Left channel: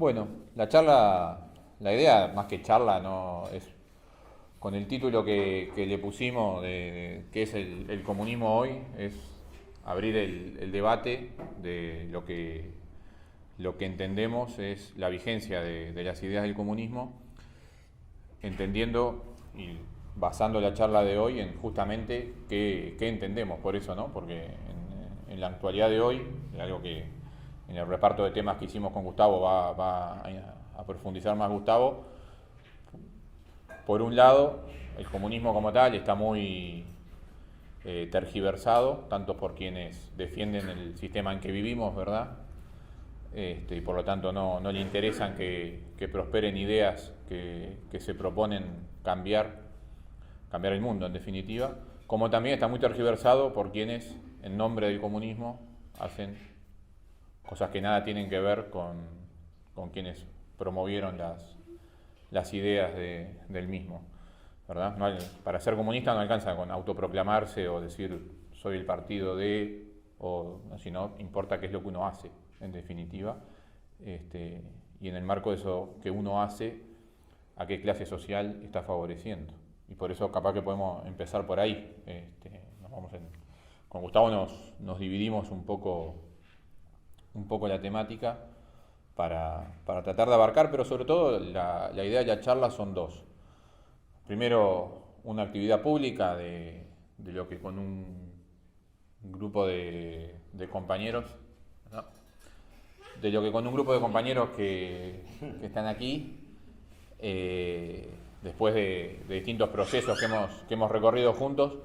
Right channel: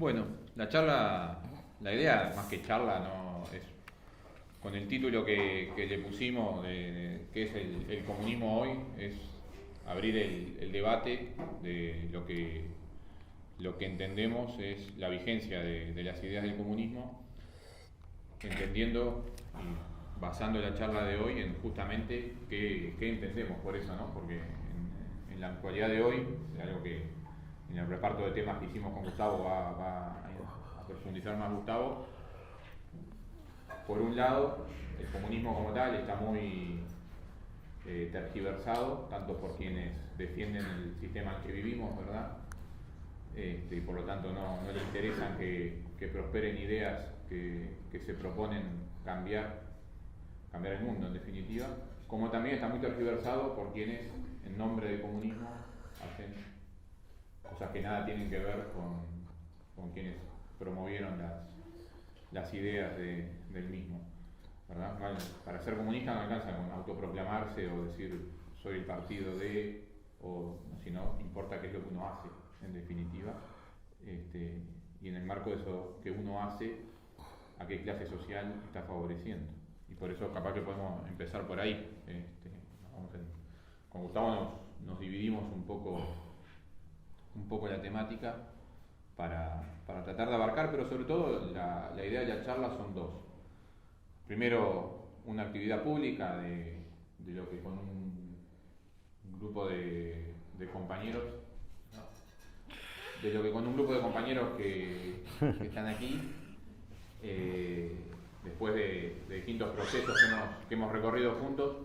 Bueno, la charla, la idea más que charla no es con el título que le pusimos de qué es el comunismo hoy, es abrir el debate de lo que entendemos es la vigencia de las ideas del comunismo, entendiendo y basando la charla de hoy en justamente qué entendemos por eso, ¿no? Porque en la actualidad de hoy, algo que en el reparto de temas que hicimos con Gustavo va a profundizar más Gustavo. Por un lado, el comunismo como tal está muy tergiversado, tanto por quienes defienden el sistema en que vivimos, ¿verdad? Y por lo tanto no le interesan que prosperen ideas que se proponen cambiar el mundo en definitiva, como también está muy tergiversado por quienes en nombre del comunismo hacen cosas que nada tienen que ver con quienes promovieron las ideas del mismo, ¿verdad? Para ser comunista no alcanza con autoproclamarse o decir soy el partido de, o sino importa qué es lo que uno hace, en definitiva, y en el marco de eso que uno hace, a qué clase social está favoreciendo. Y por eso capaz que podemos empezar por ahí. Con Gustavo nos dividimos un poco la temática para tratar de abarcar, pero sobre todo la idea de la charla son dos. Primero, una actividad pública de lo que con un grupo de compañeros, ¿no? De lo que con un grupo de compañeros que están aquí, después de distintos procesos que hemos recorrido juntos,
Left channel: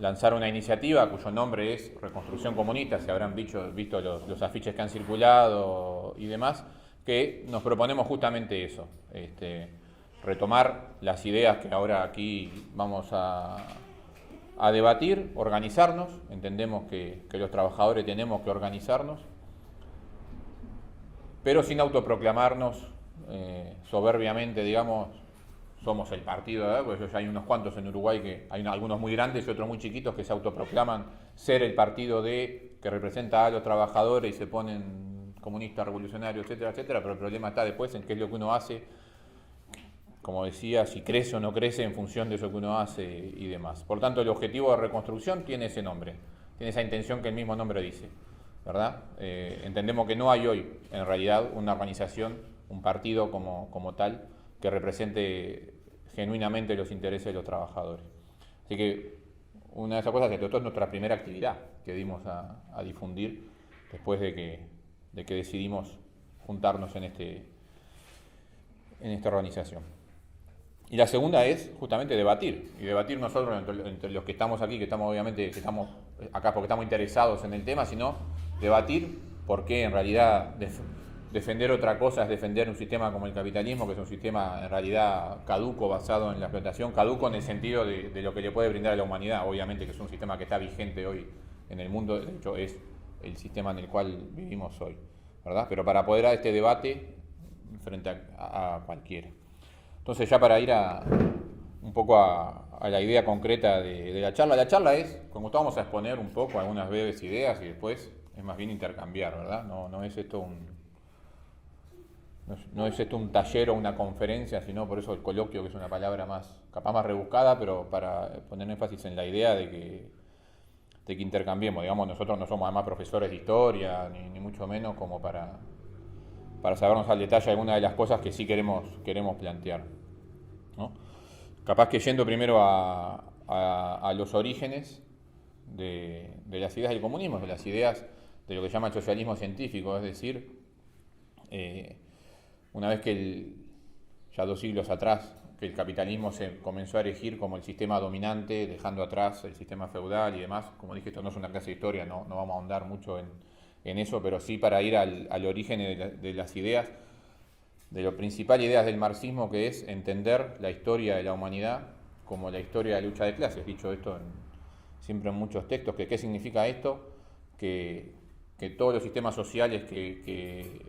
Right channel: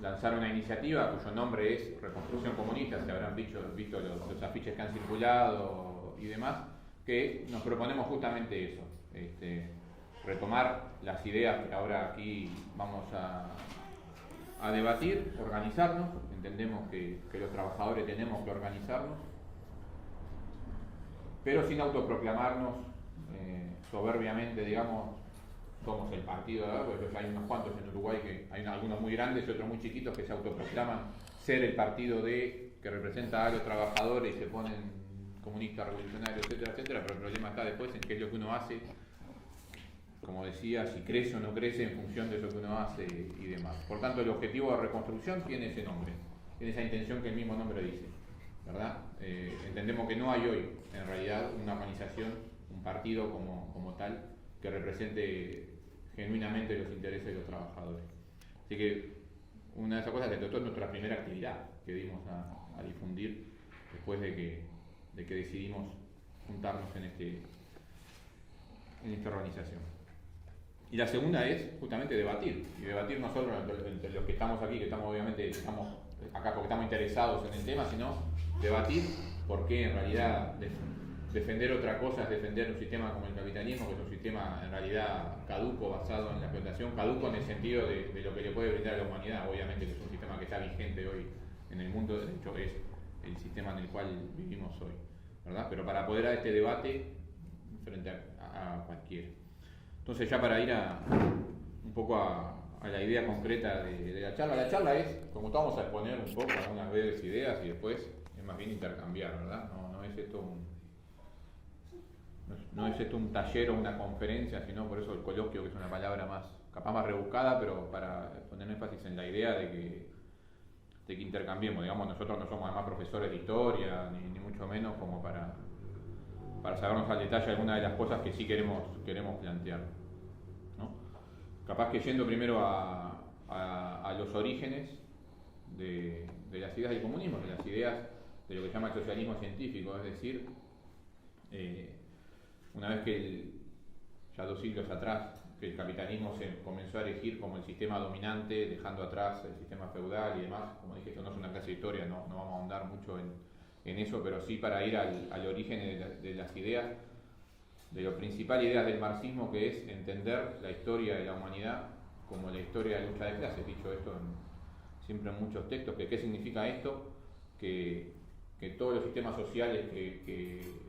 lanzar una iniciativa cuyo nombre es Reconstrucción Comunista, se habrán visto los afiches que han circulado y demás, que nos proponemos justamente eso, retomar las ideas que ahora aquí vamos a debatir, organizarnos, entendemos que los trabajadores tenemos que organizarnos, pero sin autoproclamarnos soberbiamente, digamos, somos el partido, pues hay unos cuantos en Uruguay que hay algunos muy grandes y otros muy chiquitos que se autoproclaman ser el partido que representa a los trabajadores y se ponen comunistas, revolucionarios, etcétera, etcétera, pero el problema está después en qué es lo que uno hace, como decía, si crece o no crece en función de eso que uno hace y demás. Por tanto, el objetivo de reconstrucción tiene ese nombre, tiene esa intención que el mismo nombre dice, ¿verdad? Entendemos que no hay hoy, en realidad, una organización, un partido como tal, que represente genuinamente los intereses de los trabajadores. Así que una de esas cosas se trató en nuestra primera actividad que dimos a difundir después de que decidimos juntarnos en esta organización. Y la segunda es justamente debatir, y debatir no solo entre los que estamos aquí, que estamos acá porque estamos interesados en el tema, sino debatir por qué en realidad defender otra cosa es defender un sistema como el capitalismo, que es un sistema en realidad caduco, basado en la explotación, caduco en el sentido de lo que le puede brindar a la humanidad, obviamente que es un sistema que está vigente hoy en el mundo, de hecho es el sistema en el cual vivimos hoy, ¿verdad? Pero para poder dar este debate frente a cualquiera. Entonces ya para ir un poco a la idea concreta de la charla es, como vamos a exponer un poco algunas breves ideas y después es más bien intercambiar, ¿verdad? No es esto un taller o una conferencia, sino por eso el coloquio, que es una palabra capaz más rebuscada, pero para poner énfasis en la idea de que intercambiemos. Digamos, nosotros no somos además profesores de historia, ni mucho menos como para sabernos al detalle algunas de las cosas que sí queremos plantear, ¿no? Capaz que yendo primero a los orígenes de las ideas del comunismo, de las ideas de lo que se llama el socialismo científico, es decir, una vez ya 2 siglos atrás, que el capitalismo se comenzó a erigir como el sistema dominante, dejando atrás el sistema feudal y demás. Como dije, esto no es una clase de historia, no vamos a ahondar mucho en eso, pero sí para ir al origen de las ideas, de la principal idea del marxismo, que es entender la historia de la humanidad como la historia de la lucha de clases. Dicho esto siempre en muchos textos, que qué significa esto, que todos los sistemas sociales que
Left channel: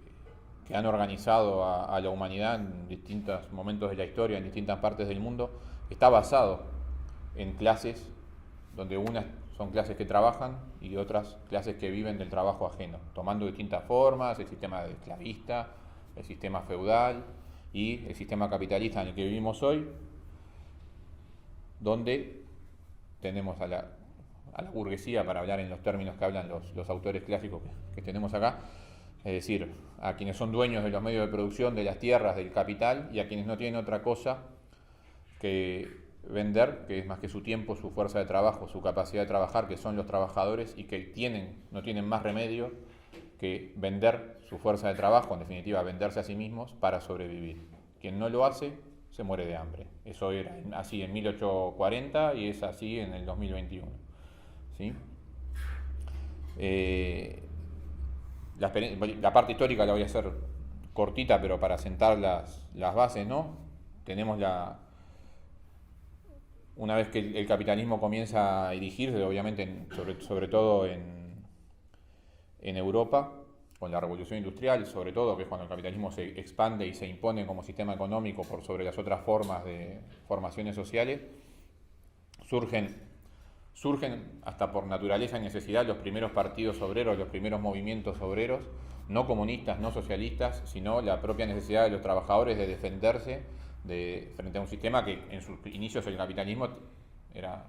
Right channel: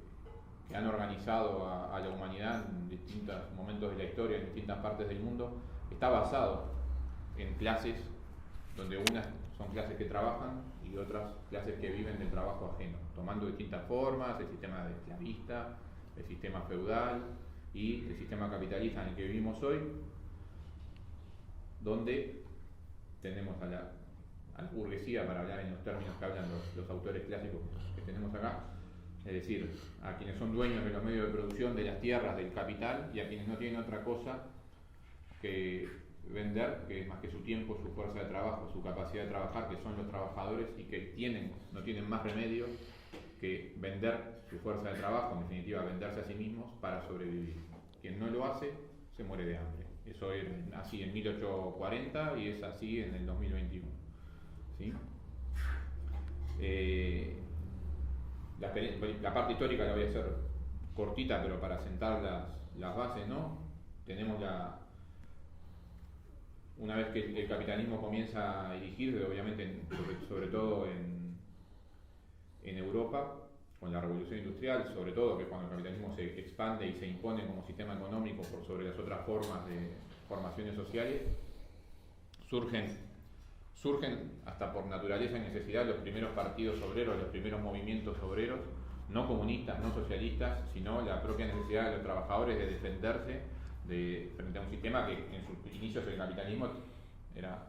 han organizado a la humanidad en distintos momentos de la historia, en distintas partes del mundo, está basado en clases donde unas son clases que trabajan y otras clases que viven del trabajo ajeno, tomando distintas formas, el sistema esclavista, el sistema feudal y el sistema capitalista en el que vivimos hoy, donde tenemos a la burguesía, para hablar en los términos que hablan los autores clásicos que tenemos acá, es decir, a quienes son dueños de los medios de producción, de las tierras, del capital, y a quienes no tienen otra cosa que vender, que es más que su tiempo, su fuerza de trabajo, su capacidad de trabajar, que son los trabajadores, y que no tienen más remedio que vender su fuerza de trabajo, en definitiva venderse a sí mismos para sobrevivir. Quien no lo hace se muere de hambre. Eso era así en 1840 y es así en el 2021. ¿Sí? La parte histórica la voy a hacer cortita, pero para sentar las bases, ¿no? Tenemos una vez que el capitalismo comienza a dirigirse, obviamente, sobre todo en Europa, con la revolución industrial, sobre todo, que es cuando el capitalismo se expande y se impone como sistema económico por sobre las otras formas de formaciones sociales, surgen hasta por naturaleza y necesidad los primeros partidos obreros, los primeros movimientos obreros, no comunistas, no socialistas, sino la propia necesidad de los trabajadores de defenderse frente a un sistema que en sus inicios el capitalismo era,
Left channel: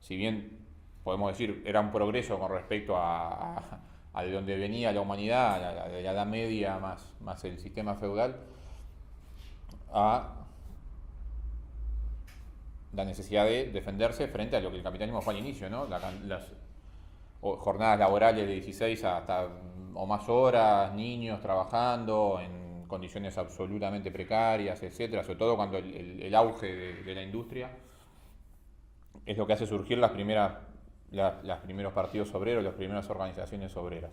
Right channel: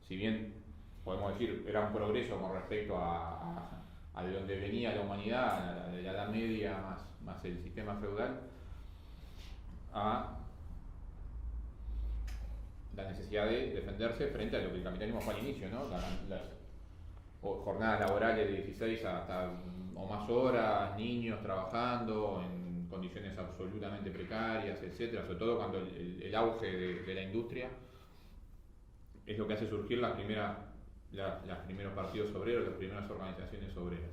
si bien podemos decir, era un progreso con respecto a de donde venía la humanidad, a la Edad Media más el sistema feudal, a la necesidad de defenderse frente a lo que el capitalismo fue al inicio, ¿no? Las jornadas laborales de 16 hasta o más horas, niños trabajando en condiciones absolutamente precarias, etcétera, sobre todo cuando el auge de la industria es lo que hace surgir los primeros partidos obreros, las primeras organizaciones obreras.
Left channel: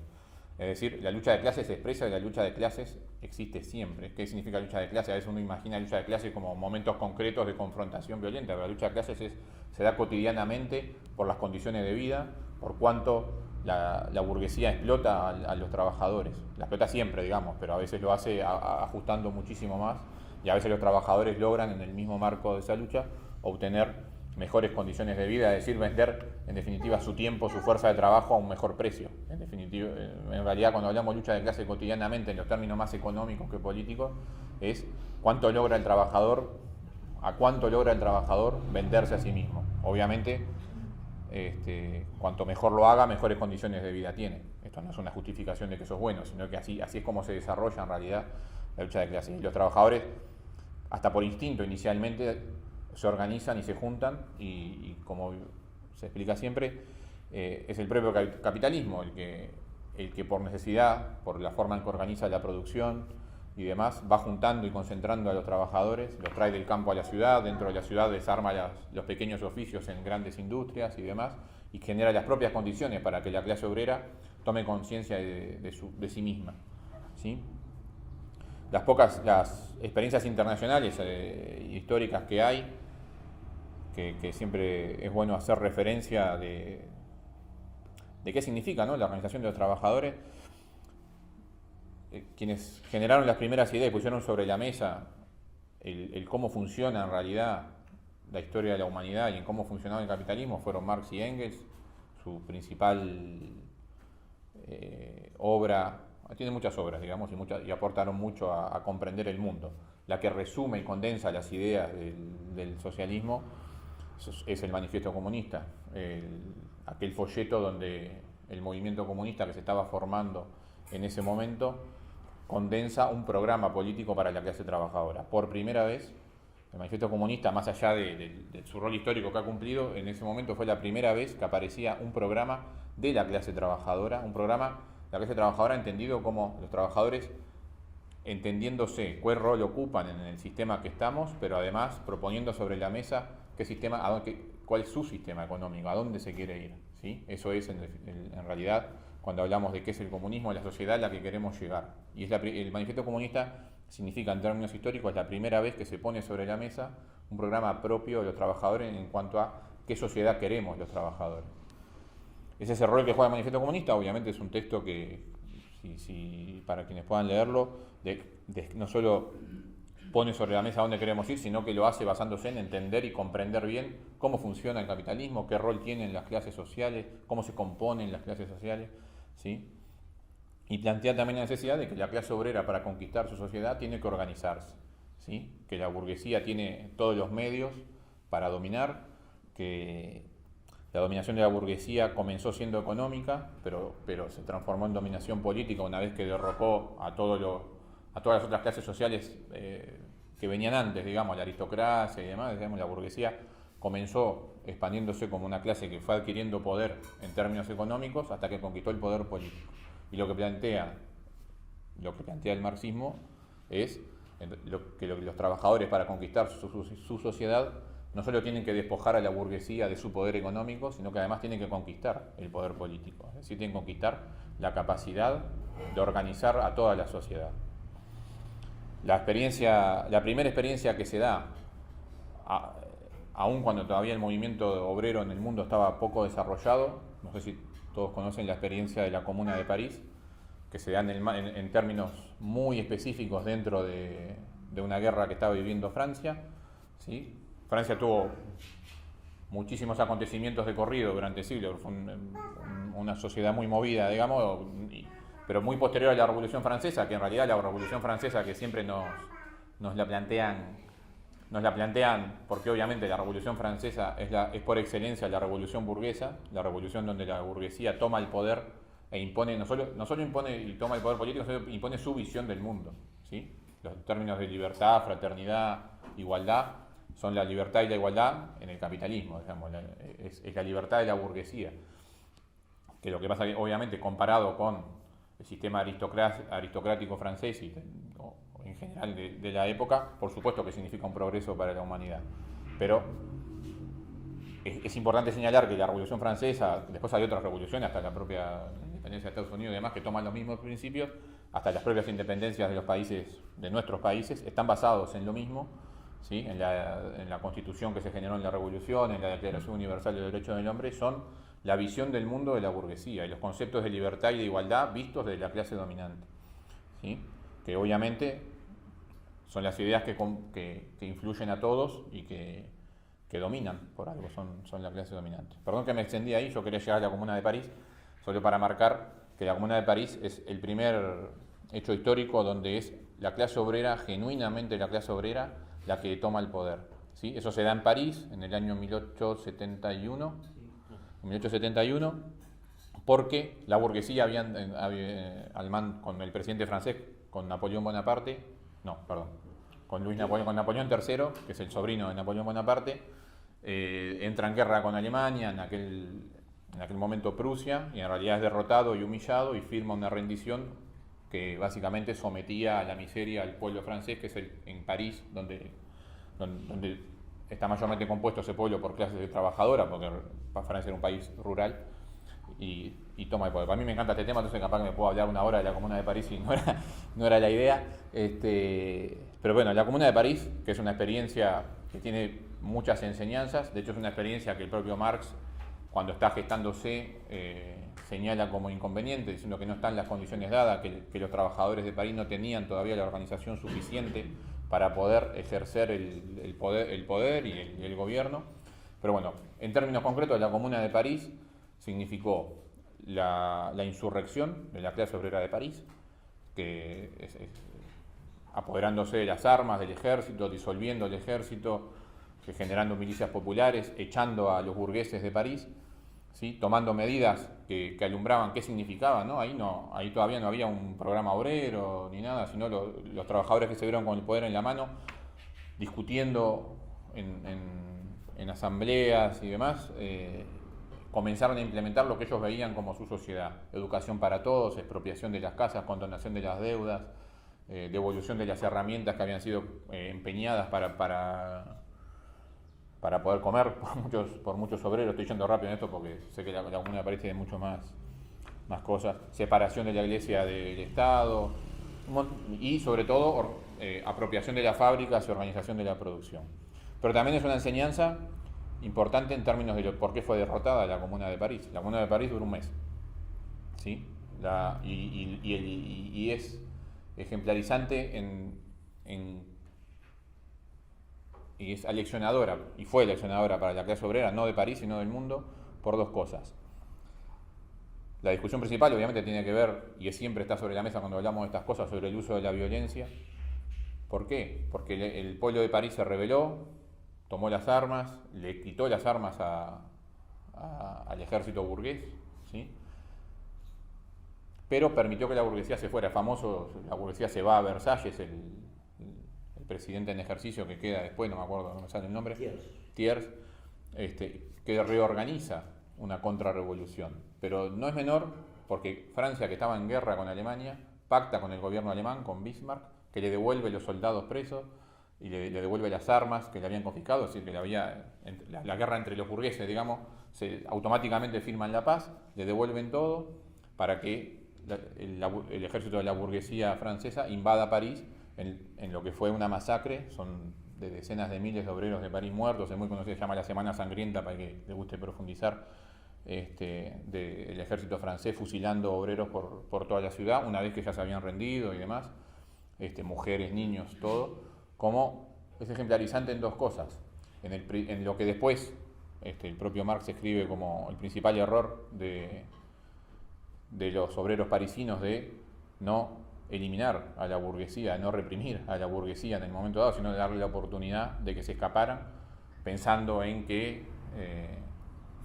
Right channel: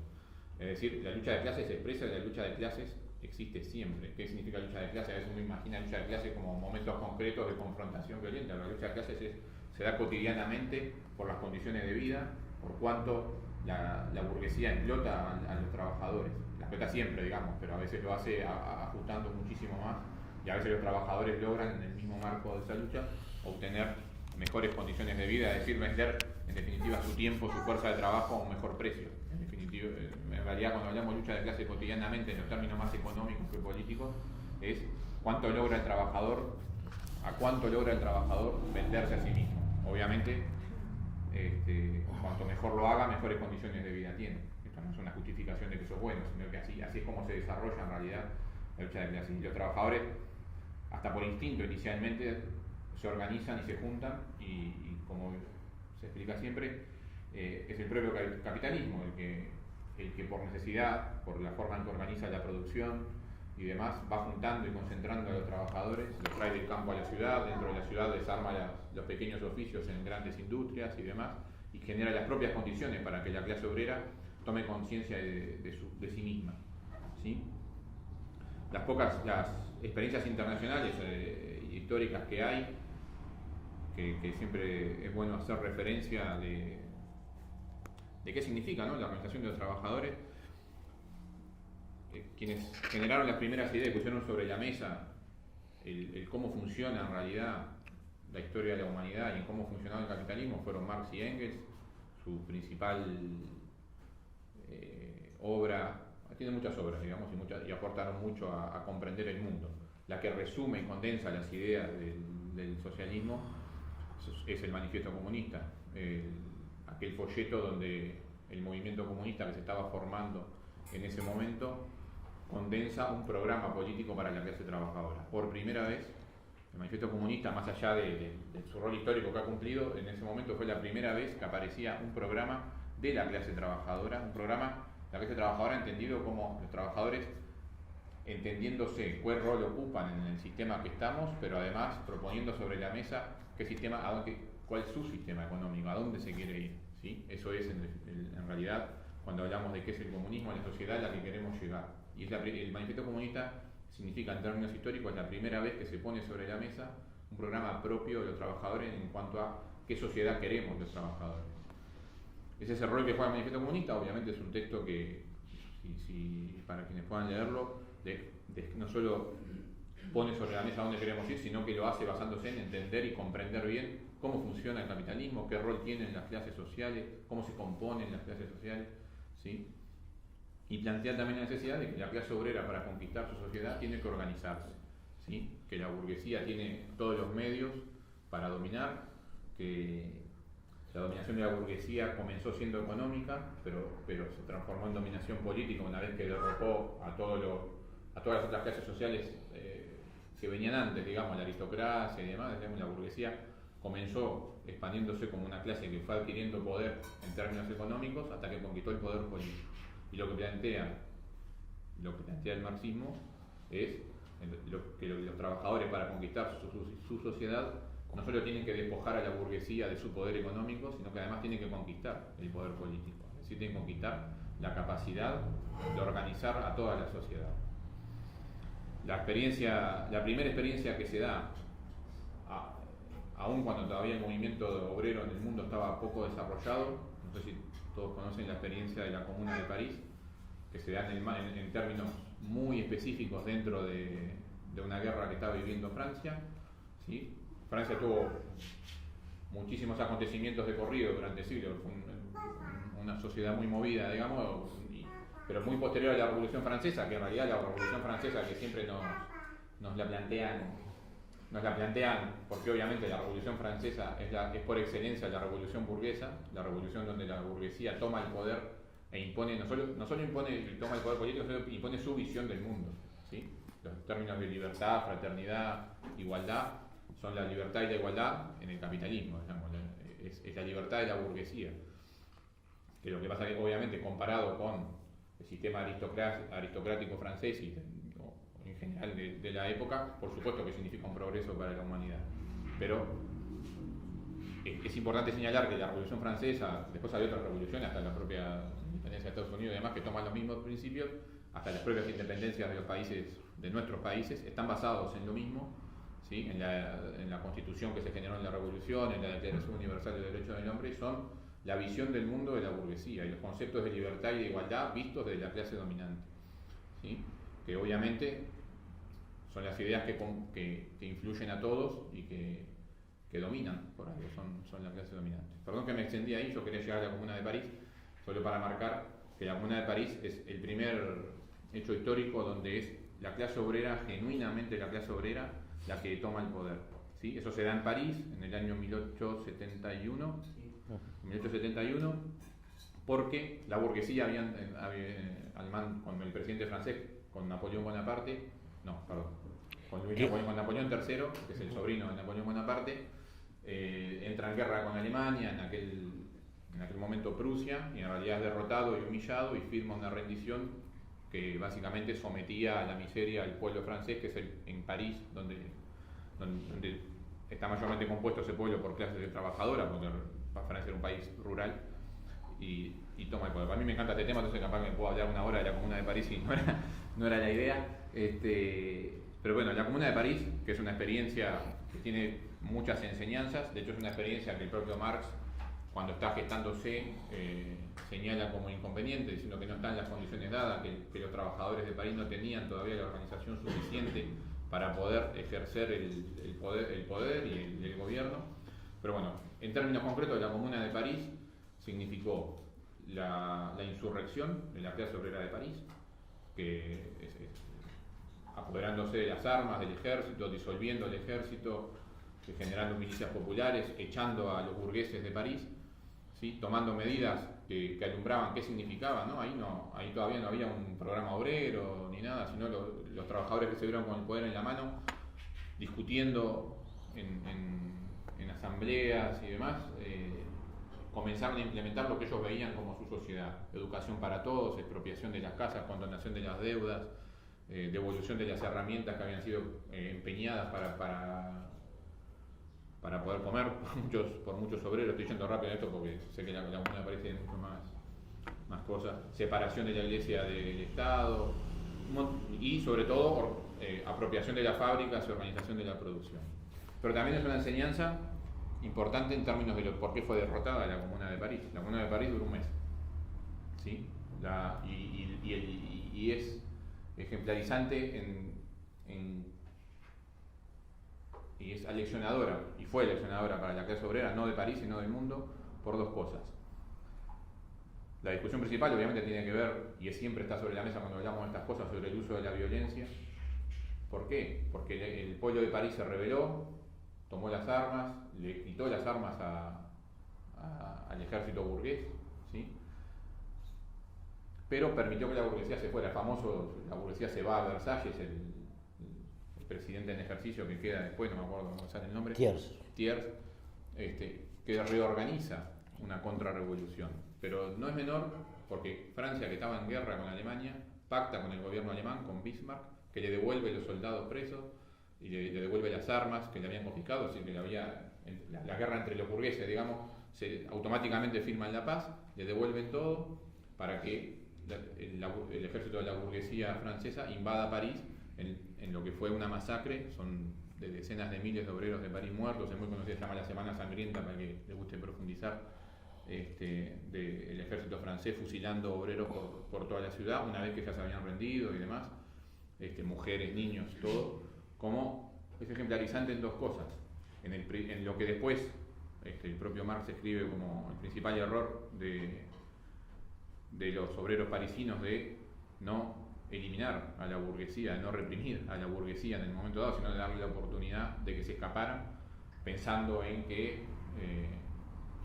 Es decir, la lucha de clases se expresa y la lucha de clases existe siempre. ¿Qué significa lucha de clases? A veces uno imagina lucha de clases como momentos concretos de confrontación violenta, pero la lucha de clases se da cotidianamente por las condiciones de vida, por cuánto la burguesía explota a los trabajadores. La explota siempre, digamos, pero a veces lo hace ajustando muchísimo más, y a veces los trabajadores logran en el mismo marco de esa lucha obtener mejores condiciones de vida, es decir, vender en definitiva su tiempo, su fuerza de trabajo a un mejor precio. En realidad, cuando hablamos de lucha de clase cotidianamente, en los términos más económicos que políticos, es cuánto logra el trabajador, a cuánto logra el trabajador venderse a sí mismo. Obviamente, cuanto mejor lo haga, mejores condiciones de vida tiene. Esto no es una justificación de que eso es bueno, sino que así es como se desarrolla en realidad la lucha de clases. Y los trabajadores, hasta por instinto inicialmente, se organizan y se juntan y como se explica siempre, es el propio capitalismo el que por necesidad, por la forma en que organiza la producción y demás, va juntando y concentrando a los trabajadores, los trae del campo a la ciudad, dentro de la ciudad desarma los pequeños oficios en grandes industrias y demás, y genera las propias condiciones para que la clase obrera tome conciencia de sí misma. ¿Sí? Las experiencias internacionales históricas que hay, que siempre es bueno hacer referencia de qué significa, ¿no?, la organización de los trabajadores. Quienes generaron las primeras ideas y pusieron sobre la mesa el cómo funciona en realidad la historia de la humanidad y cómo funcionaba el capitalismo fueron Marx y Engels. Su principal obra, tiene muchas obras, digamos, y aportaron mucho a comprender el mundo. La que resume y condensa las ideas del socialismo es el Manifiesto Comunista, aquel folleto donde el movimiento comunista que se estaba formando en ese momento condensa un programa político para la clase trabajadora. Por primera vez, el Manifiesto Comunista, más allá de su rol histórico que ha cumplido, en ese momento fue la primera vez que aparecía un programa de la clase trabajadora, la clase trabajadora entendido como los trabajadores entendiéndose cuál rol ocupan en el sistema que estamos, pero además proponiendo sobre la mesa cuál es su sistema económico, a dónde se quiere ir. ¿Sí? Eso es en realidad, cuando hablamos de qué es el comunismo, la sociedad a la que queremos llegar. Y el Manifiesto Comunista significa, en términos históricos, la primera vez que se pone sobre la mesa un programa propio de los trabajadores en cuanto a qué sociedad queremos los trabajadores. Ese es el rol que juega el Manifiesto Comunista. Obviamente es un texto que, para quienes puedan leerlo, no solo pone sobre la mesa dónde queremos ir, sino que lo hace basándose en entender y comprender bien cómo funciona el capitalismo, qué rol tienen las clases sociales, cómo se componen las clases sociales, ¿sí? y plantea también la necesidad de que la clase obrera, para conquistar su sociedad, tiene que organizarse, ¿sí? Que la burguesía tiene todos los medios para dominar, que la dominación de la burguesía comenzó siendo económica, pero se transformó en dominación política una vez que derrocó a todas las otras clases sociales que venían antes, digamos, la aristocracia y demás. Digamos, la burguesía comenzó expandiéndose como una clase que fue adquiriendo poder en términos económicos hasta que conquistó el poder político. Y lo que plantea el marxismo es que los trabajadores, para conquistar su sociedad, no solo tienen que despojar a la burguesía de su poder económico, sino que además tienen que conquistar el poder político. Es decir, tienen que conquistar la capacidad de organizar a toda la sociedad. La primera experiencia que se da, aun cuando todavía el movimiento obrero en el mundo estaba poco desarrollado, no sé si todos conocen la experiencia de la Comuna de París, que se da en términos muy específicos dentro de una guerra que estaba viviendo Francia, ¿sí? Francia tuvo muchísimos acontecimientos de corrido durante siglos, fue una sociedad muy movida, digamos, pero muy posterior a la Revolución Francesa, que en realidad la Revolución Francesa, que siempre nos la plantean, porque obviamente la Revolución Francesa es por excelencia la revolución burguesa, la revolución donde la burguesía toma el poder e impone, no solo impone y toma el poder político, sino impone su visión del mundo, ¿sí? Los términos de libertad, fraternidad, igualdad, son la libertad y la igualdad en el capitalismo, digamos, es la libertad de la burguesía. Que lo que pasa, obviamente, comparado con el sistema aristocrático francés y en general de la época, por supuesto que significa un progreso para la humanidad. Pero es importante señalar que la Revolución Francesa, después hay otras revoluciones, hasta la propia independencia de Estados Unidos y demás, que toman los mismos principios, hasta las propias independencias de los países, de nuestros países, están basados en lo mismo, ¿sí? En la Constitución que se generó en la Revolución, en la Declaración Universal de los Derechos del Hombre, son la visión del mundo de la burguesía y los conceptos de libertad y de igualdad vistos desde la clase dominante, ¿sí? Que obviamente son las ideas que influyen a todos y que dominan por algo, son la clase dominante. Perdón que me extendí ahí, yo quería llegar a la Comuna de París, solo para marcar que la Comuna de París es el primer hecho histórico donde es la clase obrera, genuinamente la clase obrera, la que toma el poder, ¿sí? Eso se da en París en el año 1871, porque la burguesía con el presidente francés, con Napoleón Bonaparte, con Napoleón III, que es el sobrino de Napoleón Bonaparte, entra en guerra con Alemania, en aquel momento Prusia, y en realidad es derrotado y humillado y firma una rendición que básicamente sometía a la miseria al pueblo francés, que es en París, donde está mayormente compuesto ese pueblo por clases trabajadoras, porque Francia era un país rural, y toma el poder. A mí me encanta este tema, entonces capaz que me puedo hablar una hora de la Comuna de París y no era la idea. Pero bueno, la Comuna de París, que es una experiencia que tiene muchas enseñanzas, de hecho es una experiencia que el propio Marx, cuando está gestándose, señala como inconveniente, diciendo que no están las condiciones dadas, que los trabajadores de París no tenían todavía la organización suficiente para poder ejercer el poder y el gobierno. Pero bueno, en términos concretos, la Comuna de París significó la insurrección de la clase obrera de París, que apoderándose de las armas del ejército, disolviendo el ejército, generando milicias populares, echando a los burgueses de París, ¿sí? Tomando medidas que alumbraban qué significaba, ¿no? Ahí todavía no había un programa obrero ni nada, sino los trabajadores que se vieron con el poder en la mano, discutiendo en asambleas y demás, comenzaron a implementar lo que ellos veían como su sociedad: educación para todos, expropiación de las casas, condonación de las deudas, devolución de las herramientas que habían sido empeñadas para poder comer por muchos obreros. Estoy yendo rápido en esto porque sé que la Comuna de París tiene mucho más cosas. Separación de la Iglesia del Estado y sobre todo apropiación de las fábricas y organización de la producción. Pero también es una enseñanza importante en términos de por qué fue derrotada la Comuna de París. La Comuna de París duró un mes, ¿sí? Y es ejemplarizante y es aleccionadora, y fue aleccionadora para la clase obrera, no de París, sino del mundo, por dos cosas. La discusión principal obviamente tiene que ver, y siempre está sobre la mesa cuando hablamos de estas cosas, sobre el uso de la violencia. ¿Por qué? Porque el pueblo de París se rebeló, tomó las armas, le quitó las armas al ejército burgués, ¿sí? Pero permitió que la burguesía se fuera. Famoso, la burguesía se va a Versalles, el presidente en ejercicio que queda después, no me acuerdo cómo sale el nombre, Thiers, que reorganiza una contrarrevolución. Pero no es menor porque Francia, que estaba en guerra con Alemania, pacta con el gobierno alemán, con Bismarck, que le devuelve los soldados presos y le devuelve las armas que le habían confiscado, es decir, que la guerra entre los burgueses, digamos, automáticamente firman la paz, le devuelven todo para que el ejército de la burguesía francesa invada París en lo que fue una masacre. Son de decenas de miles de obreros de París muertos, es muy conocido, se llama la Semana Sangrienta, para que le guste profundizar, del ejército francés fusilando obreros por toda la ciudad, una vez que ya se habían rendido y demás, mujeres, niños, todo, como es ejemplarizante en dos cosas. En lo que después el propio Marx escribe como el principal error de los obreros parisinos, de no eliminar a la burguesía, no reprimir a la burguesía en el momento dado, sino de darle la oportunidad de que se escaparan, pensando en que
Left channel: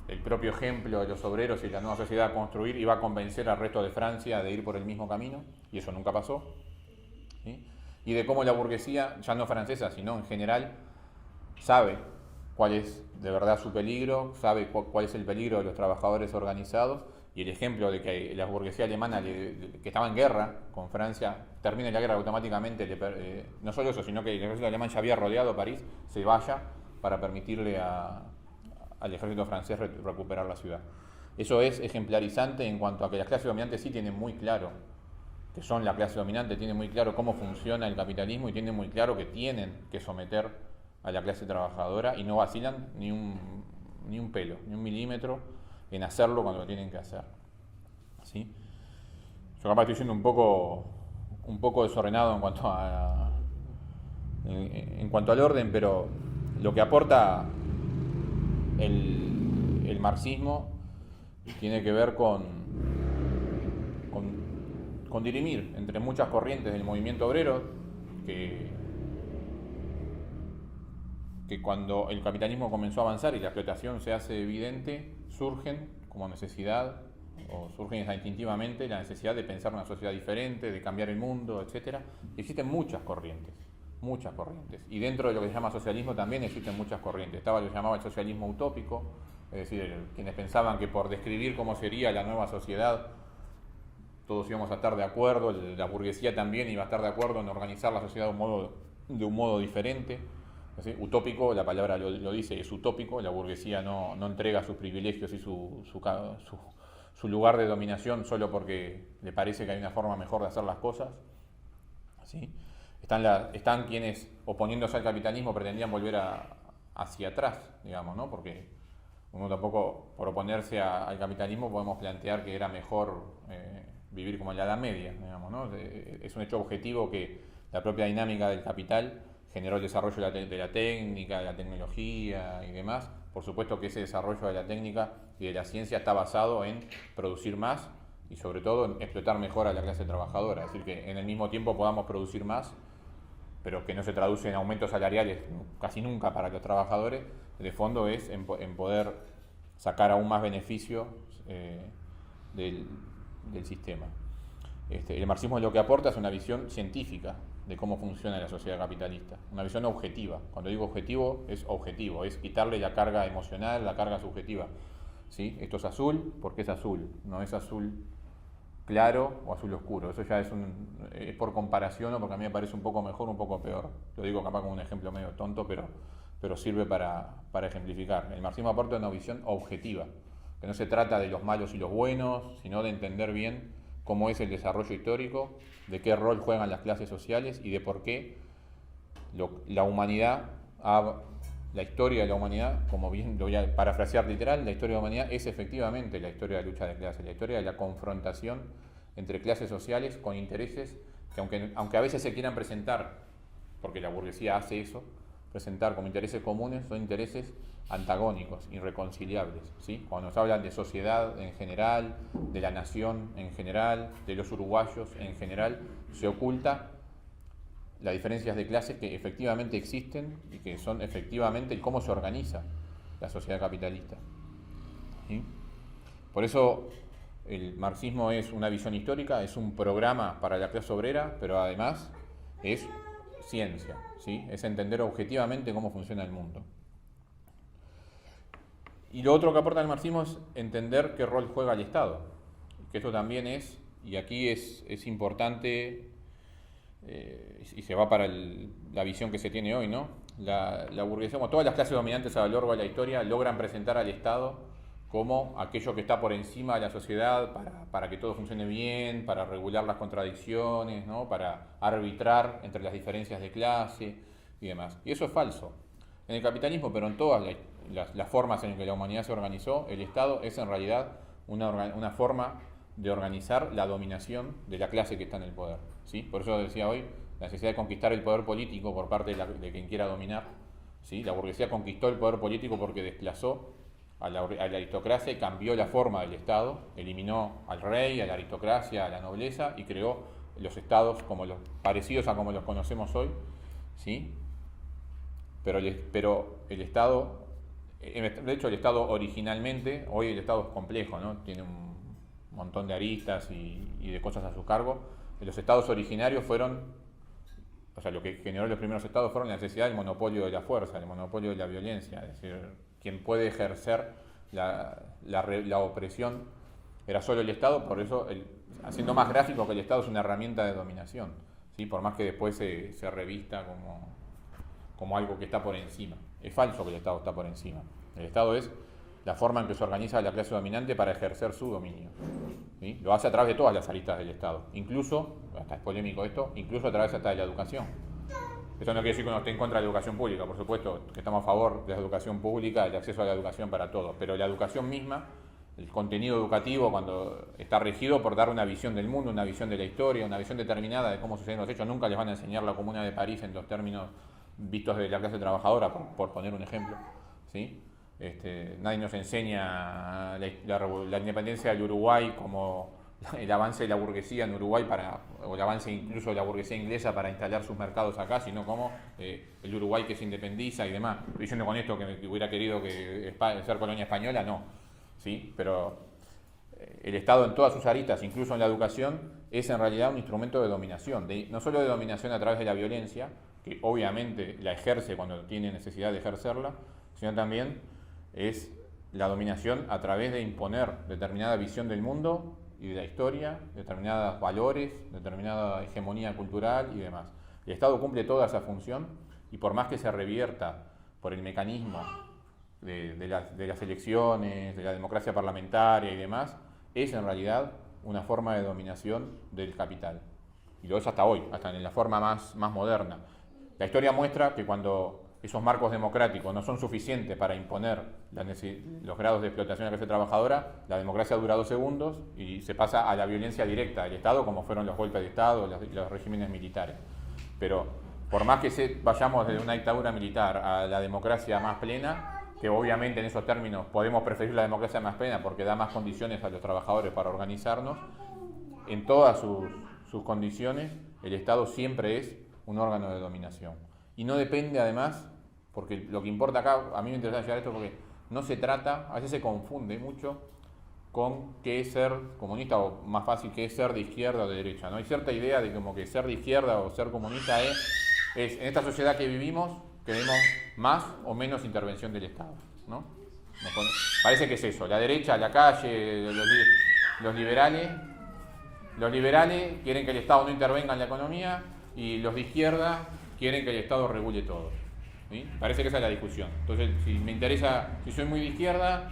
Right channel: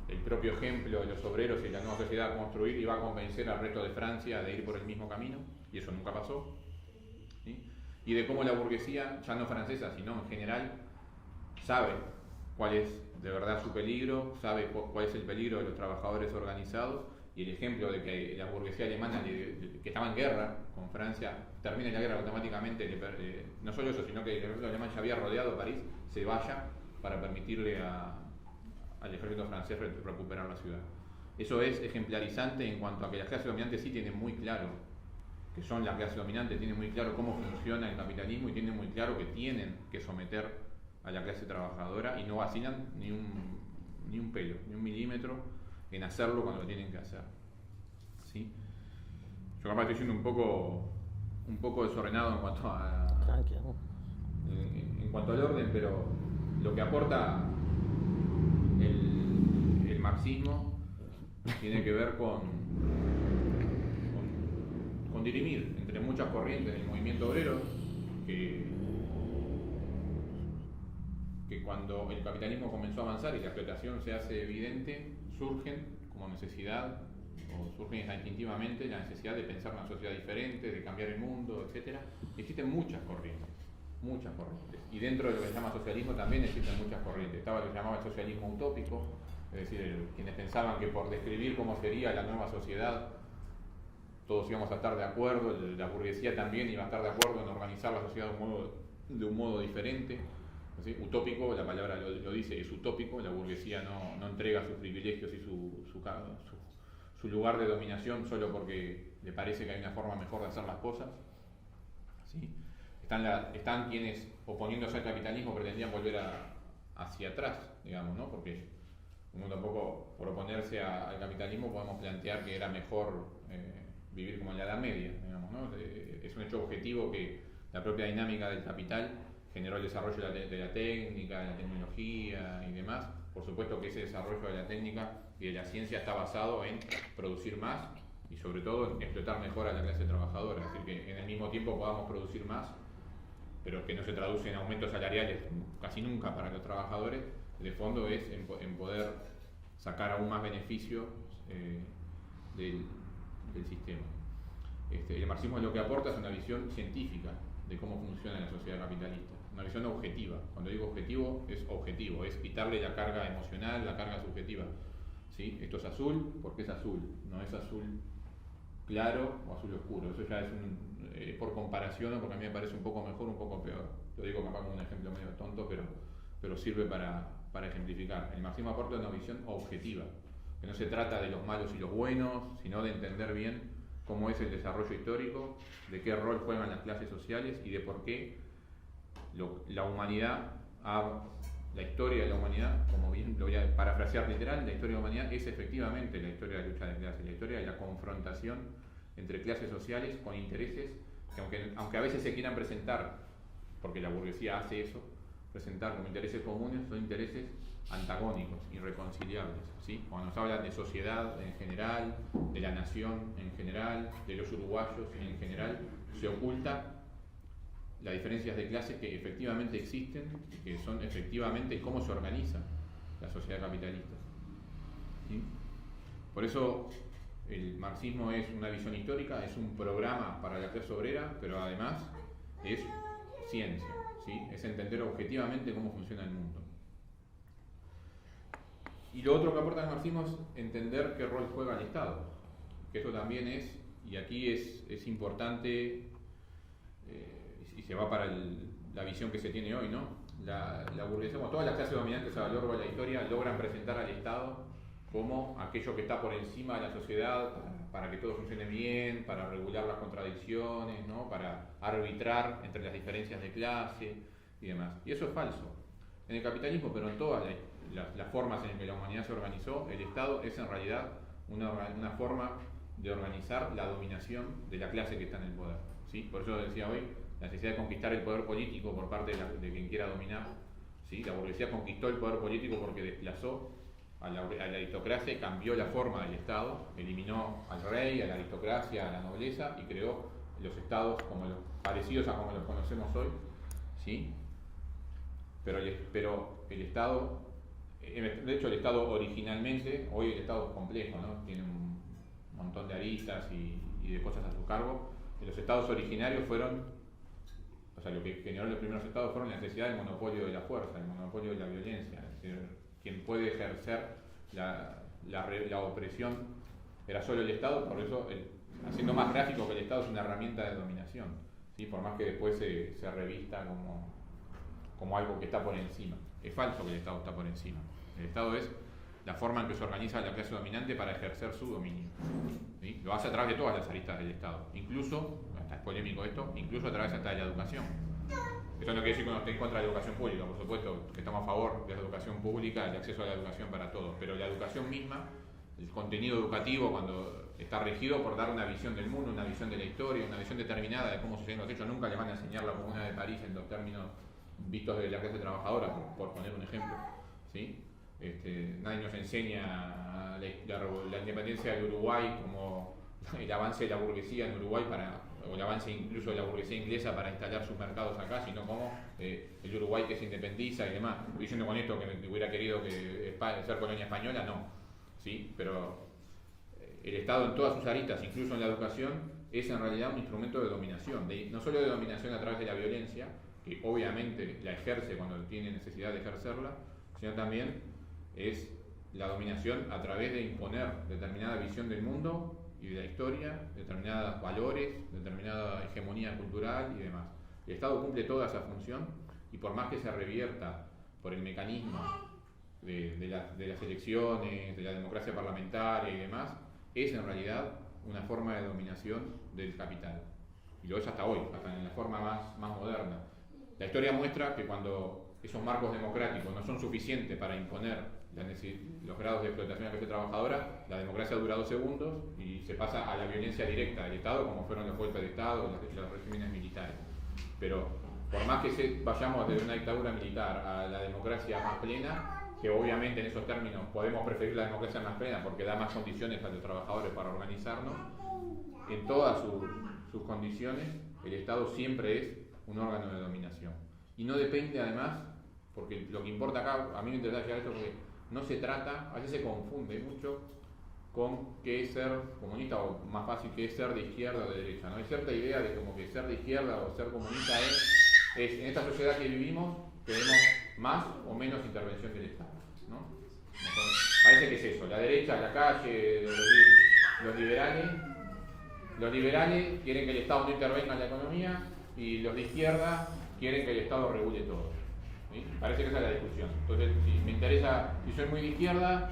el propio ejemplo de los obreros y la nueva sociedad a construir iba a convencer al resto de Francia de ir por el mismo camino, y eso nunca pasó, ¿sí? Y de cómo la burguesía, ya no francesa, sino en general, sabe cuál es de verdad su peligro, sabe cuál es el peligro de los trabajadores organizados, y el ejemplo de que la burguesía alemana, que estaba en guerra con Francia, termine la guerra automáticamente, no solo eso, sino que el ejército alemán ya había rodeado París, se vaya para permitirle al ejército francés recuperar la ciudad. Eso es ejemplarizante en cuanto a que las clases dominantes sí tienen muy claro que son la clase dominante, tienen muy claro cómo funciona el capitalismo y tienen muy claro que tienen que someter a la clase trabajadora, y no vacilan ni un pelo, ni un milímetro en hacerlo cuando lo tienen que hacer, ¿sí? Yo capaz estoy siendo un poco desordenado en cuanto al orden, pero lo que aporta el marxismo tiene que ver con dirimir entre muchas corrientes del movimiento obrero que cuando el capitalismo comenzó a avanzar y la explotación se hace evidente, surgen como necesidad, o surgen instintivamente la necesidad de pensar una sociedad diferente, de cambiar el mundo, etc. Existen muchas corrientes, y dentro de lo que se llama socialismo también existen muchas corrientes. Estaba lo que se llamaba el socialismo utópico, es decir, quienes pensaban que por describir cómo sería la nueva sociedad todos íbamos a estar de acuerdo, la burguesía también iba a estar de acuerdo en organizar la sociedad de un modo diferente. ¿Sí? Utópico, la palabra lo dice, es utópico, la burguesía no entrega sus privilegios y su lugar de dominación solo porque le parece que hay una forma mejor de hacer las cosas, ¿sí? Están quienes, oponiéndose al capitalismo, pretendían volver hacia atrás, digamos, ¿no? Porque uno tampoco, por oponerse al capitalismo, podemos plantear que era mejor vivir como en la Edad Media, digamos, ¿no? Es un hecho objetivo que la propia dinámica del capital generó el desarrollo de la técnica, de la tecnología y demás. Por supuesto que ese desarrollo de la técnica y de la ciencia está basado en producir más y sobre todo en explotar mejor a la clase trabajadora. Es decir, que en el mismo tiempo podamos producir más, pero que no se traduce en aumentos salariales casi nunca para los trabajadores. De fondo es en poder sacar aún más beneficio del sistema. El marxismo lo que aporta es una visión científica de cómo funciona la sociedad capitalista, una visión objetiva. Cuando digo objetivo, es quitarle la carga emocional, la carga subjetiva, ¿sí? Esto es azul porque es azul, no es azul claro o azul oscuro. Eso ya es por comparación, o porque a mí me parece un poco mejor, un poco peor. Lo digo capaz como un ejemplo medio tonto, pero sirve para ejemplificar. El marxismo aporta una visión objetiva, que no se trata de los malos y los buenos, sino de entender bien cómo es el desarrollo histórico, de qué rol juegan las clases sociales y de por qué la humanidad, la historia de la humanidad, como bien lo voy a parafrasear literal, la historia de la humanidad es efectivamente la historia de la lucha de clases, la historia de la confrontación entre clases sociales con intereses que aunque a veces se quieran presentar, porque la burguesía hace eso, presentar como intereses comunes son intereses antagónicos, irreconciliables, ¿sí? Cuando nos hablan de sociedad en general, de la nación en general, de los uruguayos en general, se oculta las diferencias de clases que efectivamente existen y que son efectivamente cómo se organiza la sociedad capitalista, ¿sí? Por eso el marxismo es una visión histórica, es un programa para la clase obrera, pero además es ciencia, ¿sí? Es entender objetivamente cómo funciona el mundo. Y lo otro que aporta el marxismo es entender qué rol juega el Estado, que esto también es, y aquí es importante, y se va para la visión que se tiene hoy, ¿no? La burguesía, como todas las clases dominantes a lo largo de la historia, logran presentar al Estado como aquello que está por encima de la sociedad para que todo funcione bien, para regular las contradicciones, ¿no? Para arbitrar entre las diferencias de clase y demás. Y eso es falso. En el capitalismo, pero en todas las formas en que la humanidad se organizó, el Estado es en realidad una forma de organizar la dominación de la clase que está en el poder, ¿sí? Por eso decía hoy, la necesidad de conquistar el poder político por parte de quien quiera dominar, ¿sí? La burguesía conquistó el poder político porque desplazó a la aristocracia y cambió la forma del Estado, eliminó al rey, a la aristocracia, a la nobleza y creó los estados parecidos a como los conocemos hoy, ¿sí? Pero el Estado, de hecho el Estado originalmente, hoy el Estado es complejo, ¿no? Tiene un montón de aristas y de cosas a su cargo. Los estados originarios lo que generó los primeros estados fueron la necesidad del monopolio de la fuerza, el monopolio de la violencia, es decir, quien puede ejercer la opresión era solo el Estado, por eso, haciendo más gráfico que el Estado es una herramienta de dominación, ¿sí? Por más que después se revista como algo que está por encima. Es falso que el Estado está por encima. El Estado es la forma en que se organiza la clase dominante para ejercer su dominio, ¿sí? Lo hace a través de todas las aristas del Estado, incluso, hasta es polémico esto, incluso a través hasta de la educación. Eso no quiere decir que uno esté en contra de la educación pública, por supuesto que estamos a favor de la educación pública, del acceso a la educación para todos, pero la educación misma, el contenido educativo, cuando está regido por dar una visión del mundo, una visión de la historia, una visión determinada de cómo suceden los hechos, nunca les van a enseñar la Comuna de París en los términos vistos de la clase trabajadora, por poner un ejemplo, ¿sí? Nadie nos enseña la independencia del Uruguay como el avance de la burguesía en Uruguay o el avance incluso de la burguesía inglesa para instalar sus mercados acá, sino como el Uruguay que se independiza y demás. Diciendo con esto que hubiera querido ser colonia española, no, ¿sí? Pero el Estado en todas sus aristas, incluso en la educación, es en realidad un instrumento de dominación, no solo de dominación a través de la violencia, que obviamente la ejerce cuando tiene necesidad de ejercerla, sino también es la dominación a través de imponer determinada visión del mundo y de la historia, determinados valores, determinada hegemonía cultural y demás. El Estado cumple toda esa función y por más que se revierta por el mecanismo de las elecciones, de la democracia parlamentaria y demás, es en realidad una forma de dominación del capital. Y lo es hasta hoy, hasta en la forma más moderna. La historia muestra que cuando esos marcos democráticos no son suficientes para imponer los grados de explotación de la clase trabajadora, la democracia dura 2 segundos y se pasa a la violencia directa del Estado, como fueron los golpes de Estado, los regímenes militares. Pero por más que vayamos desde una dictadura militar a la democracia más plena, que obviamente en esos términos podemos preferir la democracia más plena porque da más condiciones a los trabajadores para organizarnos, en todas sus condiciones el Estado siempre es un órgano de dominación. Y no depende además, porque lo que importa acá, a mí me interesa llegar a esto porque no se trata, a veces se confunde mucho con qué es ser comunista o más fácil qué es ser de izquierda o de derecha, ¿no? Hay cierta idea de como que ser de izquierda o ser comunista es en esta sociedad que vivimos queremos más o menos intervención del Estado, ¿no? Parece que es eso, la derecha, la calle, los liberales quieren que el Estado no intervenga en la economía y los de izquierda quieren que el Estado regule todo, ¿sí? Parece que esa es la discusión. Entonces, si soy muy de izquierda,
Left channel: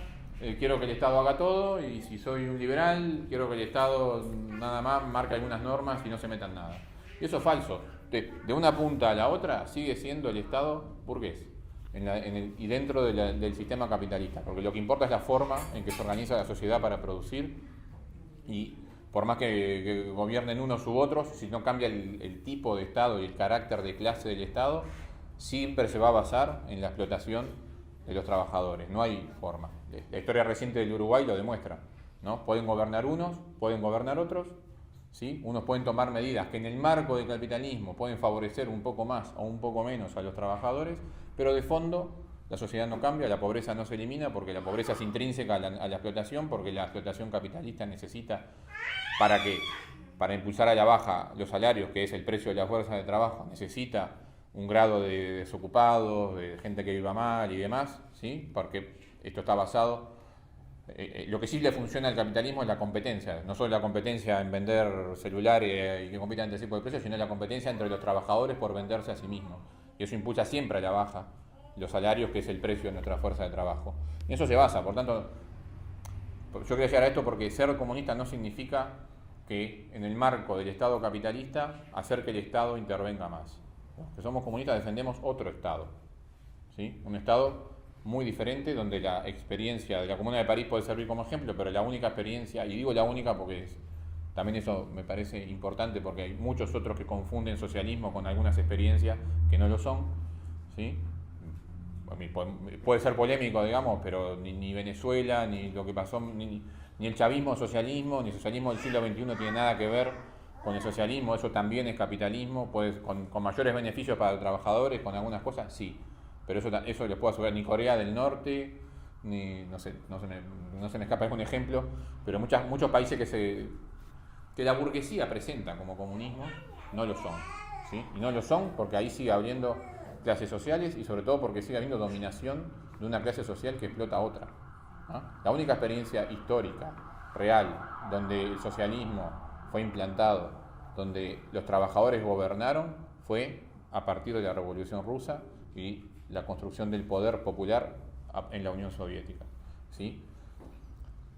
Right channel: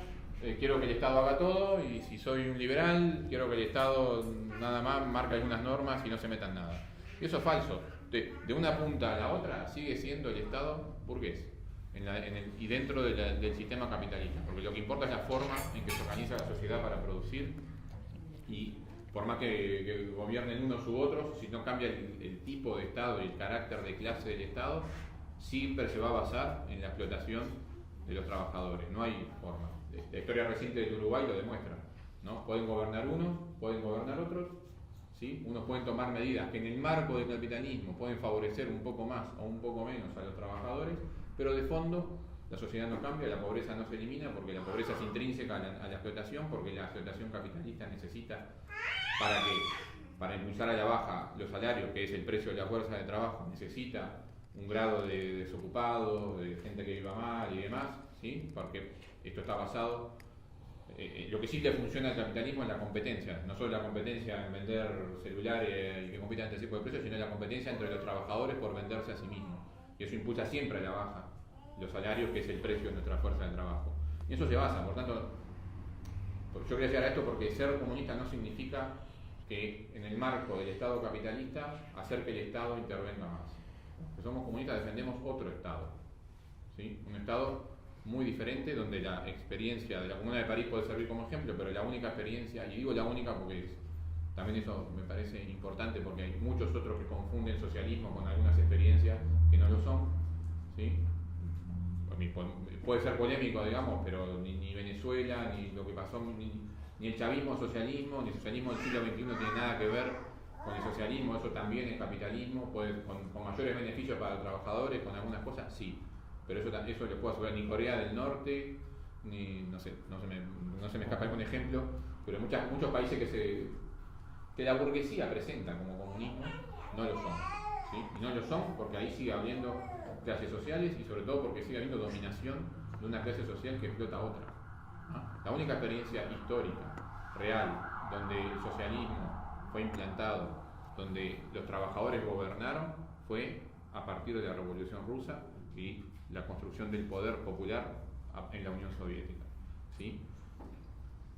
quiero que el Estado haga todo, y si soy un liberal, quiero que el Estado nada más marque algunas normas y no se meta en nada. Y eso es falso. Entonces, de una punta a la otra sigue siendo el Estado burgués y dentro del sistema capitalista, porque lo que importa es la forma en que se organiza la sociedad para producir, y por más que gobiernen unos u otros, si no cambia el tipo de Estado y el carácter de clase del Estado, siempre se va a basar en la explotación de los trabajadores, no hay forma. La historia reciente del Uruguay lo demuestra, ¿no? Pueden gobernar unos, pueden gobernar otros, ¿sí? Unos pueden tomar medidas que en el marco del capitalismo pueden favorecer un poco más o un poco menos a los trabajadores, pero de fondo la sociedad no cambia, la pobreza no se elimina porque la pobreza es intrínseca a la explotación, porque la explotación capitalista necesita para impulsar a la baja los salarios, que es el precio de la fuerza de trabajo, necesita un grado de desocupados, de gente que viva mal y demás, ¿sí? Porque esto está basado. Lo que sí le funciona al capitalismo es la competencia, no solo la competencia en vender celulares y que compitan entre tipos de precios, sino la competencia entre los trabajadores por venderse a sí mismos. Y eso impulsa siempre a la baja los salarios, que es el precio de nuestra fuerza de trabajo. Y eso se basa, por tanto, yo quería llegar a esto porque ser comunista no significa que en el marco del Estado capitalista hacer que el Estado intervenga más. Los que somos comunistas defendemos otro Estado, ¿sí? Un Estado muy diferente, donde la experiencia de la Comuna de París puede servir como ejemplo, pero la única experiencia, y digo la única porque también eso me parece importante, porque hay muchos otros que confunden socialismo con algunas experiencias que no lo son, ¿sí? Puede ser polémico, digamos, pero ni Venezuela, ni lo que pasó, ni el chavismo socialismo, ni el socialismo del siglo XXI tiene nada que ver con el socialismo. Eso también es capitalismo, con mayores beneficios para los trabajadores, con algunas cosas, sí. Pero eso les puedo asegurar, ni Corea del Norte, ni, no se me escapa algún ejemplo, pero muchos países que la burguesía presenta como comunismo, no lo son, ¿sí? Y no lo son porque ahí sigue habiendo clases sociales y sobre todo porque sigue habiendo dominación de una clase social que explota a otra, ¿no? La única experiencia histórica, real, donde el socialismo fue implantado, donde los trabajadores gobernaron, fue a partir de la Revolución Rusa y la construcción del poder popular en la Unión Soviética, ¿sí?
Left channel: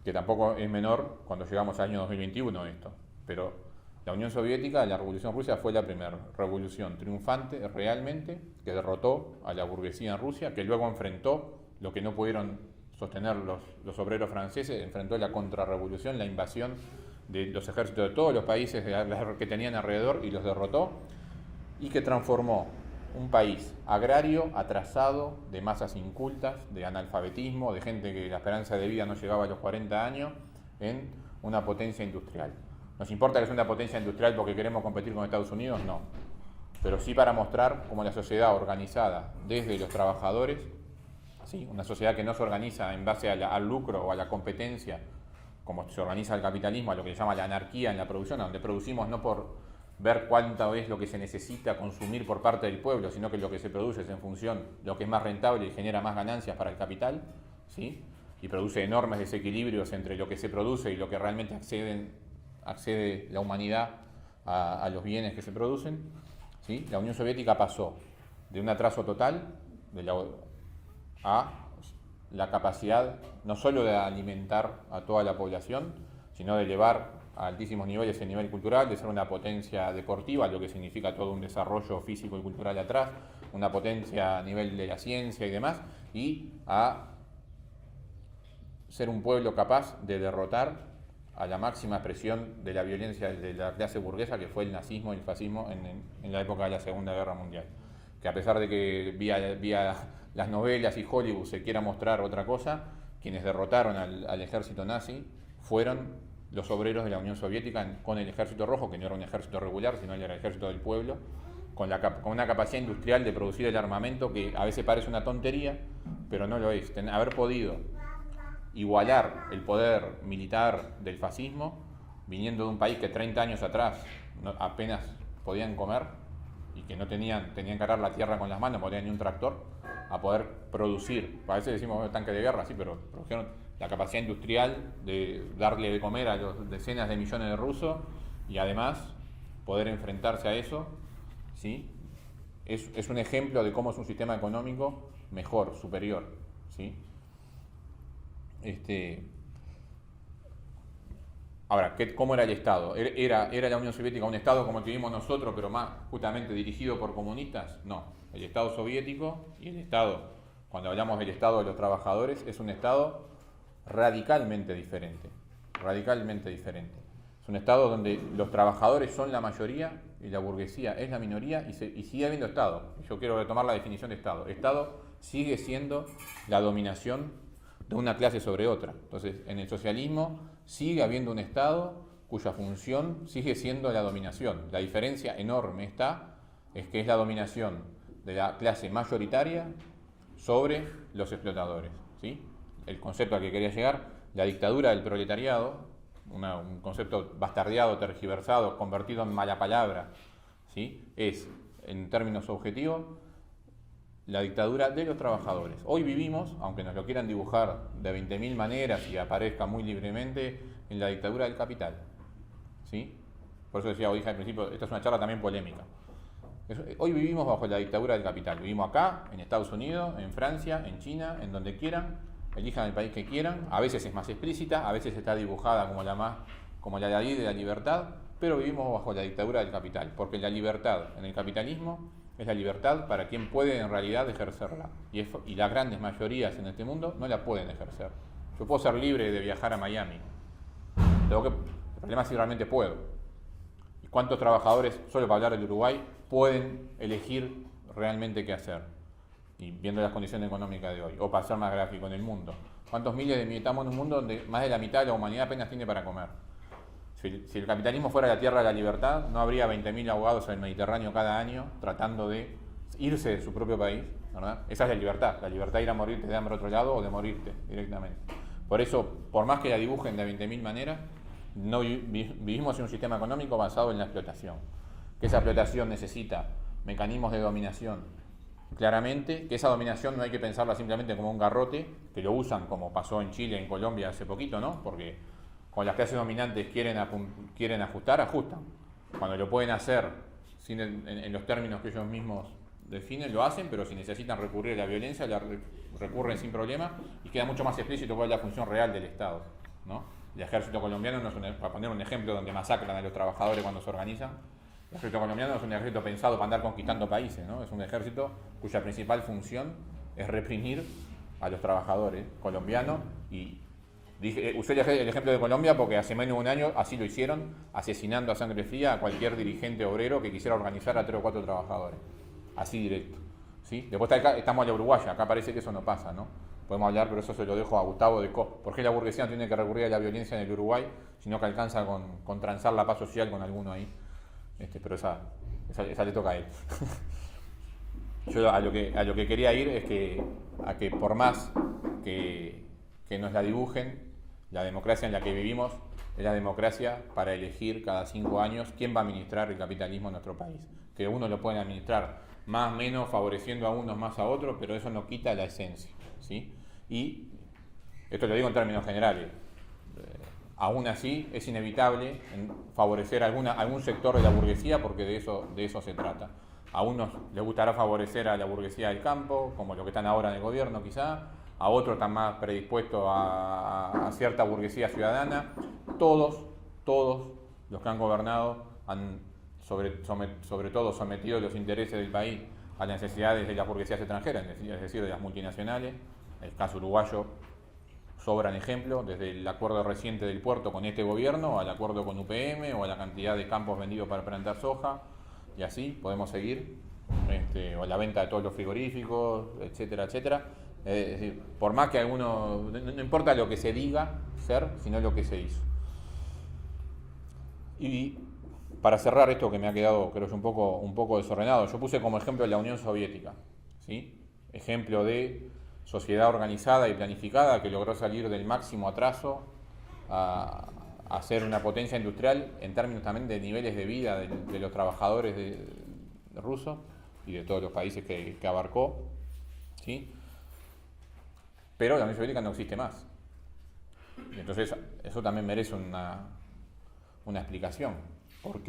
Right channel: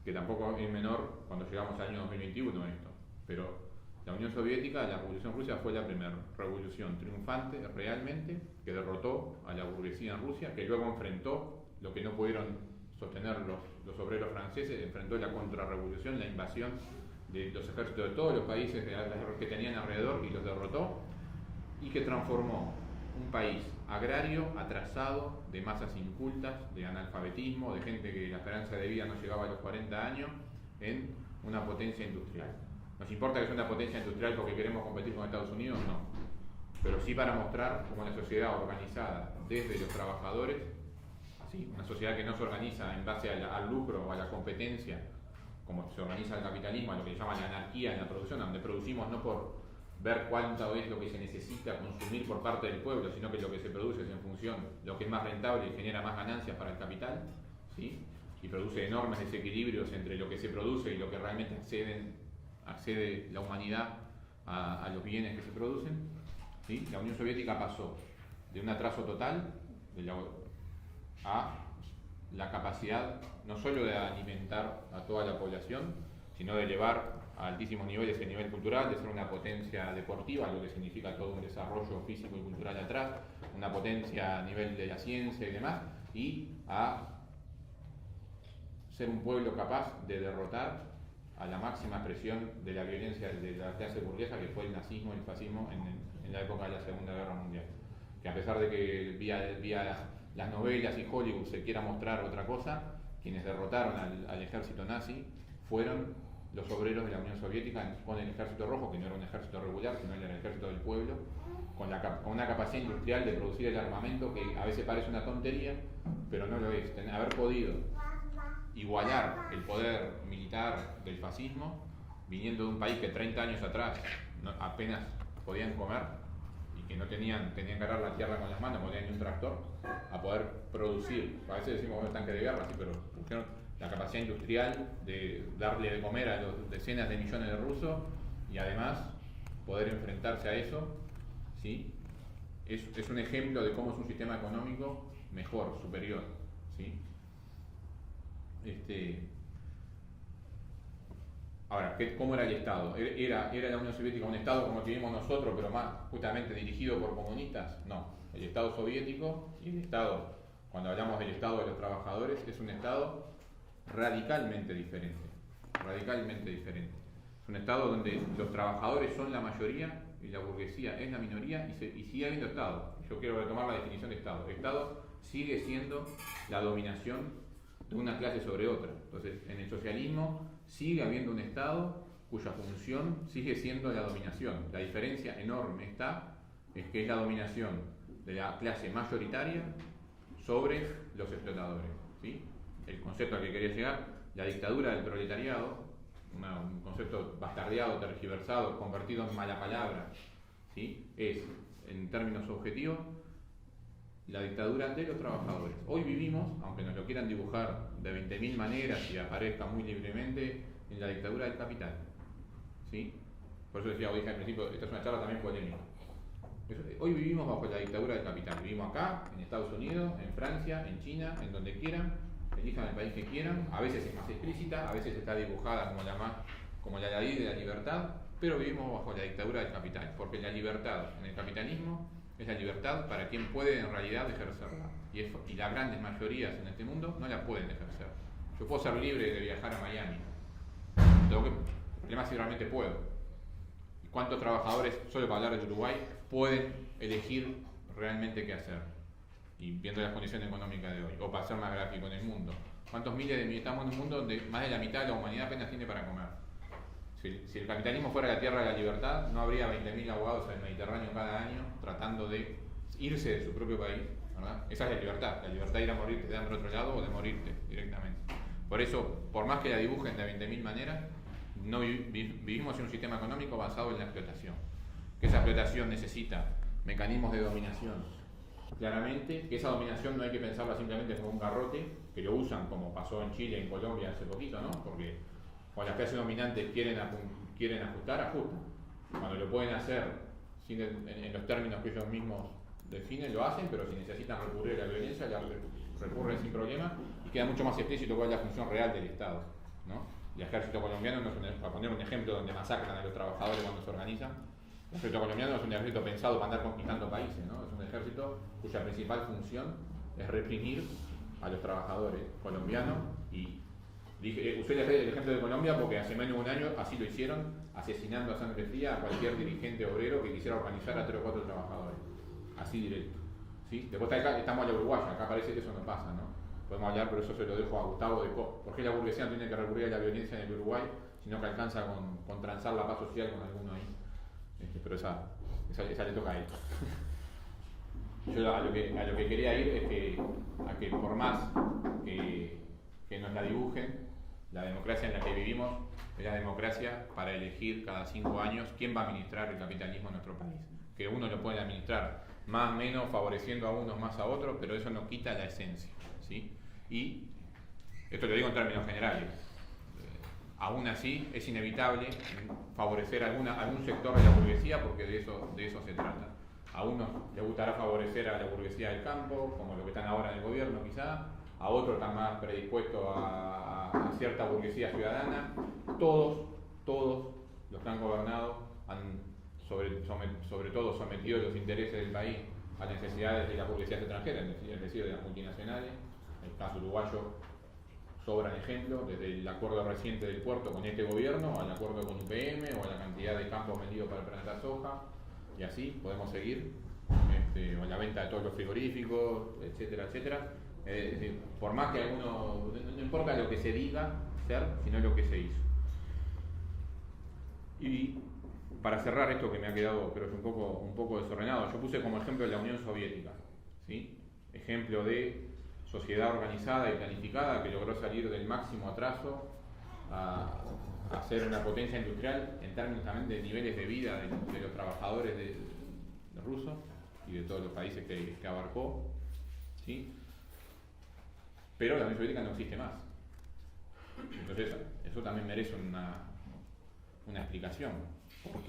Que tampoco es menor cuando llegamos al año 2021 esto, pero la Unión Soviética, la Revolución Rusa, fue la primera revolución triunfante realmente que derrotó a la burguesía en Rusia, que luego enfrentó lo que no pudieron sostener los obreros franceses, enfrentó la contrarrevolución, la invasión de los ejércitos de todos los países que tenían alrededor y los derrotó, y que transformó un país agrario, atrasado, de masas incultas, de analfabetismo, de gente que la esperanza de vida no llegaba a los 40 años, en una potencia industrial. ¿Nos importa que sea una potencia industrial porque queremos competir con Estados Unidos? No. Pero sí para mostrar cómo la sociedad organizada desde los trabajadores, ¿sí? Una sociedad que no se organiza en base al lucro o a la competencia, como se organiza el capitalismo, a lo que se llama la anarquía en la producción, donde producimos no por ver cuánto es lo que se necesita consumir por parte del pueblo, sino que lo que se produce es en función de lo que es más rentable y genera más ganancias para el capital, ¿sí? Y produce enormes desequilibrios entre lo que se produce y lo que realmente accede la humanidad a los bienes que se producen, ¿sí? La Unión Soviética pasó de un atraso total a la capacidad no solo de alimentar a toda la población, sino de elevar a altísimos niveles el nivel cultural, de ser una potencia deportiva, lo que significa todo un desarrollo físico y cultural atrás, una potencia a nivel de la ciencia y demás, y a ser un pueblo capaz de derrotar a la máxima expresión de la violencia de la clase burguesa, que fue el nazismo y el fascismo en la época de la Segunda Guerra Mundial. Que a pesar de que vía las novelas y Hollywood se quiera mostrar otra cosa, quienes derrotaron al ejército nazi fueron los obreros de la Unión Soviética con el ejército rojo, que no era un ejército regular, sino era el ejército del pueblo, con una capacidad industrial de producir el armamento que a veces parece una tontería, pero no lo es. Haber podido igualar el poder militar del fascismo, viniendo de un país que 30 años atrás apenas podían comer y que tenían que arar la tierra con las manos, no tenían ni un tractor, a poder producir. A veces decimos tanque de guerra, sí, pero produjeron la capacidad industrial de darle de comer a los decenas de millones de rusos y además poder enfrentarse a eso, ¿sí? Es un ejemplo de cómo es un sistema económico mejor, superior, ¿sí? Ahora, ¿cómo era el Estado? ¿Era la Unión Soviética un Estado como el que vimos nosotros, pero más justamente dirigido por comunistas? No. El Estado soviético y el Estado, cuando hablamos del Estado de los trabajadores, es un Estado radicalmente diferente. Radicalmente diferente. Es un Estado donde los trabajadores son la mayoría y la burguesía es la minoría y sigue habiendo Estado. Yo quiero retomar la definición de Estado. Estado sigue siendo la dominación de una clase sobre otra. Entonces, en el socialismo sigue habiendo un Estado cuya función sigue siendo la dominación. La diferencia enorme es que es la dominación de la clase mayoritaria sobre los explotadores, ¿sí? El concepto al que quería llegar, la dictadura del proletariado, un concepto bastardeado, tergiversado, convertido en mala palabra, ¿sí? Es, en términos objetivos, la dictadura de los trabajadores. Hoy vivimos, aunque nos lo quieran dibujar de 20.000 maneras y aparezca muy libremente, en la dictadura del capital, ¿sí? Por eso dije al principio, esta es una charla también polémica. Hoy vivimos bajo la dictadura del capital. Vivimos acá, en Estados Unidos, en Francia, en China, en donde quieran, elijan el país que quieran. A veces es más explícita, a veces está dibujada como la ley de la libertad, pero vivimos bajo la dictadura del capital, porque la libertad en el capitalismo es la libertad para quien puede en realidad ejercerla. Y las grandes mayorías en este mundo no la pueden ejercer. Yo puedo ser libre de viajar a Miami. El problema es si realmente puedo. ¿Y cuántos trabajadores, solo para hablar del Uruguay, pueden elegir realmente qué hacer? Y viendo las condiciones económicas de hoy, o para ser más gráfico, en el mundo. ¿Cuántos miles de estamos en un mundo donde más de la mitad de la humanidad apenas tiene para comer? Si el capitalismo fuera la tierra de la libertad, no habría 20.000 ahogados en el Mediterráneo cada año tratando de irse de su propio país, ¿verdad? Esa es la libertad de ir a morirte de hambre a otro lado o de morirte directamente. Por eso, por más que la dibujen de 20.000 maneras, no vivimos en un sistema económico basado en la explotación. Que esa explotación necesita mecanismos de dominación, claramente, que esa dominación no hay que pensarla simplemente como un garrote, que lo usan como pasó en Chile, en Colombia hace poquito, ¿no? Porque cuando las clases dominantes quieren ajustan. Cuando lo pueden hacer en los términos que ellos mismos definen, lo hacen, pero si necesitan recurrir a la violencia, recurren sin problema y queda mucho más explícito cuál es la función real del Estado, ¿no? El ejército colombiano, para poner un ejemplo donde masacran a los trabajadores cuando se organizan, el ejército colombiano no es un ejército pensado para andar conquistando países, ¿no? Es un ejército cuya principal función es reprimir a los trabajadores colombianos. Y usé el ejemplo de Colombia porque hace menos de un año así lo hicieron, asesinando a sangre fría a cualquier dirigente obrero que quisiera organizar a 3 o 4 trabajadores. Así directo, ¿sí? Después estamos en la Uruguaya, acá parece que eso no pasa, ¿no? Podemos hablar, pero eso se lo dejo a Gustavo de ¿Por qué la burguesía no tiene que recurrir a la violencia en el Uruguay, sino que alcanza con transar la paz social con alguno ahí? Pero esa le toca a él. Yo a lo que quería ir es a que por más que nos la dibujen, la democracia en la que vivimos es la democracia para elegir cada 5 años quién va a administrar el capitalismo en nuestro país. Que unos lo pueden administrar más o menos, favoreciendo a unos más a otros, pero eso no quita la esencia, ¿sí? Y esto lo digo en términos generales. Aún así, es inevitable favorecer algún sector de la burguesía, porque de eso se trata. A unos les gustará favorecer a la burguesía del campo, como los que están ahora en el gobierno quizá, a otros están más predispuestos a cierta burguesía ciudadana. Todos los que han gobernado han sobre todo sometido los intereses del país a las necesidades de las burguesías extranjeras, es decir, de las multinacionales. En el caso uruguayo sobran ejemplos, desde el acuerdo reciente del puerto con este gobierno, al acuerdo con UPM, o a la cantidad de campos vendidos para plantar soja, y así podemos seguir, o la venta de todos los frigoríficos, etcétera, etcétera. Es decir, por más que alguno, no importa lo que se diga ser, sino lo que se hizo. Y para cerrar esto que me ha quedado, creo yo, un poco desordenado, yo puse como ejemplo la Unión Soviética, ¿sí? Ejemplo de sociedad organizada y planificada que logró salir del máximo atraso a ser una potencia industrial en términos también de niveles de vida de los trabajadores de rusos y de todos los países que abarcó, ¿sí? Pero la Unión Soviética no existe más. Entonces eso también merece una explicación. ¿Por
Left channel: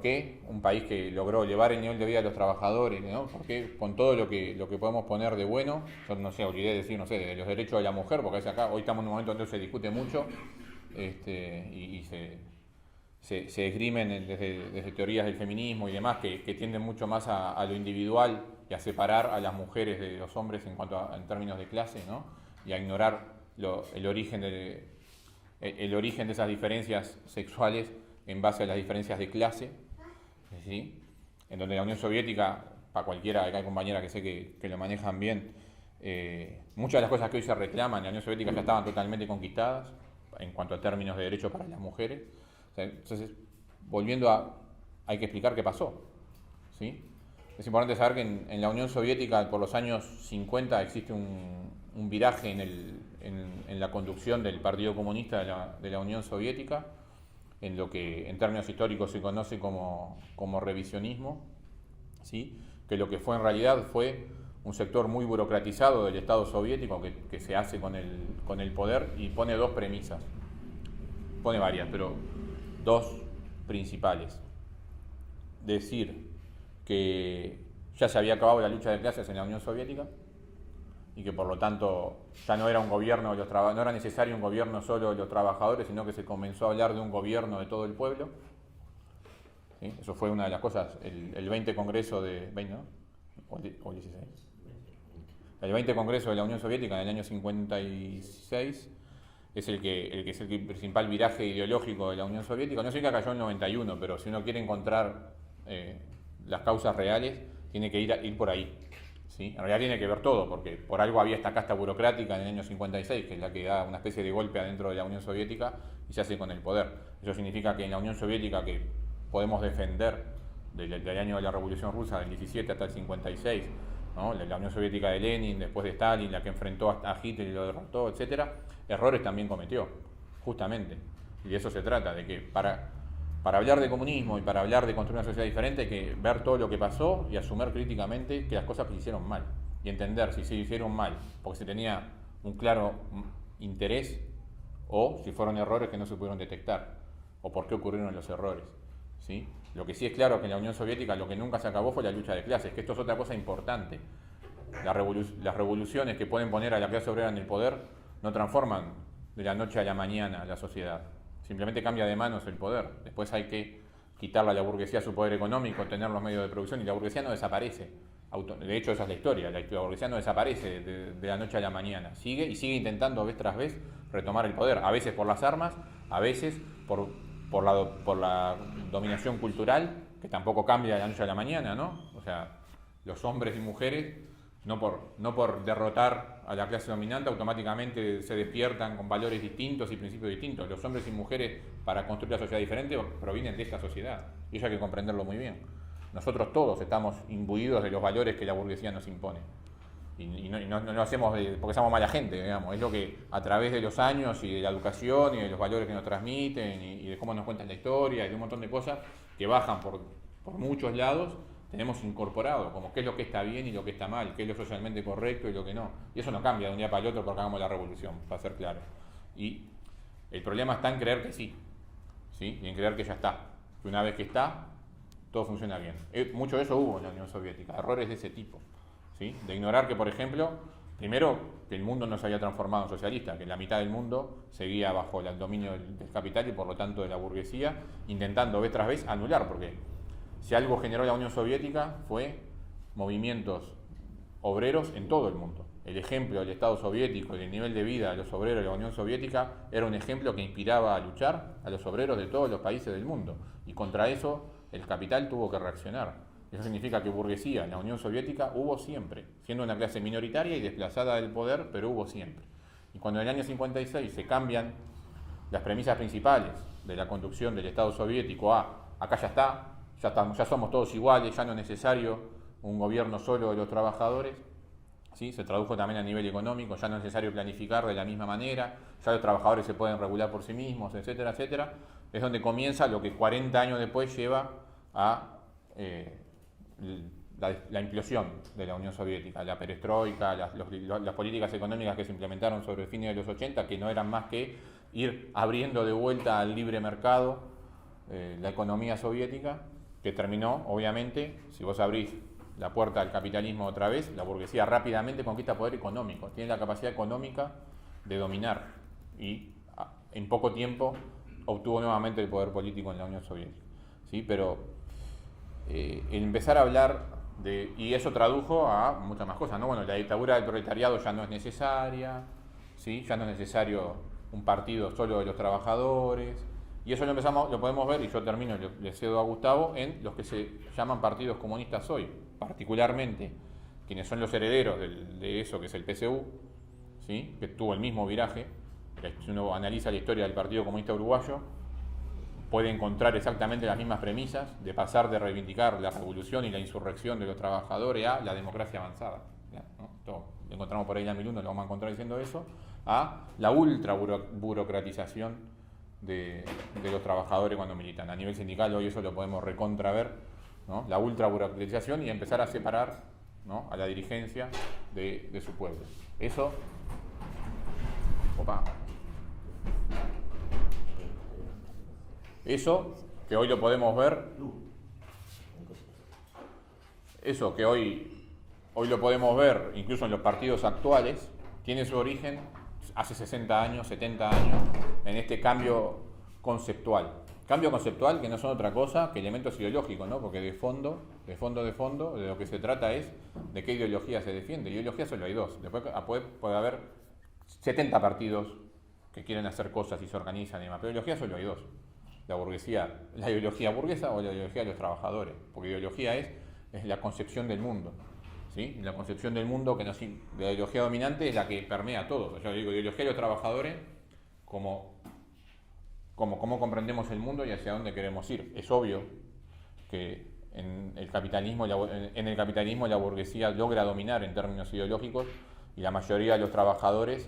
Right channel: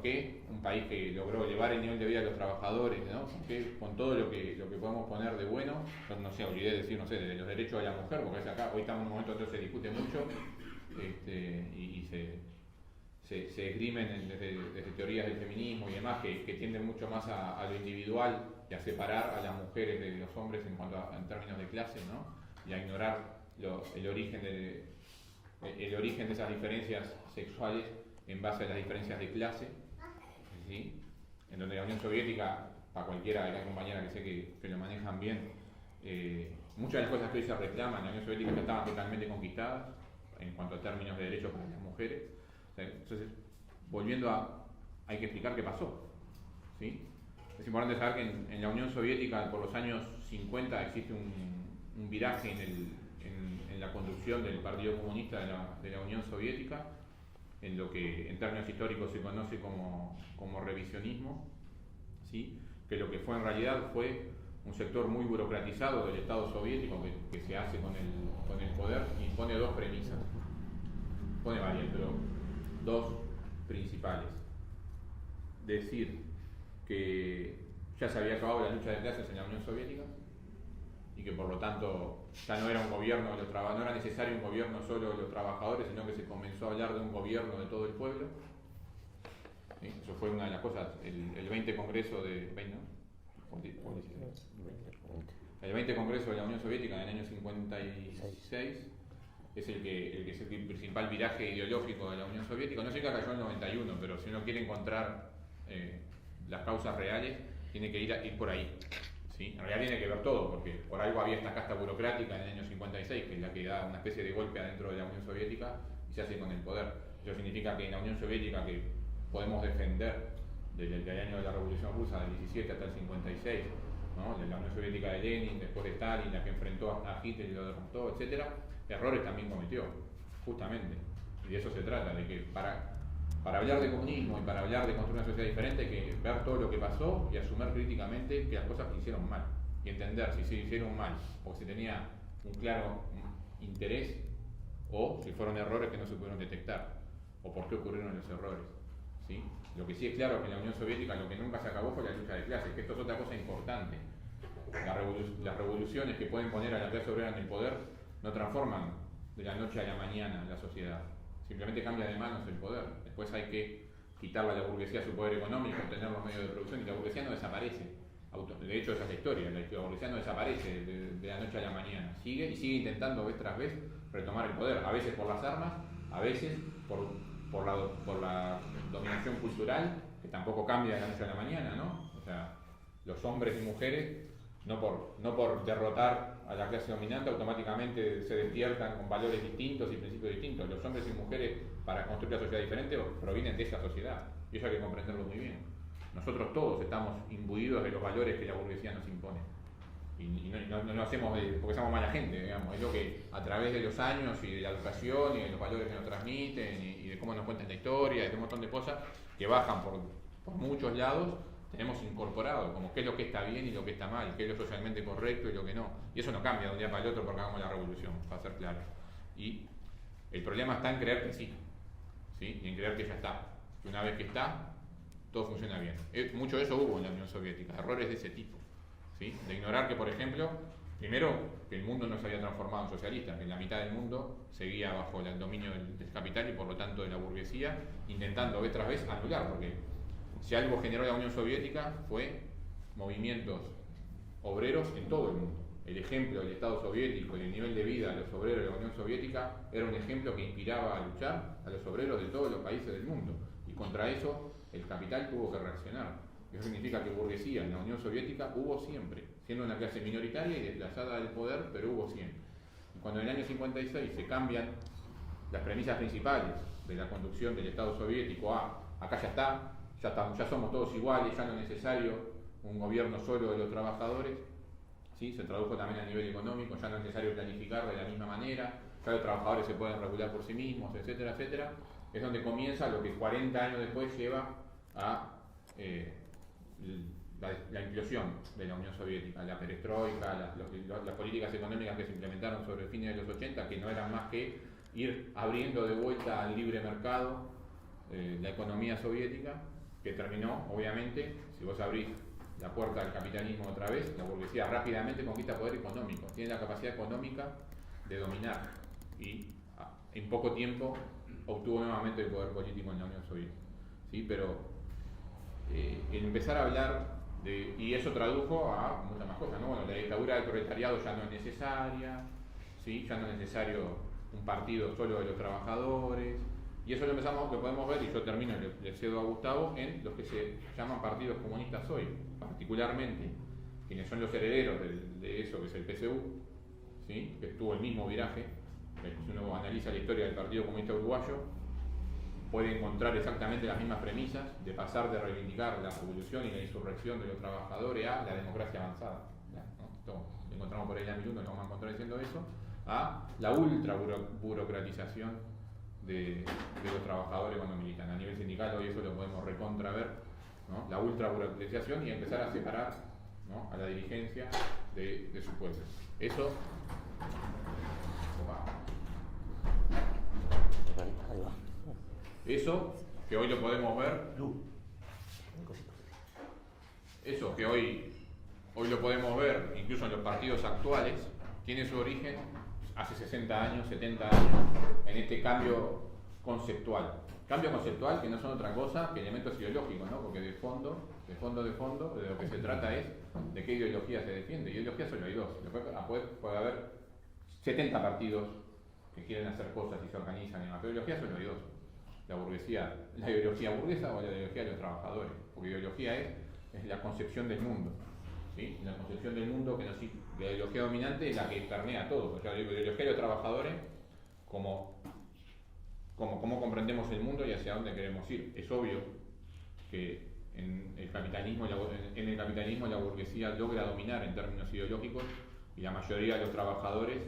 qué un país que logró elevar el nivel de vida de los trabajadores, ¿no? ¿Por qué con todo lo que podemos poner de bueno? Yo no sé, olvidé decir, no sé, de los derechos de la mujer, porque hoy estamos en un momento donde se discute mucho y se esgrimen desde teorías del feminismo y demás que tienden mucho más a lo individual y a separar a las mujeres de los hombres en términos de clase, ¿no? Y a ignorar el origen de esas diferencias sexuales en base a las diferencias de clase. ¿sí? En donde la Unión Soviética, para cualquiera, hay compañeras que sé que lo manejan bien, muchas de las cosas que hoy se reclaman en la Unión Soviética ya estaban totalmente conquistadas en cuanto a términos de derechos para las mujeres. O sea, entonces, volviendo hay que explicar qué pasó, ¿sí? Es importante saber que en la Unión Soviética, por los años 50, existe un viraje en la conducción del Partido Comunista de la Unión Soviética, en lo que en términos históricos se conoce como revisionismo, ¿sí? Que lo que fue en realidad fue un sector muy burocratizado del Estado soviético que se hace con el poder y pone dos premisas. Pone varias, pero dos principales. Decir que ya se había acabado la lucha de clases en la Unión Soviética y que por lo tanto ya no era un gobierno de no era necesario un gobierno solo de los trabajadores, sino que se comenzó a hablar de un gobierno de todo el pueblo. ¿Sí? Eso fue una de las cosas, el 20 Congreso de... 20, ¿no? ¿O 16? El 20 Congreso de la Unión Soviética en el año 56 es el principal viraje ideológico de la Unión Soviética. No sé que cayó en el 91, pero si uno quiere encontrar las causas reales, tiene que ir por ahí. ¿Sí? En realidad tiene que ver todo, porque por algo había esta casta burocrática en el año 56, que es la que da una especie de golpe adentro de la Unión Soviética y se hace con el poder. Eso significa que en la Unión Soviética, que podemos defender desde el año de la Revolución Rusa, del 17 hasta el 56, ¿no? La Unión Soviética de Lenin, después de Stalin, la que enfrentó a Hitler y lo derrotó, etc., errores también cometió, justamente. Y de eso se trata, de que para hablar de comunismo y para hablar de construir una sociedad diferente hay que ver todo lo que pasó y asumir críticamente que las cosas se hicieron mal. Y entender si se hicieron mal porque se tenía un claro interés o si fueron errores que no se pudieron detectar o por qué ocurrieron los errores. ¿Sí? Lo que sí es claro que en la Unión Soviética lo que nunca se acabó fue la lucha de clases, que esto es otra cosa importante. Las revoluciones que pueden poner a la clase obrera en el poder no transforman de la noche a la mañana la sociedad. Simplemente cambia de manos el poder. Después hay que quitarle a la burguesía su poder económico, tener los medios de producción y la burguesía no desaparece. De hecho, esa es la historia. La burguesía no desaparece de la noche a la mañana. Sigue intentando vez tras vez retomar el poder. A veces por las armas, a veces por la dominación cultural, que tampoco cambia de la noche a la mañana, ¿no? O sea, los hombres y mujeres, no por derrotar a la clase dominante, automáticamente se despiertan con valores distintos y principios distintos. Los hombres y mujeres, para construir una sociedad diferente, provienen de esta sociedad. Y eso hay que comprenderlo muy bien. Nosotros todos estamos imbuidos de los valores que la burguesía nos impone. Y no lo hacemos porque somos mala gente, digamos. Es lo que a través de los años y de la educación y de los valores que nos transmiten y de cómo nos cuentan la historia y de un montón de cosas que bajan por muchos lados, tenemos incorporado como qué es lo que está bien y lo que está mal, qué es lo socialmente correcto y lo que no. Y eso no cambia de un día para el otro porque hagamos la revolución, para ser claro. Y el problema está en creer que sí, y en creer que ya está. Que una vez que está, todo funciona bien. Mucho de eso hubo en la Unión Soviética, errores de ese tipo. ¿Sí? De ignorar que, por ejemplo, primero, que el mundo no se había transformado en socialista, que la mitad del mundo seguía bajo el dominio del capital y por lo tanto de la burguesía, intentando vez tras vez anular, porque si algo generó la Unión Soviética fue movimientos obreros en todo el mundo. El ejemplo del Estado soviético y el nivel de vida de los obreros de la Unión Soviética era un ejemplo que inspiraba a luchar a los obreros de todos los países del mundo. Y contra eso el capital tuvo que reaccionar. Eso significa que burguesía en la Unión Soviética hubo siempre, siendo una clase minoritaria y desplazada del poder, pero hubo siempre. Y cuando en el año 56 se cambian las premisas principales de la conducción del Estado soviético acá ya somos todos iguales, ya no es necesario un gobierno solo de los trabajadores, ¿sí? Se tradujo también a nivel económico, ya no es necesario planificar de la misma manera, ya los trabajadores se pueden regular por sí mismos, etcétera, etcétera. Es donde comienza lo que 40 años después lleva a la implosión de la Unión Soviética, la perestroika, las políticas económicas que se implementaron sobre el fin de los 80, que no eran más que ir abriendo de vuelta al libre mercado la economía soviética, que terminó, obviamente, si vos abrís la puerta al capitalismo otra vez, la burguesía rápidamente conquista poder económico, tiene la capacidad económica de dominar y en poco tiempo obtuvo nuevamente el poder político en la Unión Soviética. ¿Sí? Pero empezar a hablar y eso tradujo a muchas más cosas, ¿no? Bueno, la dictadura del proletariado ya no es necesaria, ¿sí? Ya no es necesario un partido solo de los trabajadores, Y eso lo podemos ver, y yo termino, le cedo a Gustavo, en los que se llaman partidos comunistas hoy, particularmente quienes son los herederos de eso que es el PSU, ¿sí? Que tuvo el mismo viraje. Si uno analiza la historia del Partido Comunista Uruguayo, puede encontrar exactamente las mismas premisas de pasar de reivindicar la revolución y la insurrección de los trabajadores a la democracia avanzada, ¿no? Esto lo encontramos por ahí en la 1001, lo vamos a encontrar diciendo eso, a la ultra burocratización de los trabajadores cuando militan. A nivel sindical hoy eso lo podemos recontraver, ¿no? La ultra burocratización y empezar a separar, ¿no?, a la dirigencia de su pueblo. Eso, eso que hoy lo podemos ver, eso que hoy lo podemos ver incluso en los partidos actuales, tiene su origen hace 60 años, 70 años, en este cambio conceptual. Cambio conceptual que no son otra cosa que elementos ideológicos, ¿no? Porque de fondo, de lo que se trata es de qué ideología se defiende. Ideología solo hay dos. Después puede haber 70 partidos que quieren hacer cosas y se organizan y demás, pero ideología solo hay dos. La burguesía, la ideología burguesa o la ideología de los trabajadores. Porque ideología es la concepción del mundo. ¿Sí? La concepción del mundo que la ideología dominante es la que permea todo. Yo digo ideología de los trabajadores como cómo comprendemos el mundo y hacia dónde queremos ir. Es obvio que en el capitalismo la burguesía logra dominar en términos ideológicos y la mayoría de los trabajadores,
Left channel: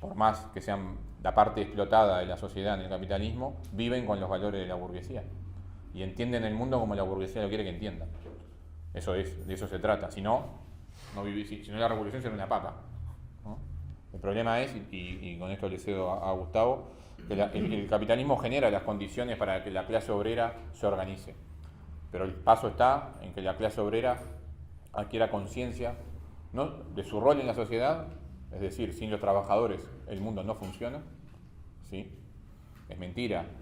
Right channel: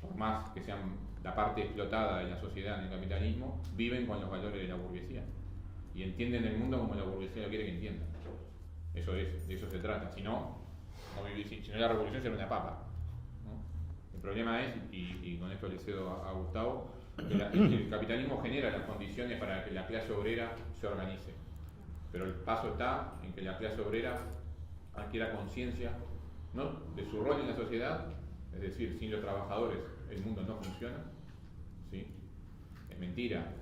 por más que sean la parte explotada de la sociedad en el capitalismo, viven con los valores de la burguesía y entienden el mundo como la burguesía lo quiere que entiendan. De eso se trata. Si no la revolución sería una papa, ¿no? El problema es, y con esto le cedo a Gustavo, que el capitalismo genera las condiciones para que la clase obrera se organice. Pero el paso está en que la clase obrera adquiera conciencia, ¿no?, de su rol en la sociedad, es decir, sin los trabajadores el mundo no funciona, ¿sí? Es mentira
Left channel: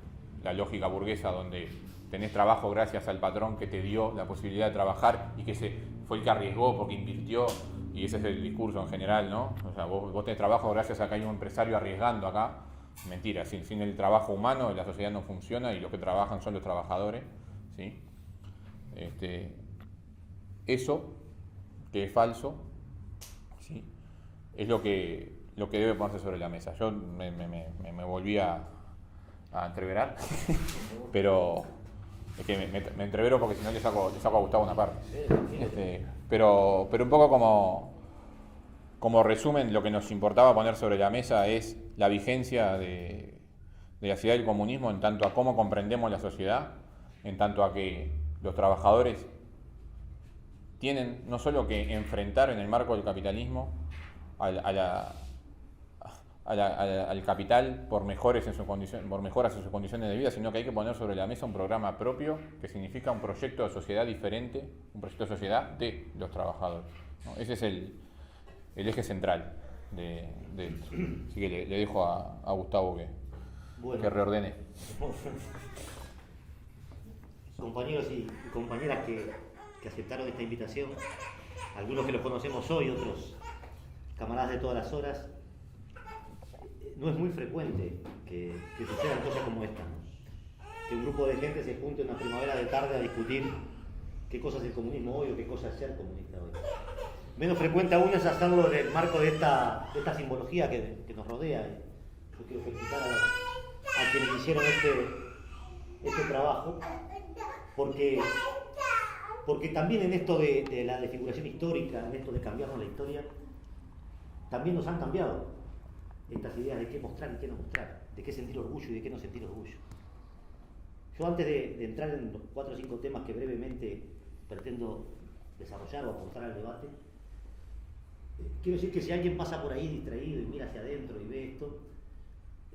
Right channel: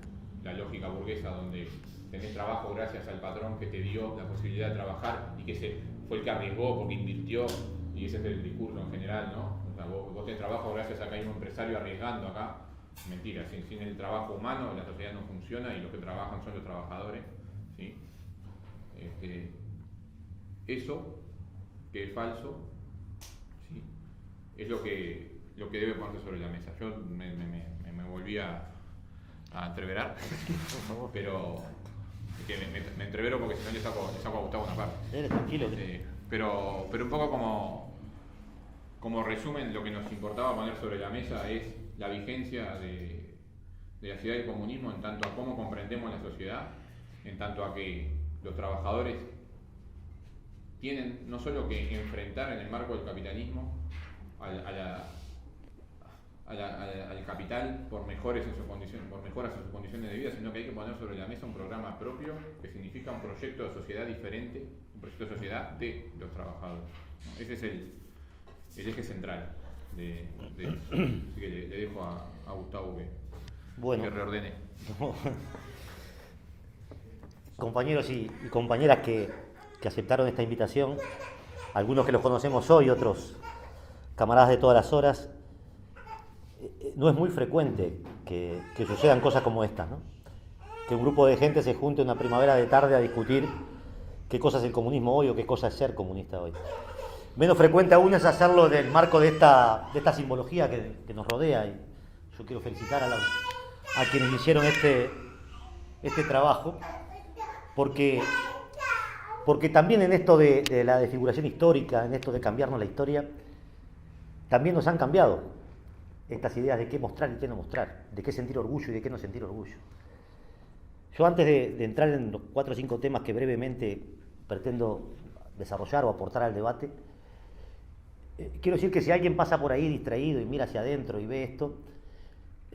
la lógica burguesa donde tenés trabajo gracias al patrón que te dio la posibilidad de trabajar y que fue el que arriesgó porque invirtió, y ese es el discurso en general, ¿no? O sea, vos tenés trabajo gracias a que hay un empresario arriesgando acá. Mentira, sin el trabajo humano la sociedad no funciona y los que trabajan son los trabajadores, ¿sí? Eso, que es falso, ¿sí?, es lo que debe ponerse sobre la mesa. Yo me volví a entreverar, pero es que me entrevero porque si no le saco a Gustavo una parte. Tranquilo. Pero un poco como resumen, lo que nos importaba poner sobre la mesa es la vigencia de la sociedad del comunismo en tanto a cómo comprendemos la sociedad, en tanto a que los trabajadores tienen no solo que enfrentar en el marco del capitalismo al capital por mejoras en sus condiciones de vida, sino que hay que poner sobre la mesa un programa propio que significa un proyecto de sociedad diferente, un proyecto de sociedad de los trabajadores, ¿no? Ese es el eje central de esto. Así que le dejo a Gustavo que reordene. Compañeros y compañeras que aceptaron esta invitación, algunos que los conocemos hoy, otros camaradas de todas las horas, no es muy frecuente que sucedan cosas como estas, ¿no? Que un grupo de gente se junte una primavera de tarde a discutir qué cosa es el comunismo hoy o qué cosa es ser comunista hoy. Menos frecuente aún es hacerlo en el marco de esta simbología que nos rodea. Y yo quiero felicitar a quienes hicieron este trabajo, porque también en esto de la desfiguración histórica, en esto de cambiarnos la historia, también nos han cambiado estas ideas de qué mostrar y qué no mostrar, de qué sentir orgullo y de qué no sentir orgullo. Yo antes de entrar en los 4 o 5 temas que brevemente pretendo desarrollar o aportar al debate, quiero decir que si alguien pasa por ahí distraído y mira hacia adentro y ve esto,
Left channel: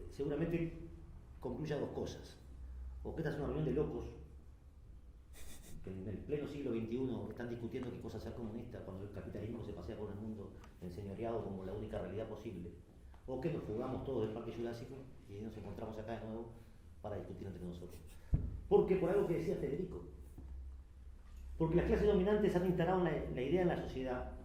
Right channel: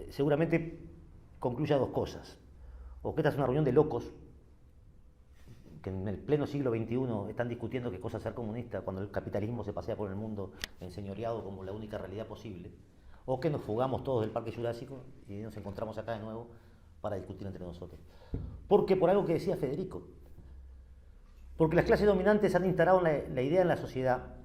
seguramente concluya 2 cosas. O que esta es una reunión de locos, que en el pleno siglo XXI están discutiendo qué cosa es ser comunista cuando el capitalismo se pasea por el mundo enseñoreado como la única realidad posible. O que nos fugamos todos del Parque Jurásico y nos encontramos acá de nuevo para discutir entre nosotros. Porque por algo que decía Federico, porque las clases dominantes han instalado la idea en la sociedad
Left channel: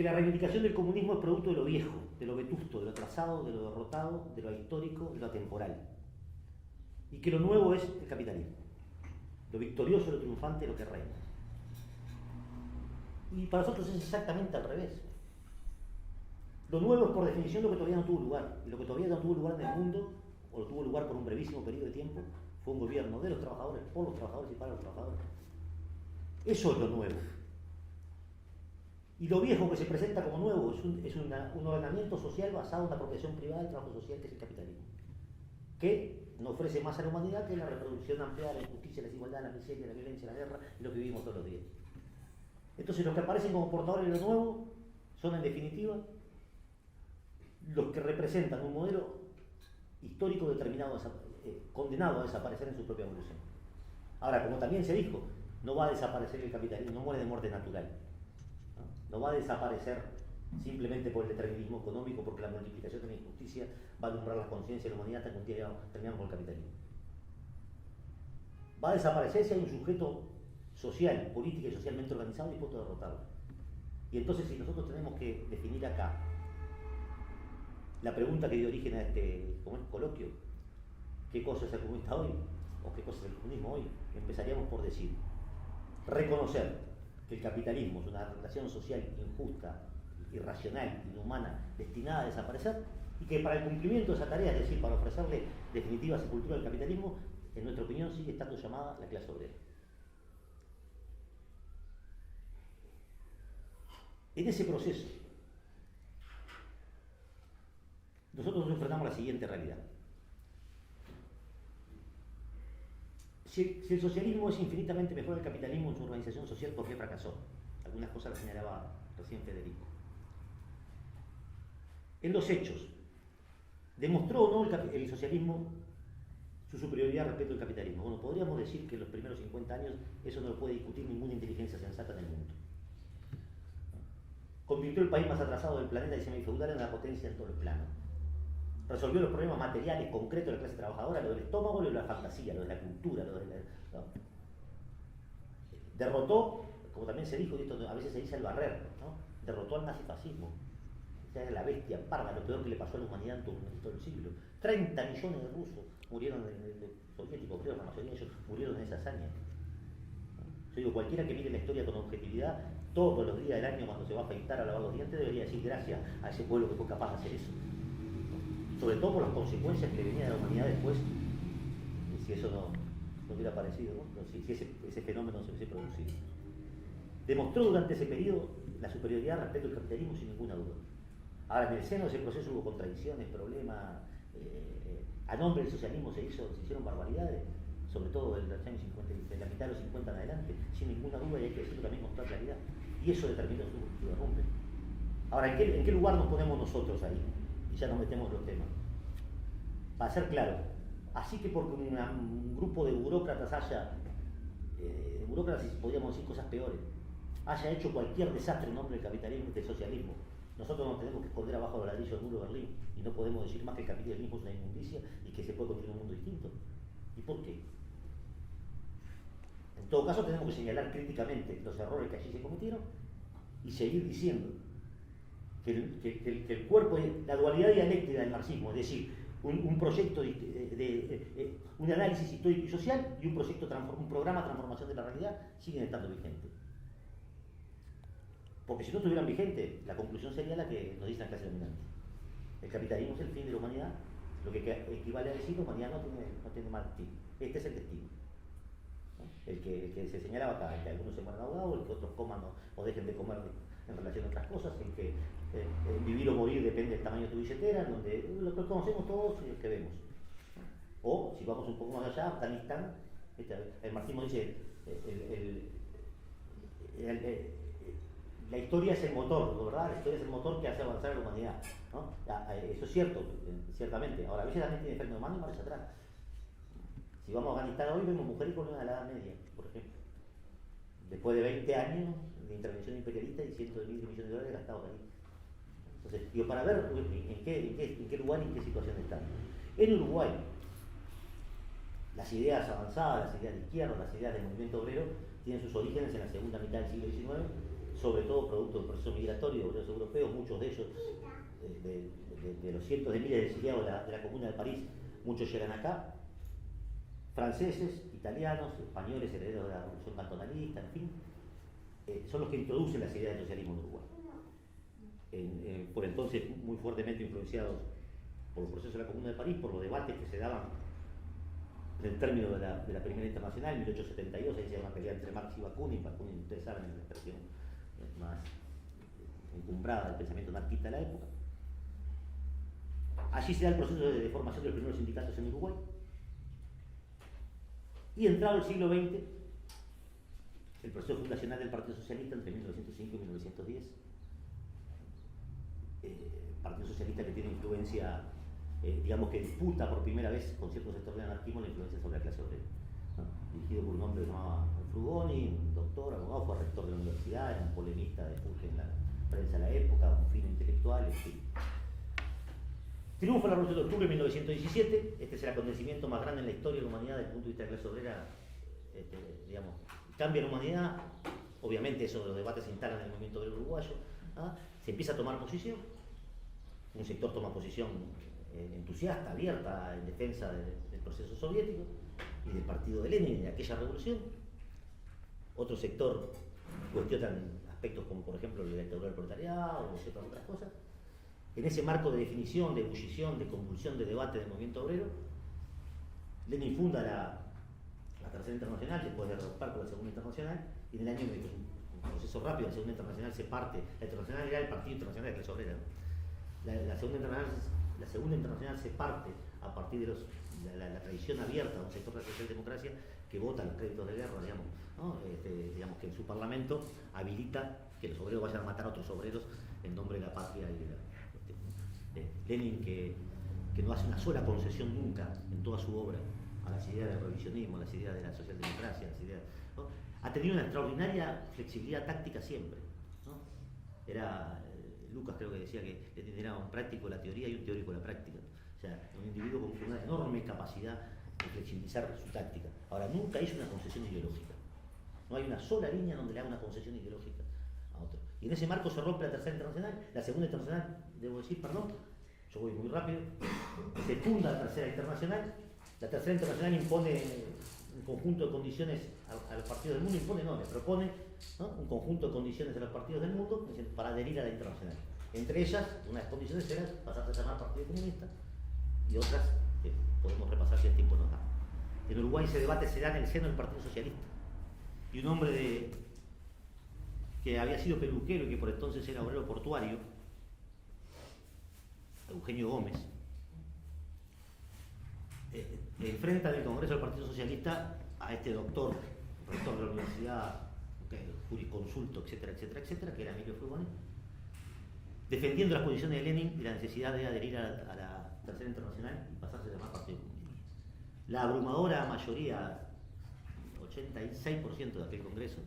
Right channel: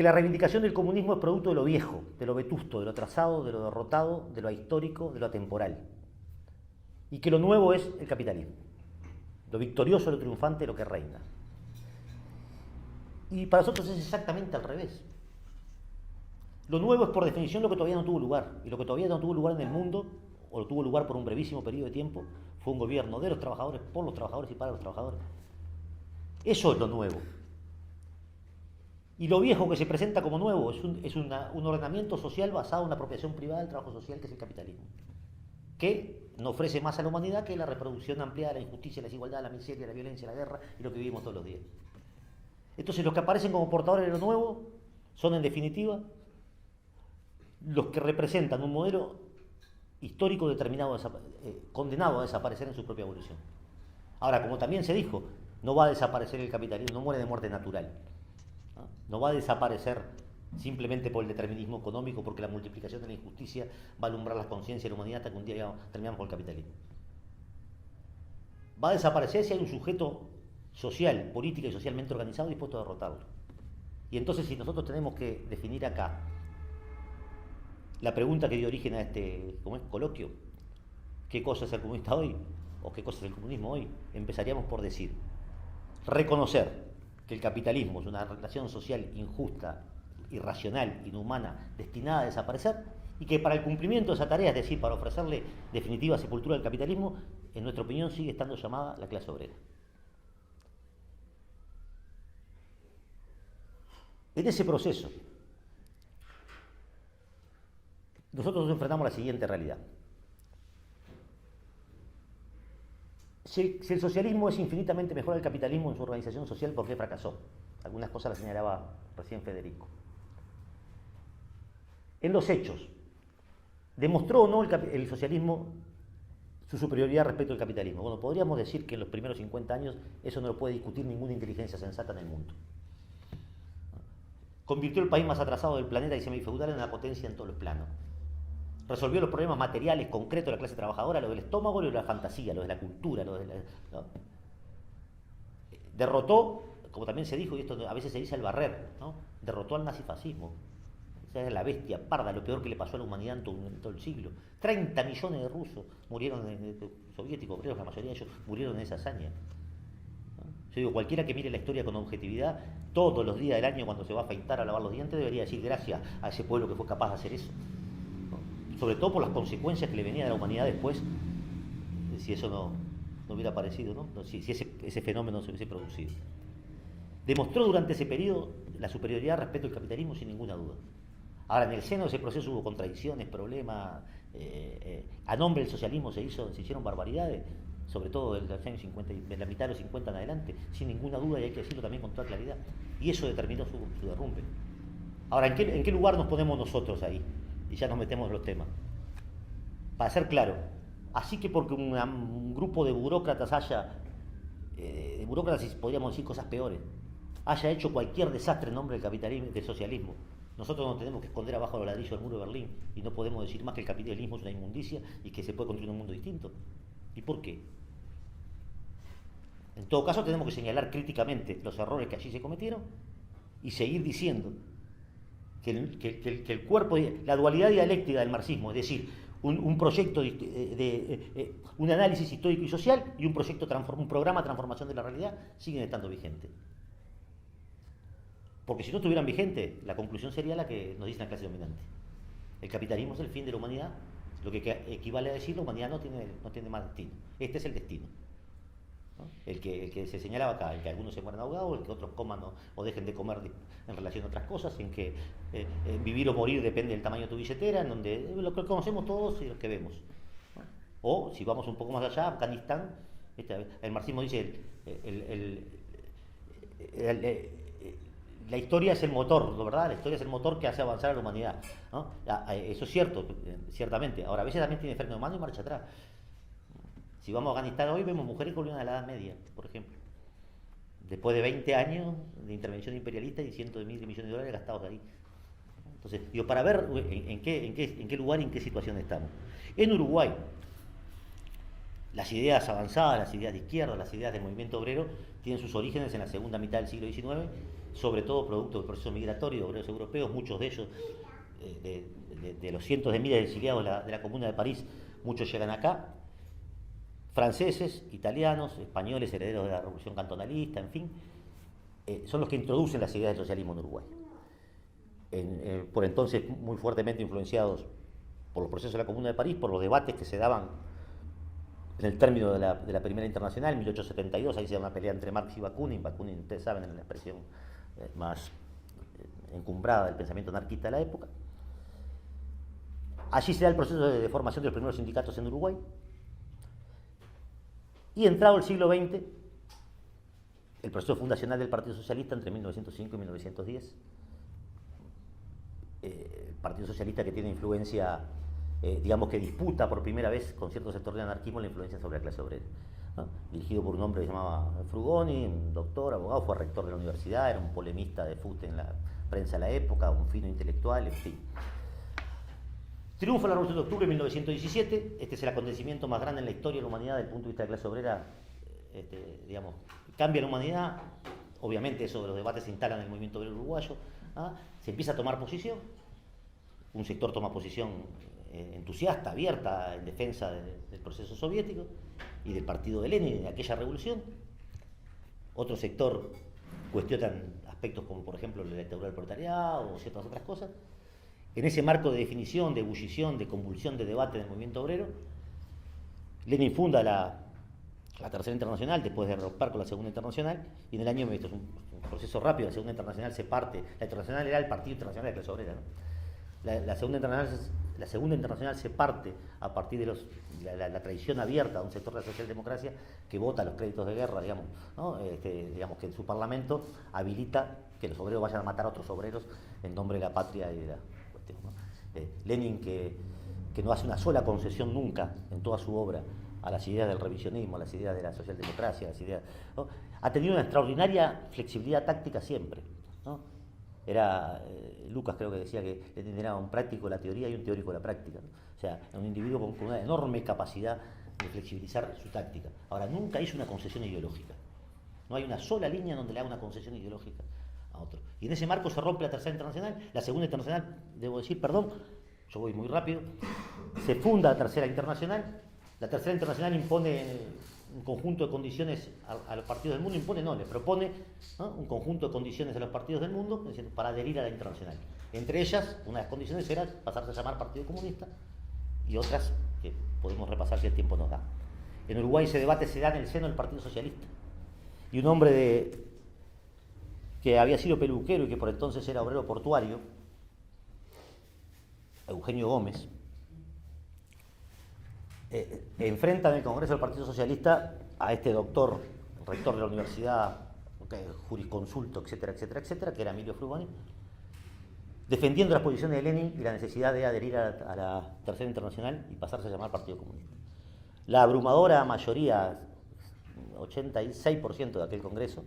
que la reivindicación del comunismo es producto de lo viejo, de lo vetusto, de lo trazado, de lo derrotado, de lo ahistórico, de lo atemporal. Y que lo nuevo es el capitalismo. Lo victorioso, lo triunfante, lo que reina. Y para nosotros es exactamente al revés. Lo nuevo es por definición lo que todavía no tuvo lugar. Y lo que todavía no tuvo lugar en el mundo, o tuvo lugar por un brevísimo periodo de tiempo, fue un gobierno de los trabajadores, por los trabajadores y para los trabajadores. Eso es lo nuevo. Y lo viejo que se presenta como nuevo es un ordenamiento social basado en una apropiación privada del trabajo social, que es el capitalismo, que no ofrece más a la humanidad que la reproducción ampliada de la injusticia, la desigualdad, la miseria, la violencia, la guerra y lo que vivimos todos los días. Entonces los que aparecen como portadores de lo nuevo son en definitiva los que representan un modelo histórico determinado, condenado a desaparecer en su propia evolución. Ahora, como también se dijo, no va a desaparecer el capitalismo, no muere de muerte natural. No va a desaparecer simplemente por el determinismo económico, porque la multiplicación de la injusticia va a alumbrar la conciencia de la humanidad hasta que un día terminamos con el capitalismo. Va a desaparecer si hay un sujeto social, política y socialmente organizado dispuesto a derrotarlo. Y entonces, si nosotros tenemos que definir acá la pregunta que dio origen a este coloquio, ¿qué cosa es el comunista hoy? ¿O qué cosa es el comunismo hoy? Empezaríamos por decir, reconocer que el capitalismo es una relación social injusta, irracional, inhumana, destinada a desaparecer, y que para el cumplimiento de esa tarea, es decir, para ofrecerle definitiva sepultura al capitalismo, en nuestra opinión sigue estando llamada la clase obrera. En ese proceso, nosotros nos enfrentamos a la siguiente realidad. Si el socialismo es infinitamente mejor al capitalismo en su organización social, ¿por qué fracasó? Algunas cosas las señalaba recién Federico. En los hechos, ¿demostró o no el socialismo su superioridad respecto al capitalismo? Bueno, podríamos decir que en los primeros 50 años eso no lo puede discutir ninguna inteligencia sensata en el mundo. Convirtió el país más atrasado del planeta y semifeudal en una potencia en todos los planos. Resolvió los problemas materiales concretos de la clase trabajadora, lo del estómago, lo de la fantasía, lo de la cultura, ¿no? Derrotó, como también se dijo, y esto a veces se dice al barrer, ¿no? Derrotó al nazifascismo. O sea, es la bestia parda, lo peor que le pasó a la humanidad en todo el siglo. 30 millones de rusos murieron, soviéticos, creo que la mayoría de ellos murieron en esa hazaña. ¿No? Yo digo, cualquiera que mire la historia con objetividad, todos los días del año cuando se va a afeitar a lavar los dientes, debería decir gracias a ese pueblo que fue capaz de hacer eso. Sobre todo por las consecuencias que le venía a la humanidad después, si eso no hubiera aparecido, ¿no? Si ese fenómeno no se hubiese producido. Demostró durante ese periodo la superioridad respecto al capitalismo sin ninguna duda. Ahora, en el seno de ese proceso hubo contradicciones, problemas, a nombre del socialismo se hicieron barbaridades, sobre todo de los años 50, de la mitad de los 50 en adelante, sin ninguna duda, y hay que decirlo también con toda claridad. Y eso determinó su derrumbe. Ahora, ¿en qué lugar nos ponemos nosotros ahí? Y ya nos metemos en los temas. Para ser claro, así que porque un grupo de burócratas de burócratas, podríamos decir cosas peores, haya hecho cualquier desastre en nombre del capitalismo y del socialismo, nosotros nos tenemos que esconder abajo los ladrillos del muro de Berlín y no podemos decir más que el capitalismo es una inmundicia y que se puede construir un mundo distinto. ¿Y por qué? En todo caso, tenemos que señalar críticamente los errores que allí se cometieron y seguir diciendo que el cuerpo, la dualidad dialéctica del marxismo, es decir, un proyecto un análisis histórico y social y un programa de transformación de la realidad, siguen estando vigentes. Porque si no estuvieran vigentes, la conclusión sería la que nos dice la clase dominante. El capitalismo es el fin de la humanidad, lo que equivale a decir la humanidad no tiene más destino. Este es el destino, ¿no? El que se señalaba acá, el que algunos se mueran ahogados, el que otros coman o dejen de comer en relación a otras cosas, en que vivir o morir depende del tamaño de tu billetera, en donde lo que conocemos todos y lo que vemos, ¿no? O, si vamos un poco más allá, Afganistán, el marxismo dice, la historia es el motor, ¿verdad? La historia es el motor que hace avanzar a la humanidad, ¿no? Eso es cierto, ciertamente. Ahora, a veces también tiene freno de mano y marcha atrás. Si vamos a Afganistán hoy, vemos mujeres que volvieron a la Edad Media, por ejemplo. Después de 20 años de intervención imperialista y cientos de miles de millones de dólares gastados ahí. Entonces, digo, para ver en qué lugar y en qué situación estamos. En Uruguay, las ideas avanzadas, las ideas de izquierda, las ideas del movimiento obrero, tienen sus orígenes en la segunda mitad del siglo XIX sobre todo producto del proceso migratorio de obreros europeos, muchos de ellos, de los cientos de miles de exiliados de la Comuna de París, muchos llegan acá, franceses, italianos, españoles, herederos de la Revolución Cantonalista, en fin, son los que introducen las ideas del socialismo en Uruguay. Por entonces muy fuertemente influenciados por los procesos de la Comuna de París, por los debates que se daban en el término de la Primera Internacional, en 1872, ahí se da una pelea entre Marx y Bakunin. Bakunin, ustedes saben, es la expresión más encumbrada del pensamiento anarquista de la época. Allí se da el proceso de formación de los primeros sindicatos en Uruguay. Y entrado el siglo XX, el proceso fundacional del Partido Socialista entre 1905 y 1910. El Partido Socialista que tiene influencia, digamos que disputa por primera vez con ciertos sectores de anarquismo la influencia sobre la clase obrera, ¿no? Dirigido por un hombre que se llamaba Frugoni, un doctor, abogado, fue rector de la universidad, era un polemista de fuste en la prensa de la época, un fino intelectual, en fin. Triunfa la Revolución de Octubre en 1917, este es el acontecimiento más grande en la historia de la humanidad desde el punto de vista de la clase obrera, digamos, cambia la humanidad, obviamente eso de los debates se instalan en el movimiento obrero uruguayo, ¿ah? Se empieza a tomar posición, un sector toma posición entusiasta, abierta, en defensa del proceso soviético y del partido de Lenin en aquella revolución, otro sector cuestiona aspectos como por ejemplo la dictadura del proletariado o ciertas otras cosas. En ese marco de definición, de ebullición, de convulsión, de debate del movimiento obrero, Lenin funda la Tercera Internacional después de romper con la Segunda Internacional, y en el año, esto es un proceso rápido, la Segunda Internacional se parte, la Internacional era el Partido Internacional de la Clase Obrera, ¿no? La Segunda Internacional se parte a partir de la tradición abierta de un sector de la socialdemocracia que vota los créditos de guerra, digamos, ¿no? Digamos que en su parlamento habilita que los obreros vayan a matar a otros obreros en nombre de la patria y de la cuestión, ¿no? Lenin, que no hace una sola concesión nunca en toda su obra a las ideas del revisionismo, a las ideas de la socialdemocracia, a las ideas, ¿no? Ha tenido una extraordinaria flexibilidad táctica siempre, ¿no? Era Lucas creo que decía que Lenin era un práctico de la teoría y un teórico de la práctica, ¿no? O sea, un individuo con una enorme capacidad de flexibilizar su táctica. Ahora, nunca hizo una concesión ideológica. No hay una sola línea donde le haga una concesión ideológica a otro. Y en ese marco se rompe la Tercera Internacional. La Segunda Internacional, debo decir, perdón, yo voy muy rápido, se funda la Tercera Internacional. La Tercera Internacional impone un conjunto de condiciones a los partidos del mundo, le propone, ¿no?, un conjunto de condiciones a los partidos del mundo para adherir a la Internacional. Entre ellas, una de las condiciones era pasarse a llamar Partido Comunista, y otras que podemos repasar si el tiempo nos da. En Uruguay ese debate se da en el seno del Partido Socialista. Y un hombre que había sido peluquero y que por entonces era obrero portuario, Eugenio Gómez, enfrenta en el Congreso del Partido Socialista a este doctor, rector de la universidad, jurisconsulto, etcétera, etcétera, etcétera, que era Emilio Frugoni, defendiendo las posiciones de Lenin y la necesidad de adherir a la Tercera Internacional y pasarse a llamar Partido Comunista. La abrumadora mayoría, 86% de aquel Congreso,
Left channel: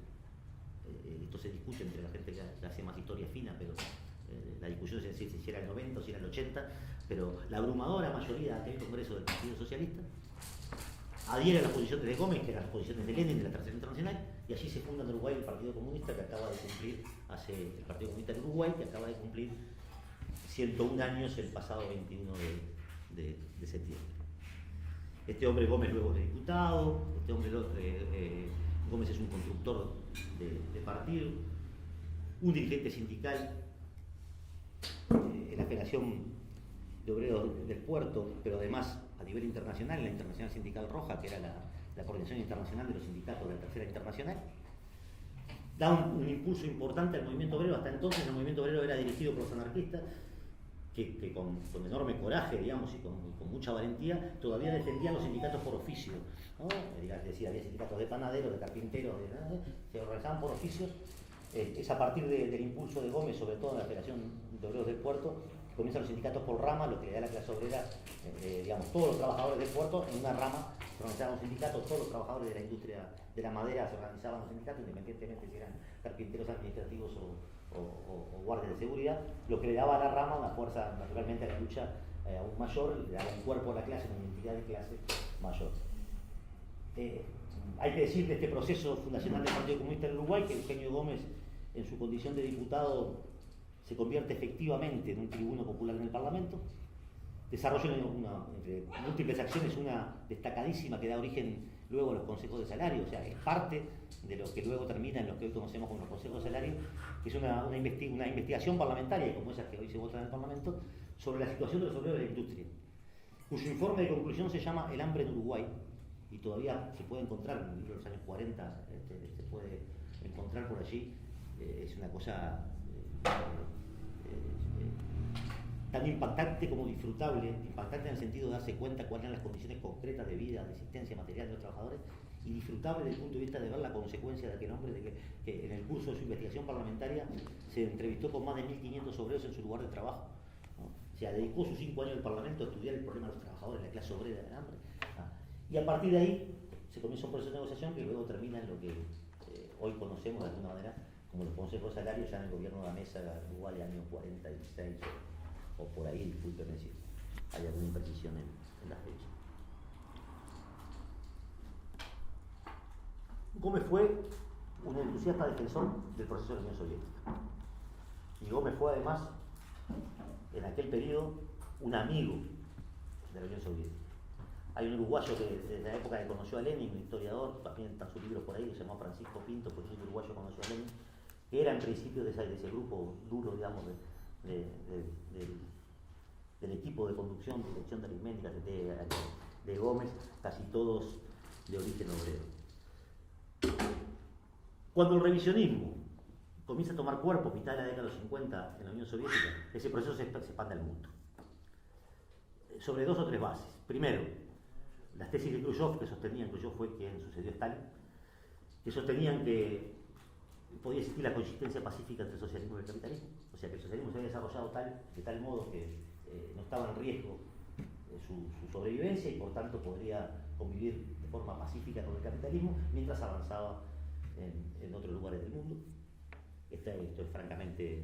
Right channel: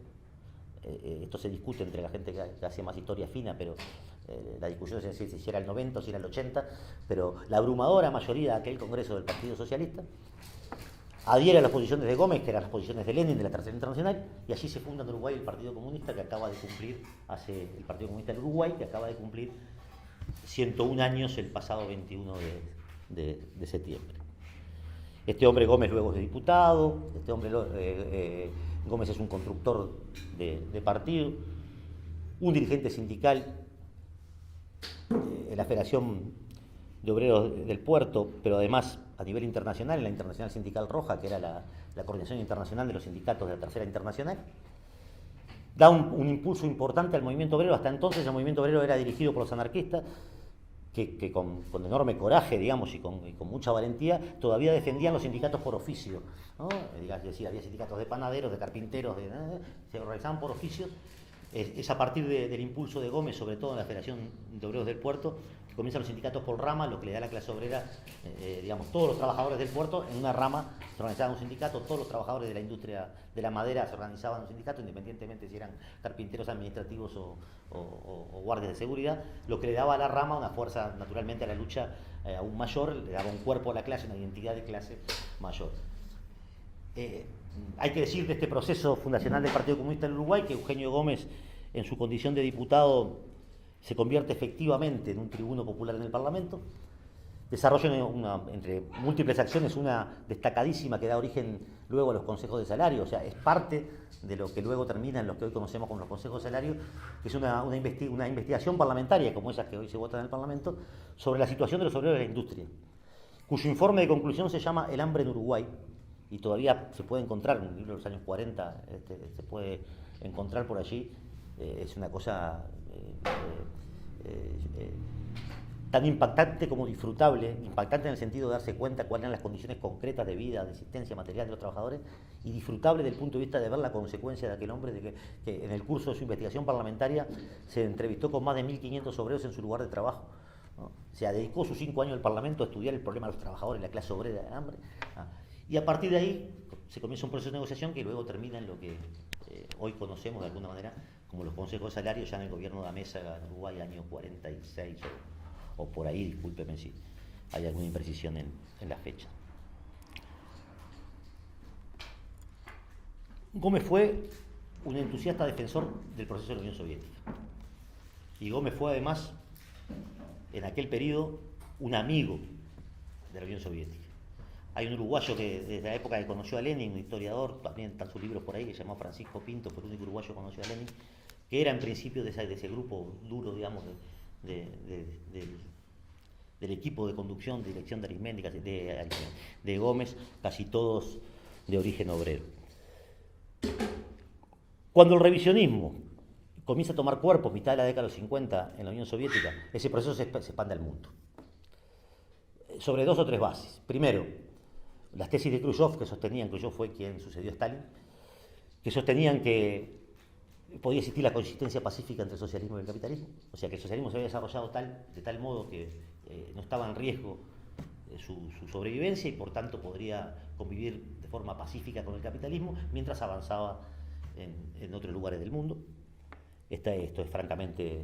esto se discute entre la gente que hace más historia fina, pero la discusión es si era el 90 o si era el 80, pero la abrumadora mayoría de aquel Congreso del Partido Socialista adhiere a las posiciones de Gómez, que eran las posiciones de Lenin de la Tercera Internacional, y allí se funda en Uruguay el Partido Comunista, que acaba de cumplir, el Partido Comunista en Uruguay, que acaba de cumplir 101 años el pasado 21 de septiembre. Este hombre Gómez luego es diputado, Gómez es un constructor de partido, un dirigente sindical en la Federación de Obreros del Puerto, pero además a nivel internacional, en la Internacional Sindical Roja, que era la coordinación internacional de los sindicatos de la Tercera Internacional, da un impulso importante al movimiento obrero. Hasta entonces el movimiento obrero era dirigido por los anarquistas, que con enorme coraje, digamos, y con mucha valentía, todavía defendían los sindicatos por oficio, ¿no? Es decir, había sindicatos de panaderos, de carpinteros, se organizaban por oficios. Es a partir del impulso de Gómez, sobre todo en la Federación de Obreros del Puerto, que comienzan los sindicatos por rama, lo que le da a la clase obrera, digamos, todos los trabajadores del puerto en una rama se organizaban un sindicato, todos los trabajadores de la industria de la madera se organizaban en un sindicato, independientemente si eran carpinteros administrativos o guardias de seguridad, lo que le daba a la rama una fuerza, naturalmente, a la lucha aún mayor, le daba un cuerpo a la clase, una identidad de clase mayor. Hay que decir de este proceso fundacional del Partido Comunista en Uruguay que Eugenio Gómez en su condición de diputado, se convierte efectivamente en un tribuno popular en el Parlamento. Desarrolla entre múltiples acciones una destacadísima que da origen luego a los consejos de salario, o sea, es parte de lo que luego termina en lo que hoy conocemos como los consejos de salario, que es una investigación parlamentaria, como esas que hoy se votan en el Parlamento, sobre la situación de los obreros de la industria, cuyo informe de conclusión se llama El hambre en Uruguay, y todavía se puede encontrar en un libro de los años 40, se puede encontrar por allí. Es una cosa tan impactante como disfrutable, impactante en el sentido de darse cuenta cuáles eran las condiciones concretas de vida, de existencia material de los trabajadores, y disfrutable desde el punto de vista de ver la consecuencia de aquel hombre que en el curso de su investigación parlamentaria se entrevistó con más de 1.500 obreros en su lugar de trabajo, ¿no? O sea, dedicó sus 5 años al Parlamento a estudiar el problema de los trabajadores, la clase obrera del hambre, ¿no? Y a partir de ahí se comienza un proceso de negociación que luego termina en lo que hoy conocemos de alguna manera como los consejos de salario, ya en el gobierno de la mesa en Uruguay, año 46 o por ahí, discúlpeme si hay alguna imprecisión en la fecha. Gómez fue un entusiasta defensor del proceso de la Unión Soviética. Y Gómez fue además, en aquel periodo, un amigo de la Unión Soviética. Hay un uruguayo que desde la época que conoció a Lenin, un historiador, también están sus libros por ahí, que se llamó Francisco Pinto, fue el único uruguayo que conoció a Lenin, que era en principio de ese grupo duro, digamos, del equipo de conducción, dirección de aritmética de Gómez, casi todos de origen obrero. Cuando el revisionismo comienza a tomar cuerpo a mitad de la década de los 50 en la Unión Soviética, ese proceso se expande al mundo. Sobre 2 o 3 bases. Primero, las tesis de Khrushchev, que sostenían, Khrushchev fue quien sucedió a Stalin, que sostenían que podía existir la coexistencia pacífica entre el socialismo y el capitalismo. O sea, que el socialismo se había desarrollado de tal modo que no estaba en riesgo su sobrevivencia y por tanto podría convivir de forma pacífica con el capitalismo mientras avanzaba en otros lugares del mundo. Esto es francamente,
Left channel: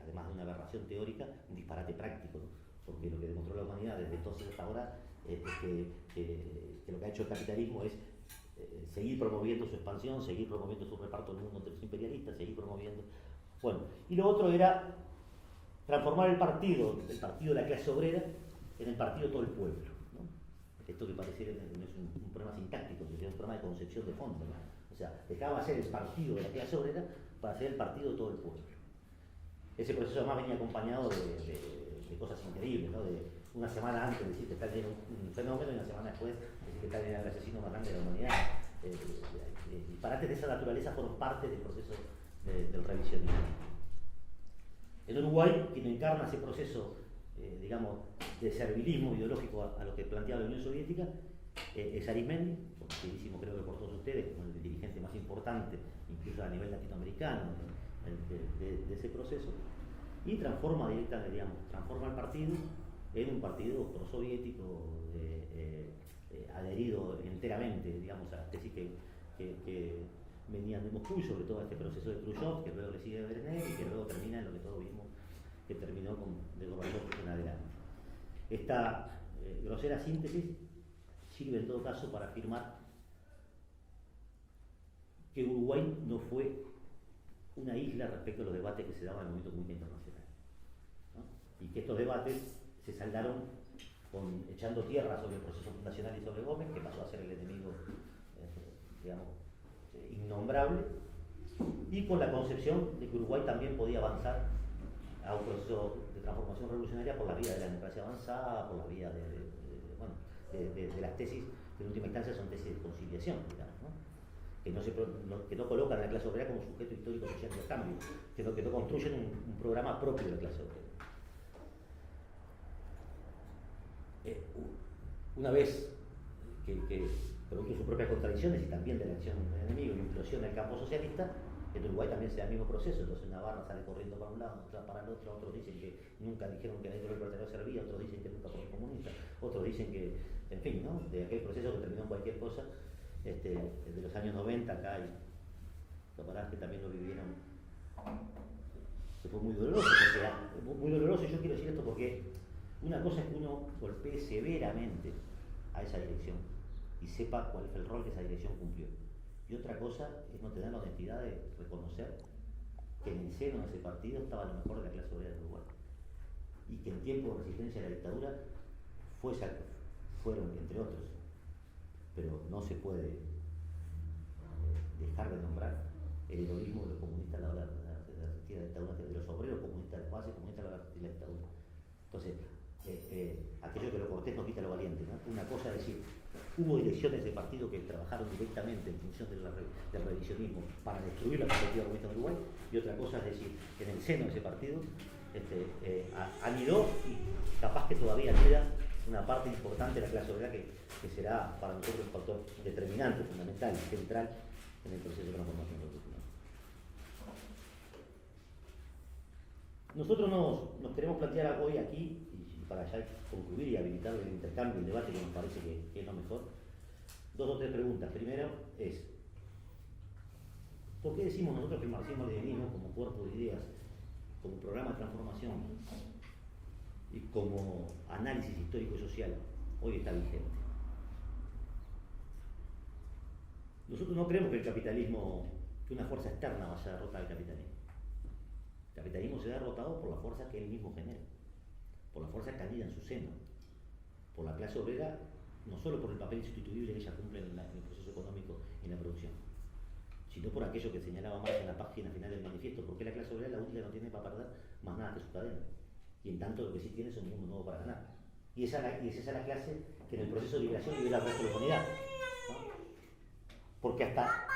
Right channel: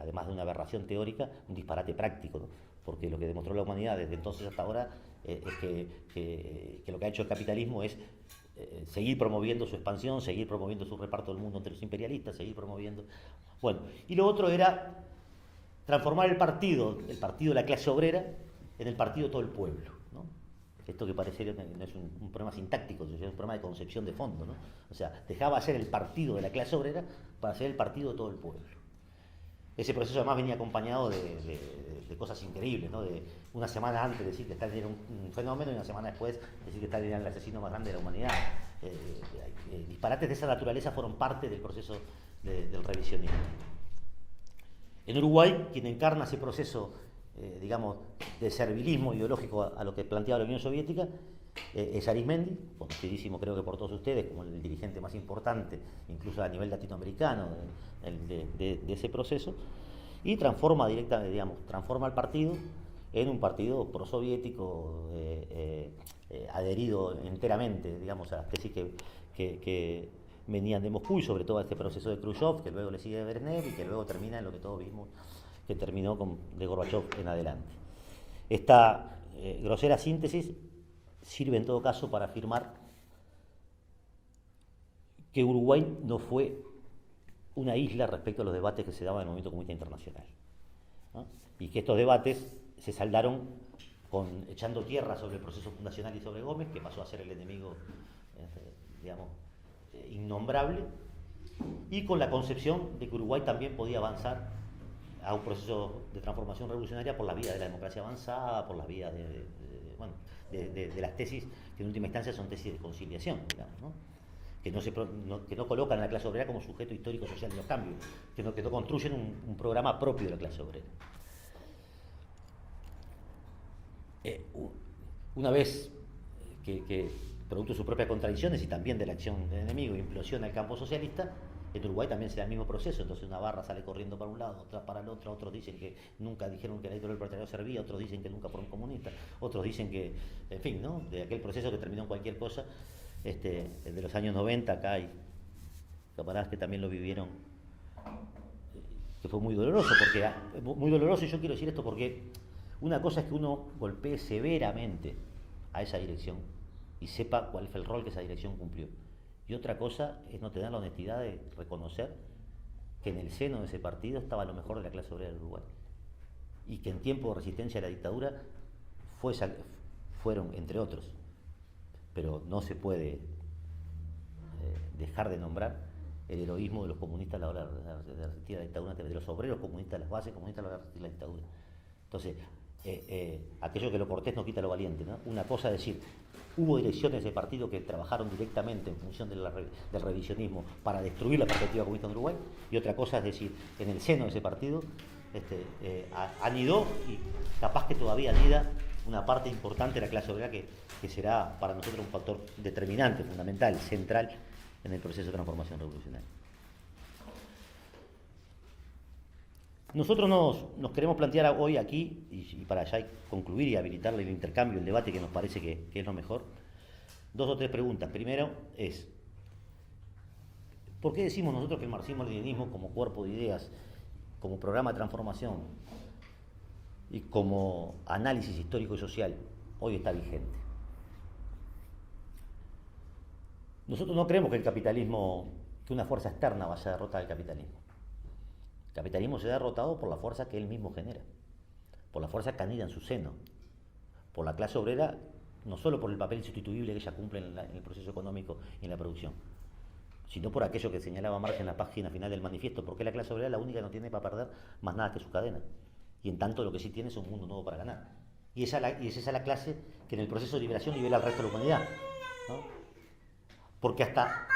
además de una aberración teórica, un disparate práctico, ¿no? Porque lo que demostró la humanidad desde entonces hasta ahora es que lo que ha hecho el capitalismo es seguir promoviendo su expansión, seguir promoviendo su reparto del mundo entre los imperialistas, seguir promoviendo... Bueno, y lo otro era transformar el partido de la clase obrera en el partido de todo el pueblo, ¿no? Esto que parece no es un problema sintáctico, es un problema de concepción de fondo, ¿no? O sea, dejaba de ser el partido de la clase obrera para ser el partido de todo el pueblo. Ese proceso además venía acompañado de cosas increíbles, ¿no? De una semana antes decir que Stalin era un fenómeno y una semana después decir que Stalin era el asesino más grande de la humanidad. Disparates de esa naturaleza fueron parte del proceso del revisionismo. En Uruguay, quien encarna ese proceso, digamos, de servilismo ideológico a lo que planteaba la Unión Soviética, es Arismendi, conocidísimo creo que por todos ustedes como el dirigente más importante, incluso a nivel latinoamericano, de ese proceso, y transforma directamente, digamos, transforma el partido en un partido prosoviético, adherido enteramente, digamos, a las tesis que venían de Moscú y sobre todo a este proceso de Khrushchev, que luego le sigue a Brezhnev y que luego termina en lo que todos vimos, que terminó de Gorbachev en adelante. Esta grosera síntesis sirve en todo caso para afirmar que Uruguay no fue una isla respecto a los debates que se daban en el movimiento comunista internacional, ¿no? Y que estos debates se saldaron echando tierra sobre el proceso fundacional y sobre Gómez, que pasó a ser el enemigo, digamos, innombrable, y con la concepción de que Uruguay también podía avanzar a un proceso de transformación revolucionaria por la vía de la democracia avanzada, por la vía de las tesis que en última instancia son tesis de conciliación, digamos, ¿no? Que no colocan a la clase obrera como sujeto histórico social de los cambios, que no construyen un programa propio de la clase obrera. Una vez que producto de sus propias contradicciones y también de la acción del enemigo implosiona el campo socialista, en Uruguay también se da el mismo proceso. Entonces Navarra sale corriendo para un lado, otra para el otro, otros dicen que nunca dijeron que la dictadura del proletariado servía, otros dicen que nunca fueron comunistas, otros dicen que, en fin, ¿no? De aquel proceso que terminó en cualquier cosa, el de los años 90, acá hay camaradas que también lo vivieron, que fue muy doloroso, y yo quiero decir esto porque una cosa es que uno golpee severamente a esa dirección y sepa cuál fue el rol que esa dirección cumplió. Y otra cosa es no tener la honestidad de reconocer que en el seno de ese partido estaba lo mejor de la clase obrera del Uruguay. Y que en tiempo de resistencia a la dictadura fueron, entre otros, pero no se puede dejar de nombrar el heroísmo de los comunistas a la hora de resistir a la dictadura, de los obreros comunistas, las bases comunistas a la hora de resistir a la dictadura. Entonces, aquello que lo cortés no quita lo valiente, ¿no? Una cosa es decir, hubo direcciones de partido que trabajaron directamente en función del revisionismo para destruir la perspectiva comunista de Uruguay, y otra cosa es decir, en el seno de ese partido anidó y capaz que todavía anida una parte importante de la clase obrera que será para nosotros un factor determinante, fundamental, central en el proceso de transformación revolucionaria. Nosotros nos queremos plantear hoy aquí, y para ya concluir y habilitar el intercambio, el debate que nos parece que es lo mejor, 2 o 3 preguntas. Primero es, ¿por qué decimos nosotros que el marxismo-leninismo como cuerpo de ideas, como programa de transformación y como análisis histórico y social hoy está vigente? Nosotros no creemos que el capitalismo, que una fuerza externa vaya a derrotar al capitalismo. El capitalismo se ha derrotado por la fuerza que él mismo genera, por la fuerza que anida en su seno, por la clase obrera, no solo por el papel insustituible que ella cumple en el proceso económico y en la producción, sino por aquello que señalaba Marx en la página final del manifiesto, porque la clase obrera es la única que no tiene para perder más nada que su cadena, y en tanto lo que sí tiene es un mundo nuevo para ganar. Y es esa la clase que en el proceso de liberación libera al resto de la humanidad, ¿no? Porque hasta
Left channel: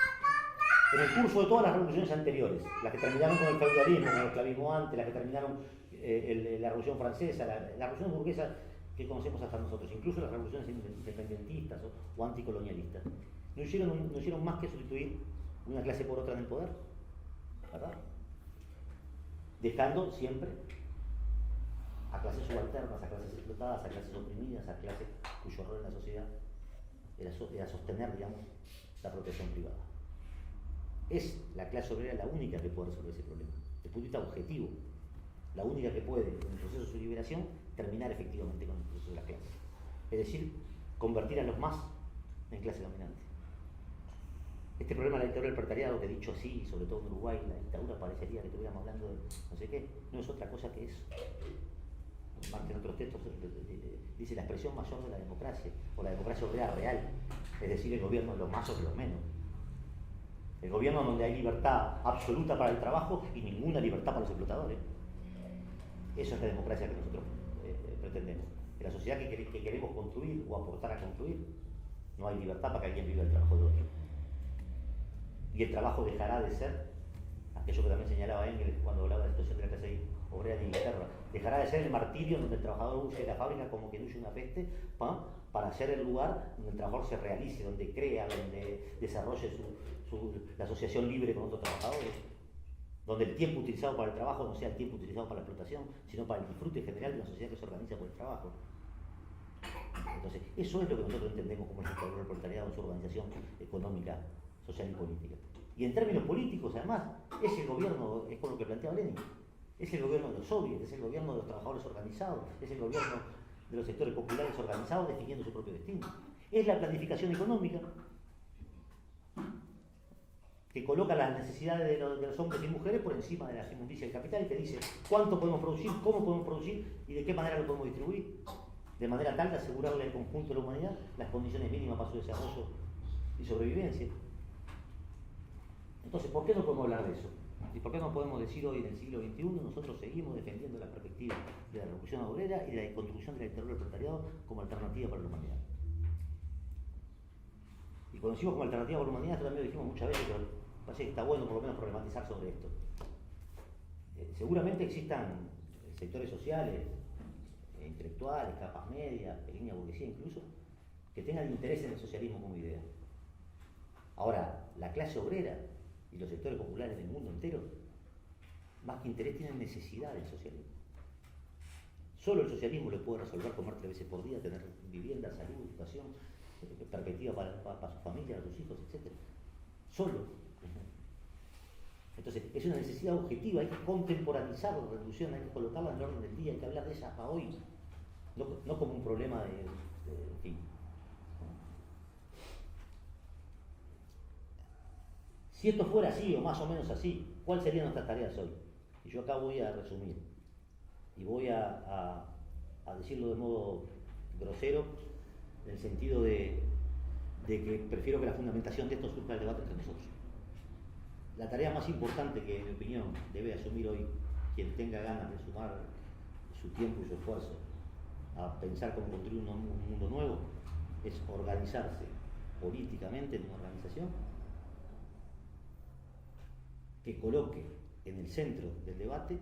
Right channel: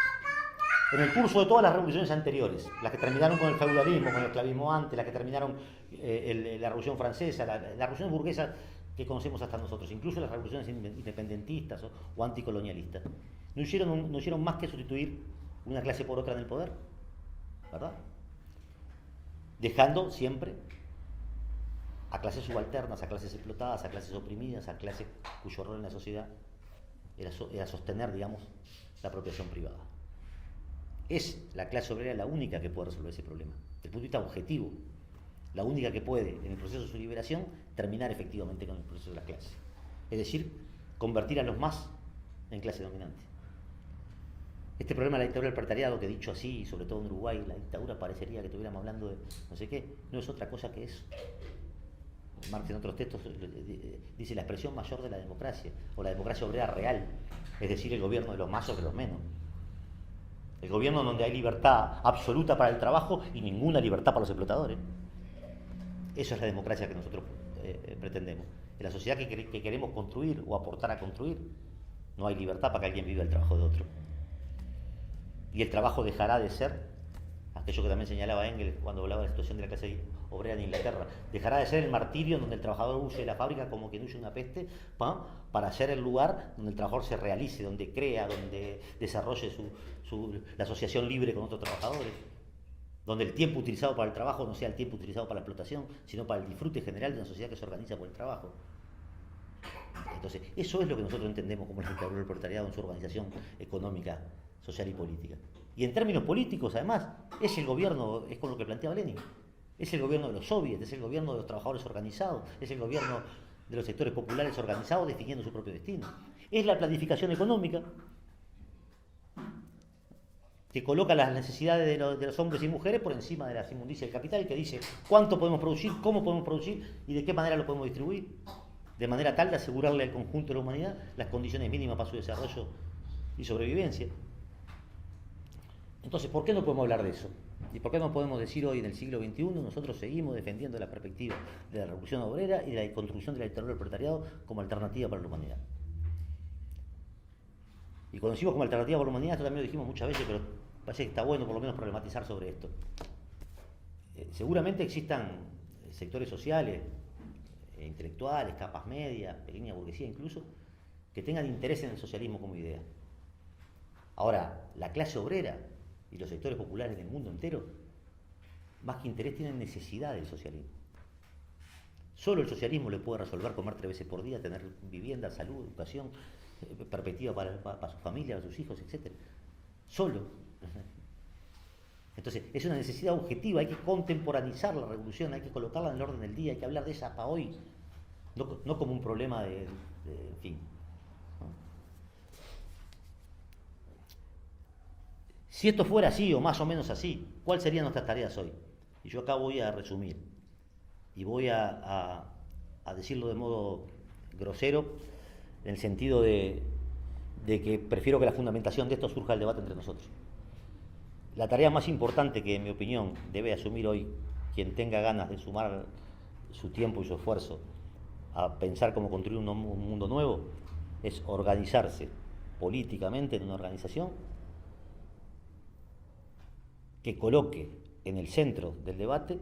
en el curso de todas las revoluciones anteriores, las que terminaron con el feudalismo, con el esclavismo antes, las que terminaron la Revolución Francesa, la Revolución burguesa que conocemos hasta nosotros, incluso las revoluciones independentistas o anticolonialistas, no hicieron más que sustituir una clase por otra en el poder, ¿verdad? Dejando siempre a clases subalternas, a clases explotadas, a clases oprimidas, a clases cuyo rol en la sociedad era sostener, digamos, la apropiación privada. Es la clase obrera la única que puede resolver ese problema, desde el punto de vista objetivo, la única que puede, en el proceso de su liberación, terminar efectivamente con el proceso de la clase. Es decir, convertir a los más en clase dominante. Este problema de la dictadura del proletariado, que dicho así, sobre todo en Uruguay, la dictadura parecería que estuviéramos hablando de no sé qué, no es otra cosa que eso. Marx en otros textos dice la expresión mayor de la democracia, o la democracia obrera real, es decir, el gobierno de los más sobre los menos. El gobierno donde hay libertad absoluta para el trabajo y ninguna libertad para los explotadores. Esa es la democracia que nosotros pretendemos. En la sociedad que queremos construir o aportar a construir, no hay libertad para que alguien viva el trabajo de otro. Y el trabajo dejará de ser, aquello que también señalaba Engels cuando hablaba de la situación de la clase obrera en Inglaterra, dejará de ser el martirio donde el trabajador huye de la fábrica como quien huye una peste, para ser el lugar donde el trabajador se realice, donde crea, donde desarrolle la asociación libre con otros trabajadores, donde el tiempo utilizado para el trabajo no sea el tiempo utilizado para la explotación, sino para el disfrute general de una sociedad que se organiza por el trabajo. Entonces, eso es lo que nosotros entendemos como el dictadura del proletariado en su organización económica, social y política. Y en términos políticos, además, es el gobierno, es con lo que planteaba Lenin, es el gobierno de los soviets, es el gobierno de los trabajadores organizados, es el gobierno de los sectores populares organizados definiendo su propio destino. Es la planificación económica que coloca las necesidades de los hombres y mujeres por encima de las inmundicias del capital, que dice cuánto podemos producir, cómo podemos producir y de qué manera lo podemos distribuir, de manera tal de asegurarle al conjunto de la humanidad las condiciones mínimas para su desarrollo y sobrevivencia. Entonces, ¿por qué no podemos hablar de eso? ¿Y por qué no podemos decir hoy en el siglo XXI nosotros seguimos defendiendo la perspectiva de la revolución obrera y de la construcción de la dictadura del proletariado como alternativa para la humanidad? Y cuando decimos como alternativa para la humanidad, esto también lo dijimos muchas veces, pero parece que está bueno por lo menos problematizar sobre esto. Seguramente existan sectores sociales, intelectuales, capas medias, pequeña burguesía incluso, que tengan interés en el socialismo como idea. Ahora, la clase obrera y los sectores populares del mundo entero, más que interés, tienen necesidad del socialismo. Solo el socialismo le puede resolver comer 3 veces por día, tener vivienda, salud, educación, perspectiva para su familia, para sus hijos, etc. Solo. Entonces, es una necesidad objetiva, hay que contemporaneizar la revolución, hay que colocarla en el orden del día, hay que hablar de ella para hoy, no como un problema en fin. Si esto fuera así o más o menos así, ¿cuáles serían nuestras tareas hoy? Y yo acá voy a resumir y voy a decirlo de modo grosero, en el sentido de que prefiero que la fundamentación de esto surja del debate entre nosotros. La tarea más importante que, en mi opinión, debe asumir hoy quien tenga ganas de sumar su tiempo y su esfuerzo a pensar cómo construir un mundo nuevo es organizarse políticamente en una organización que coloque en el centro del debate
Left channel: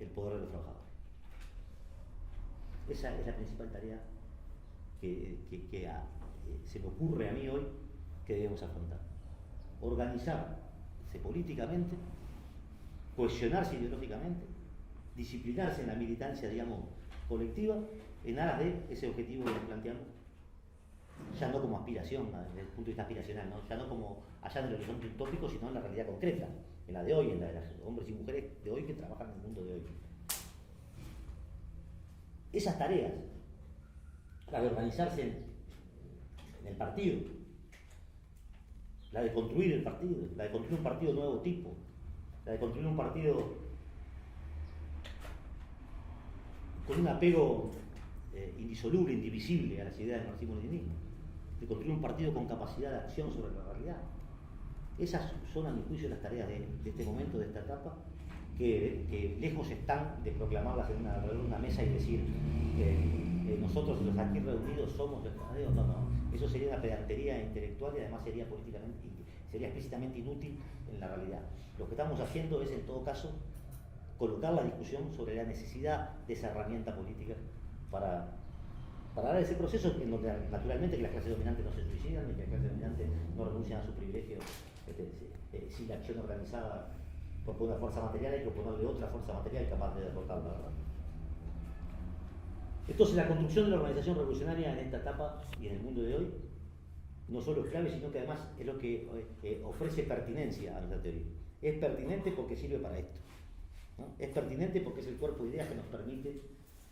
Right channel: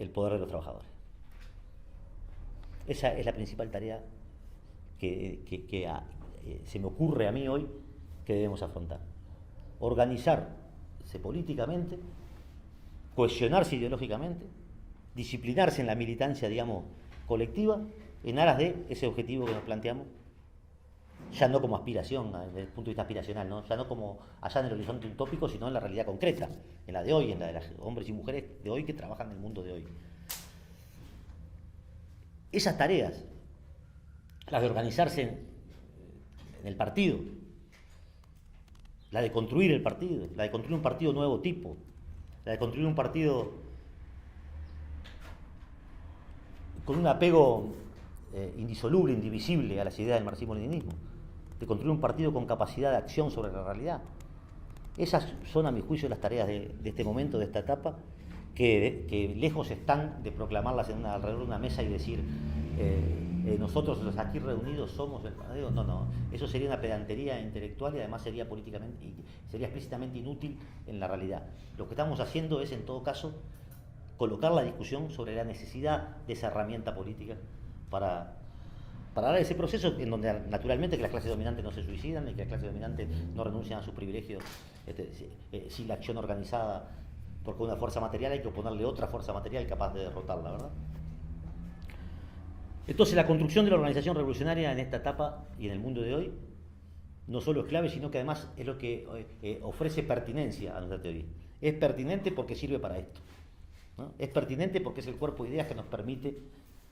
el poder de los trabajadores. Esa es la principal tarea que se me ocurre a mí hoy que debemos afrontar. Organizarse políticamente, cohesionarse ideológicamente, disciplinarse en la militancia, digamos, colectiva, en aras de ese objetivo que nos planteamos, ya no como aspiración, desde el punto de vista aspiracional, ¿no? Ya no como allá en el horizonte utópico, sino en la realidad concreta, en la de hoy, en la de los hombres y mujeres de hoy que trabajan en el mundo de hoy. Esas tareas, las de organizarse en el partido, la de construir el partido, la de construir un partido de nuevo tipo, la de construir un partido con un apego indisoluble, indivisible a las ideas del marxismo-leninismo, de construir un partido con capacidad de acción sobre la realidad. Esas son, a mi juicio, las tareas de este momento, de esta etapa, que lejos están de proclamarlas alrededor de una mesa y decir nosotros los aquí reunidos somos el verdadero. No, eso sería una pedantería intelectual y además sería explícitamente inútil en la realidad. Lo que estamos haciendo es, en todo caso, colocar la discusión sobre la necesidad de esa herramienta política para dar ese proceso en donde naturalmente que las clases dominantes no se suicidan y que las clases dominantes no renuncian a sus privilegios sin la acción organizada, porque una fuerza material hay que oponerle otra fuerza material capaz de derrotarla, ¿verdad? Entonces la construcción de la organización revolucionaria en esta etapa y en el mundo de hoy no solo es clave, sino que además es lo que ofrece pertinencia a nuestra teoría. Es pertinente porque sirve para esto, ¿no? Es pertinente porque es el cuerpo de ideas que nos permite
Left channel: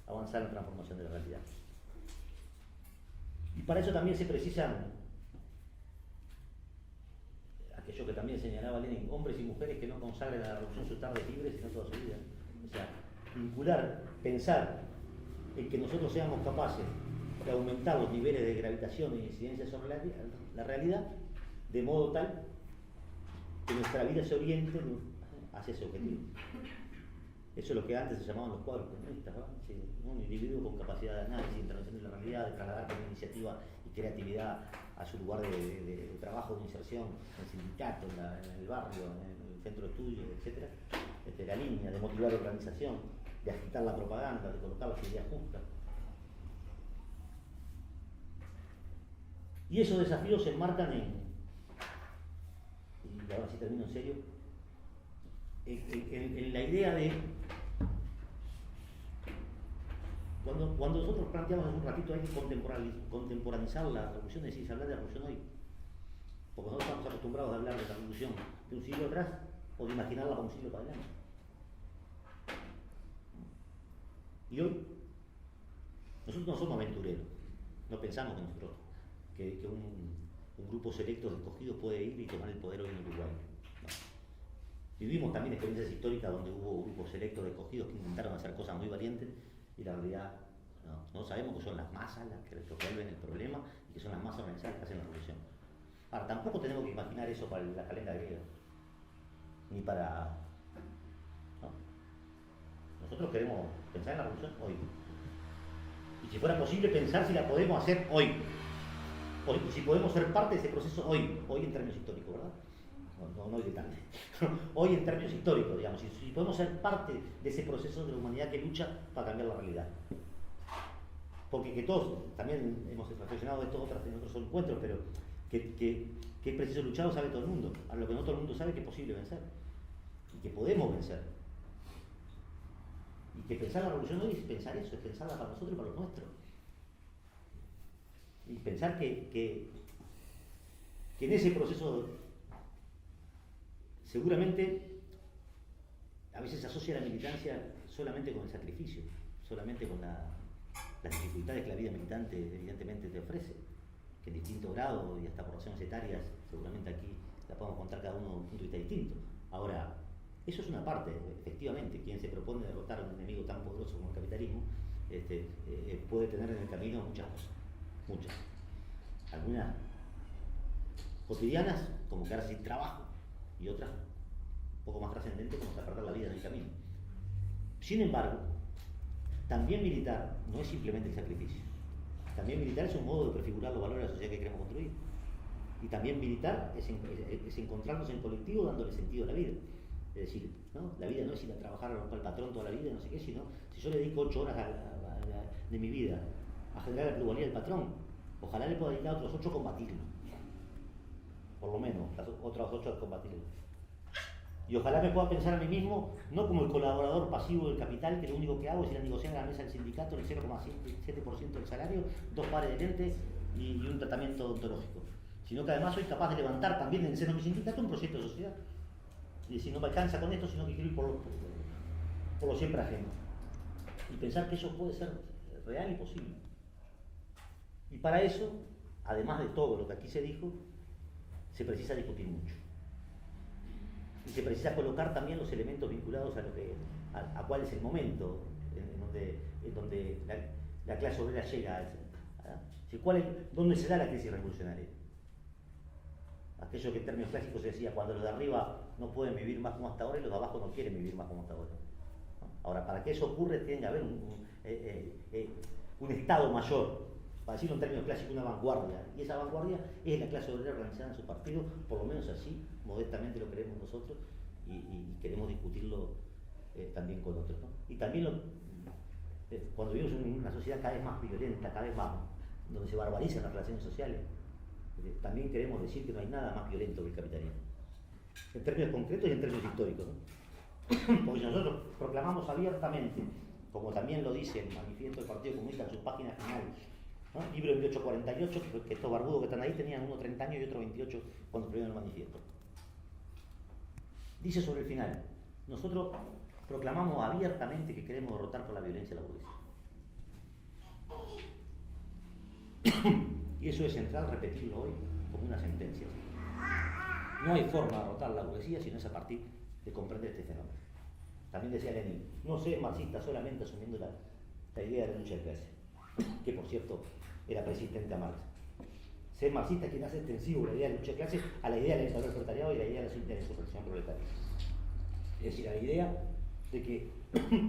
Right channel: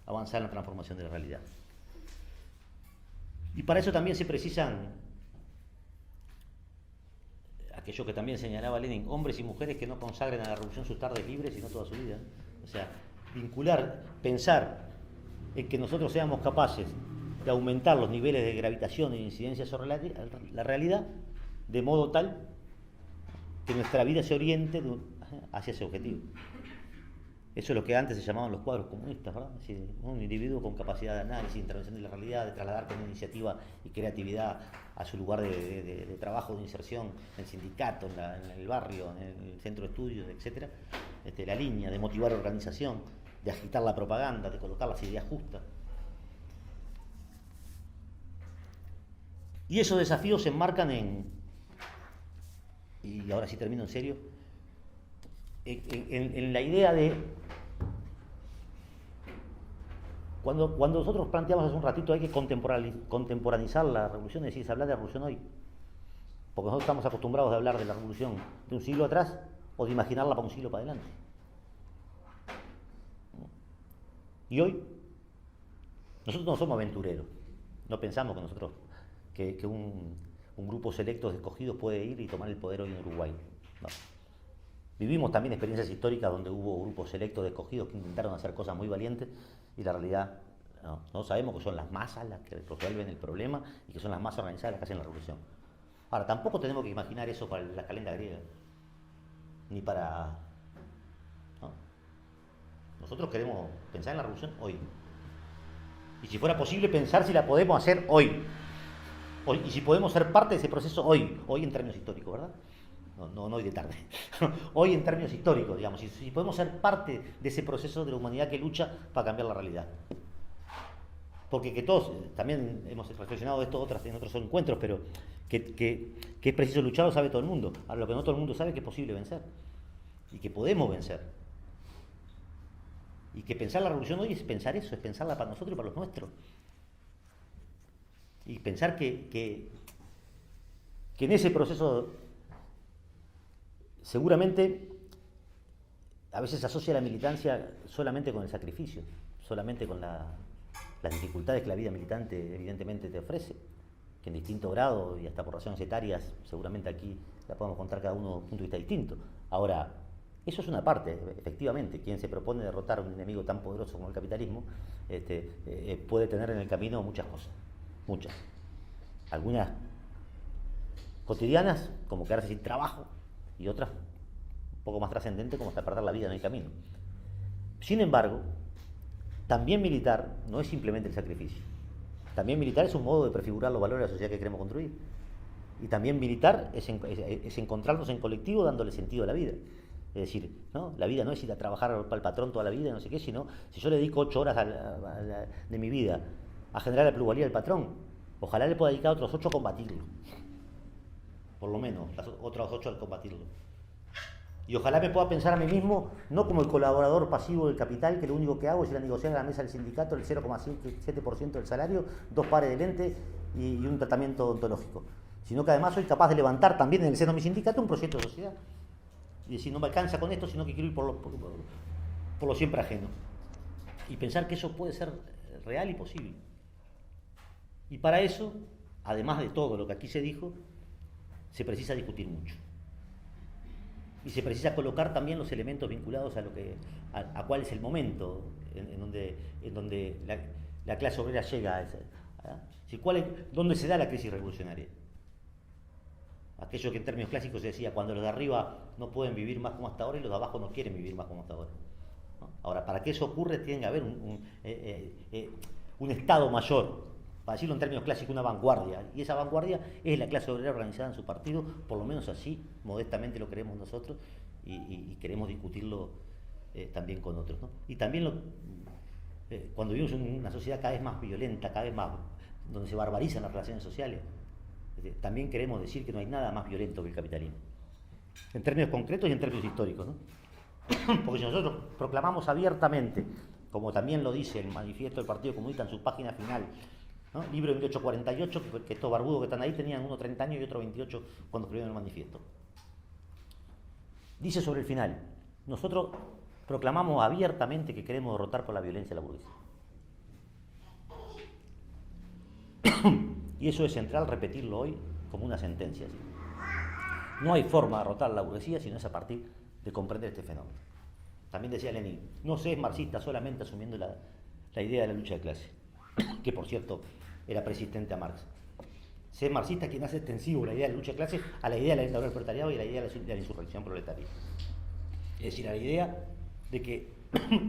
avanzar en la transformación de la realidad. Y para eso también se precisan aquello que también señalaba Lenin, hombres y mujeres que no consagren a la revolución sus tardes libres, sino toda su vida. O sea, vincular, pensar en que nosotros seamos capaces de aumentar los niveles de gravitación e incidencia sobre la realidad, de modo tal que nuestra vida se oriente hacia ese objetivo. Eso es lo que antes se llamaban los cuadros comunistas, ¿verdad? Es decir, un individuo con capacidad de análisis, de intervención de la realidad, de trasladar con iniciativa y creatividad a su lugar de trabajo, de inserción, en el sindicato, en el barrio, en el centro de estudios, etc. La línea de motivar la organización, de agitar la propaganda, de colocar las ideas justas. Y esos desafíos se enmarcan y ahora sí termino en serio, en la idea de cuando nosotros planteamos hace un ratito hay que contemporaneizar la revolución, es decir, hablar de la revolución hoy, porque nosotros estamos acostumbrados a hablar de la revolución de un siglo atrás o de imaginarla para un siglo para adelante. Y hoy nosotros no somos aventureros, no pensamos que un grupo selecto de escogidos puede ir y tomar el poder hoy en Uruguay. No. Vivimos también experiencias históricas donde hubo grupos selectos de escogidos que intentaron hacer cosas muy valientes y la realidad no sabemos que son las masas las que resuelven el problema y que son las masas organizadas las que hacen la revolución. Ahora, tampoco tenemos que imaginar eso para la calenda griega, ni para... ¿no? Nosotros queremos pensar en la revolución hoy. Y si fuera posible pensar si la podemos hacer hoy. Y si podemos ser parte de ese proceso hoy en términos históricos, ¿verdad? No hoy de tarde. Hoy en términos históricos, digamos. Si podemos ser parte de ese proceso de la humanidad que lucha para cambiar la realidad. Porque que todos, también hemos reflexionado de esto en otros encuentros, pero que es preciso luchar lo sabe todo el mundo. Ahora, lo que no todo el mundo sabe es que es posible vencer. Y que podemos vencer. Y que pensar la revolución hoy es pensar eso, es pensarla para nosotros y para los nuestros. Y pensar que en ese proceso seguramente a veces se asocia la militancia solamente con el sacrificio, solamente con las dificultades que la vida militante evidentemente te ofrece. que en distinto grado y hasta por razones etarias, seguramente aquí la podemos contar cada uno de un punto de vista distinto. Ahora, eso es una parte, efectivamente, quien se propone derrotar a un enemigo tan poderoso como el capitalismo, puede tener en el camino muchas cosas, muchas. Algunas cotidianas, como quedarse sin trabajo, y otras un poco más trascendentes, como hasta perder la vida en el camino. Sin embargo, también militar no es simplemente el sacrificio. También militar es un modo de prefigurar los valores de la sociedad que queremos construir. Y también militar es encontrarnos en colectivo dándole sentido a la vida. Es decir, ¿no? La vida no es ir a trabajar para el patrón toda la vida, no sé qué, sino si yo le dedico 8 horas de mi vida a generar la plusvalía del patrón, ojalá le pueda dedicar otros 8 a combatirlo. Por lo menos, las otras 8 a combatirlo. Y ojalá me pueda pensar a mí mismo, no como el colaborador pasivo del capital, que lo único que hago es ir a negociar a la mesa del sindicato el 0,7% del salario, 2 pares de lentes y un tratamiento odontológico, sino que además soy capaz de levantar también en el seno de mi sindicato un proyecto de sociedad. Y decir, no me alcanza con esto, sino que quiero ir por lo siempre ajeno. Y pensar que eso puede ser real y posible. Y para eso, además de todo lo que aquí se dijo, se precisa discutir mucho. Y se precisa colocar también los elementos vinculados a cuál es el momento en donde la clase obrera llega ¿dónde se da la crisis revolucionaria? Aquello que en términos clásicos se decía, cuando los de arriba no pueden vivir más como hasta ahora y los de abajo no quieren vivir más como hasta ahora, ¿no? Ahora, para que eso ocurra tiene que haber un estado mayor, para decirlo en términos clásicos, una vanguardia, y esa vanguardia es la clase obrera organizada en su partido, por lo menos así, modestamente lo queremos nosotros, y queremos discutirlo también con otros, ¿no? Y también cuando vivimos en una sociedad cada vez más violenta, cada vez más, donde se barbarizan las relaciones sociales, también queremos decir que no hay nada más violento que el capitalismo, en términos concretos y en términos históricos, ¿no? Porque si nosotros proclamamos abiertamente, como también lo dice el manifiesto del Partido Comunista en su página final, ¿no? Libro de 1848, que estos barbudos que están ahí tenían uno 30 años y otro 28 cuando escribieron el manifiesto. Dice sobre el final, nosotros proclamamos abiertamente que queremos derrotar por la violencia a la burguesía. Y eso es central repetirlo hoy como una sentencia. No hay forma de derrotar a la burguesía si no es a partir de comprender este fenómeno. También decía Lenin, no se es marxista solamente asumiendo la idea de la lucha de clase, que por cierto era persistente a Marx. Se es marxista quien hace extensivo la idea de la lucha de clase a la idea de la dictadura del proletariado y a la idea de la insurrección proletaria. Es decir, a la idea de que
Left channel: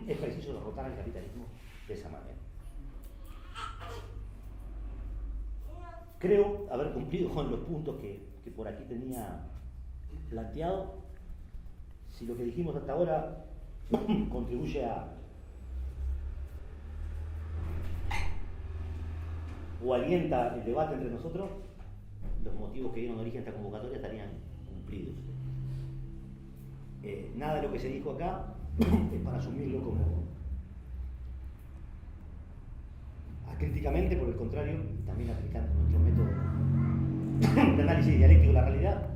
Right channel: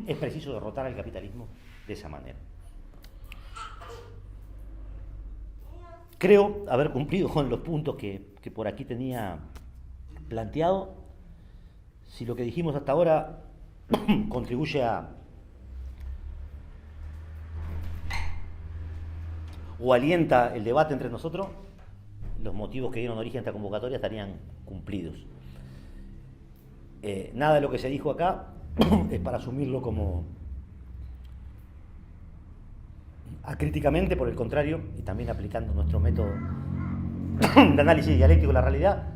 es preciso derrotar al capitalismo de esa manera. Creo haber cumplido con los puntos que por aquí tenía planteado. Si lo que dijimos hasta ahora contribuye o alienta el debate entre nosotros, los motivos que dieron origen a esta convocatoria estarían cumplidos. Nada de lo que se dijo acá es para asumirlo como acríticamente, por el contrario, y también aplicando nuestro método de análisis dialéctico de la realidad,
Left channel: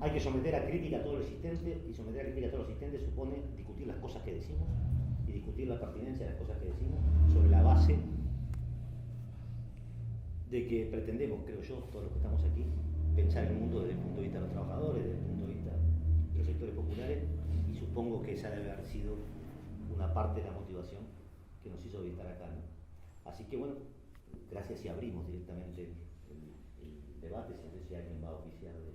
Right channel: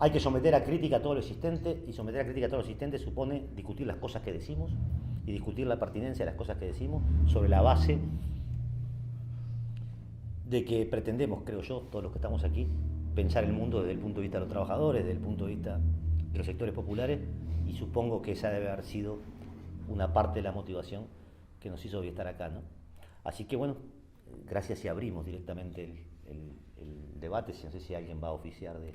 hay que someter a crítica todo lo existente, y someter a crítica todo lo existente supone discutir las cosas que decimos y discutir la pertinencia de las cosas que decimos sobre la base de que pretendemos, creo yo, todos los que estamos aquí, pensar el mundo desde el punto de vista de los trabajadores, desde el punto de vista de los sectores populares, y supongo que esa debe haber sido una parte de la motivación que nos hizo hoy estar acá, ¿no? Así que bueno, gracias, y abrimos directamente el debate, si no sé si alguien va a oficiar de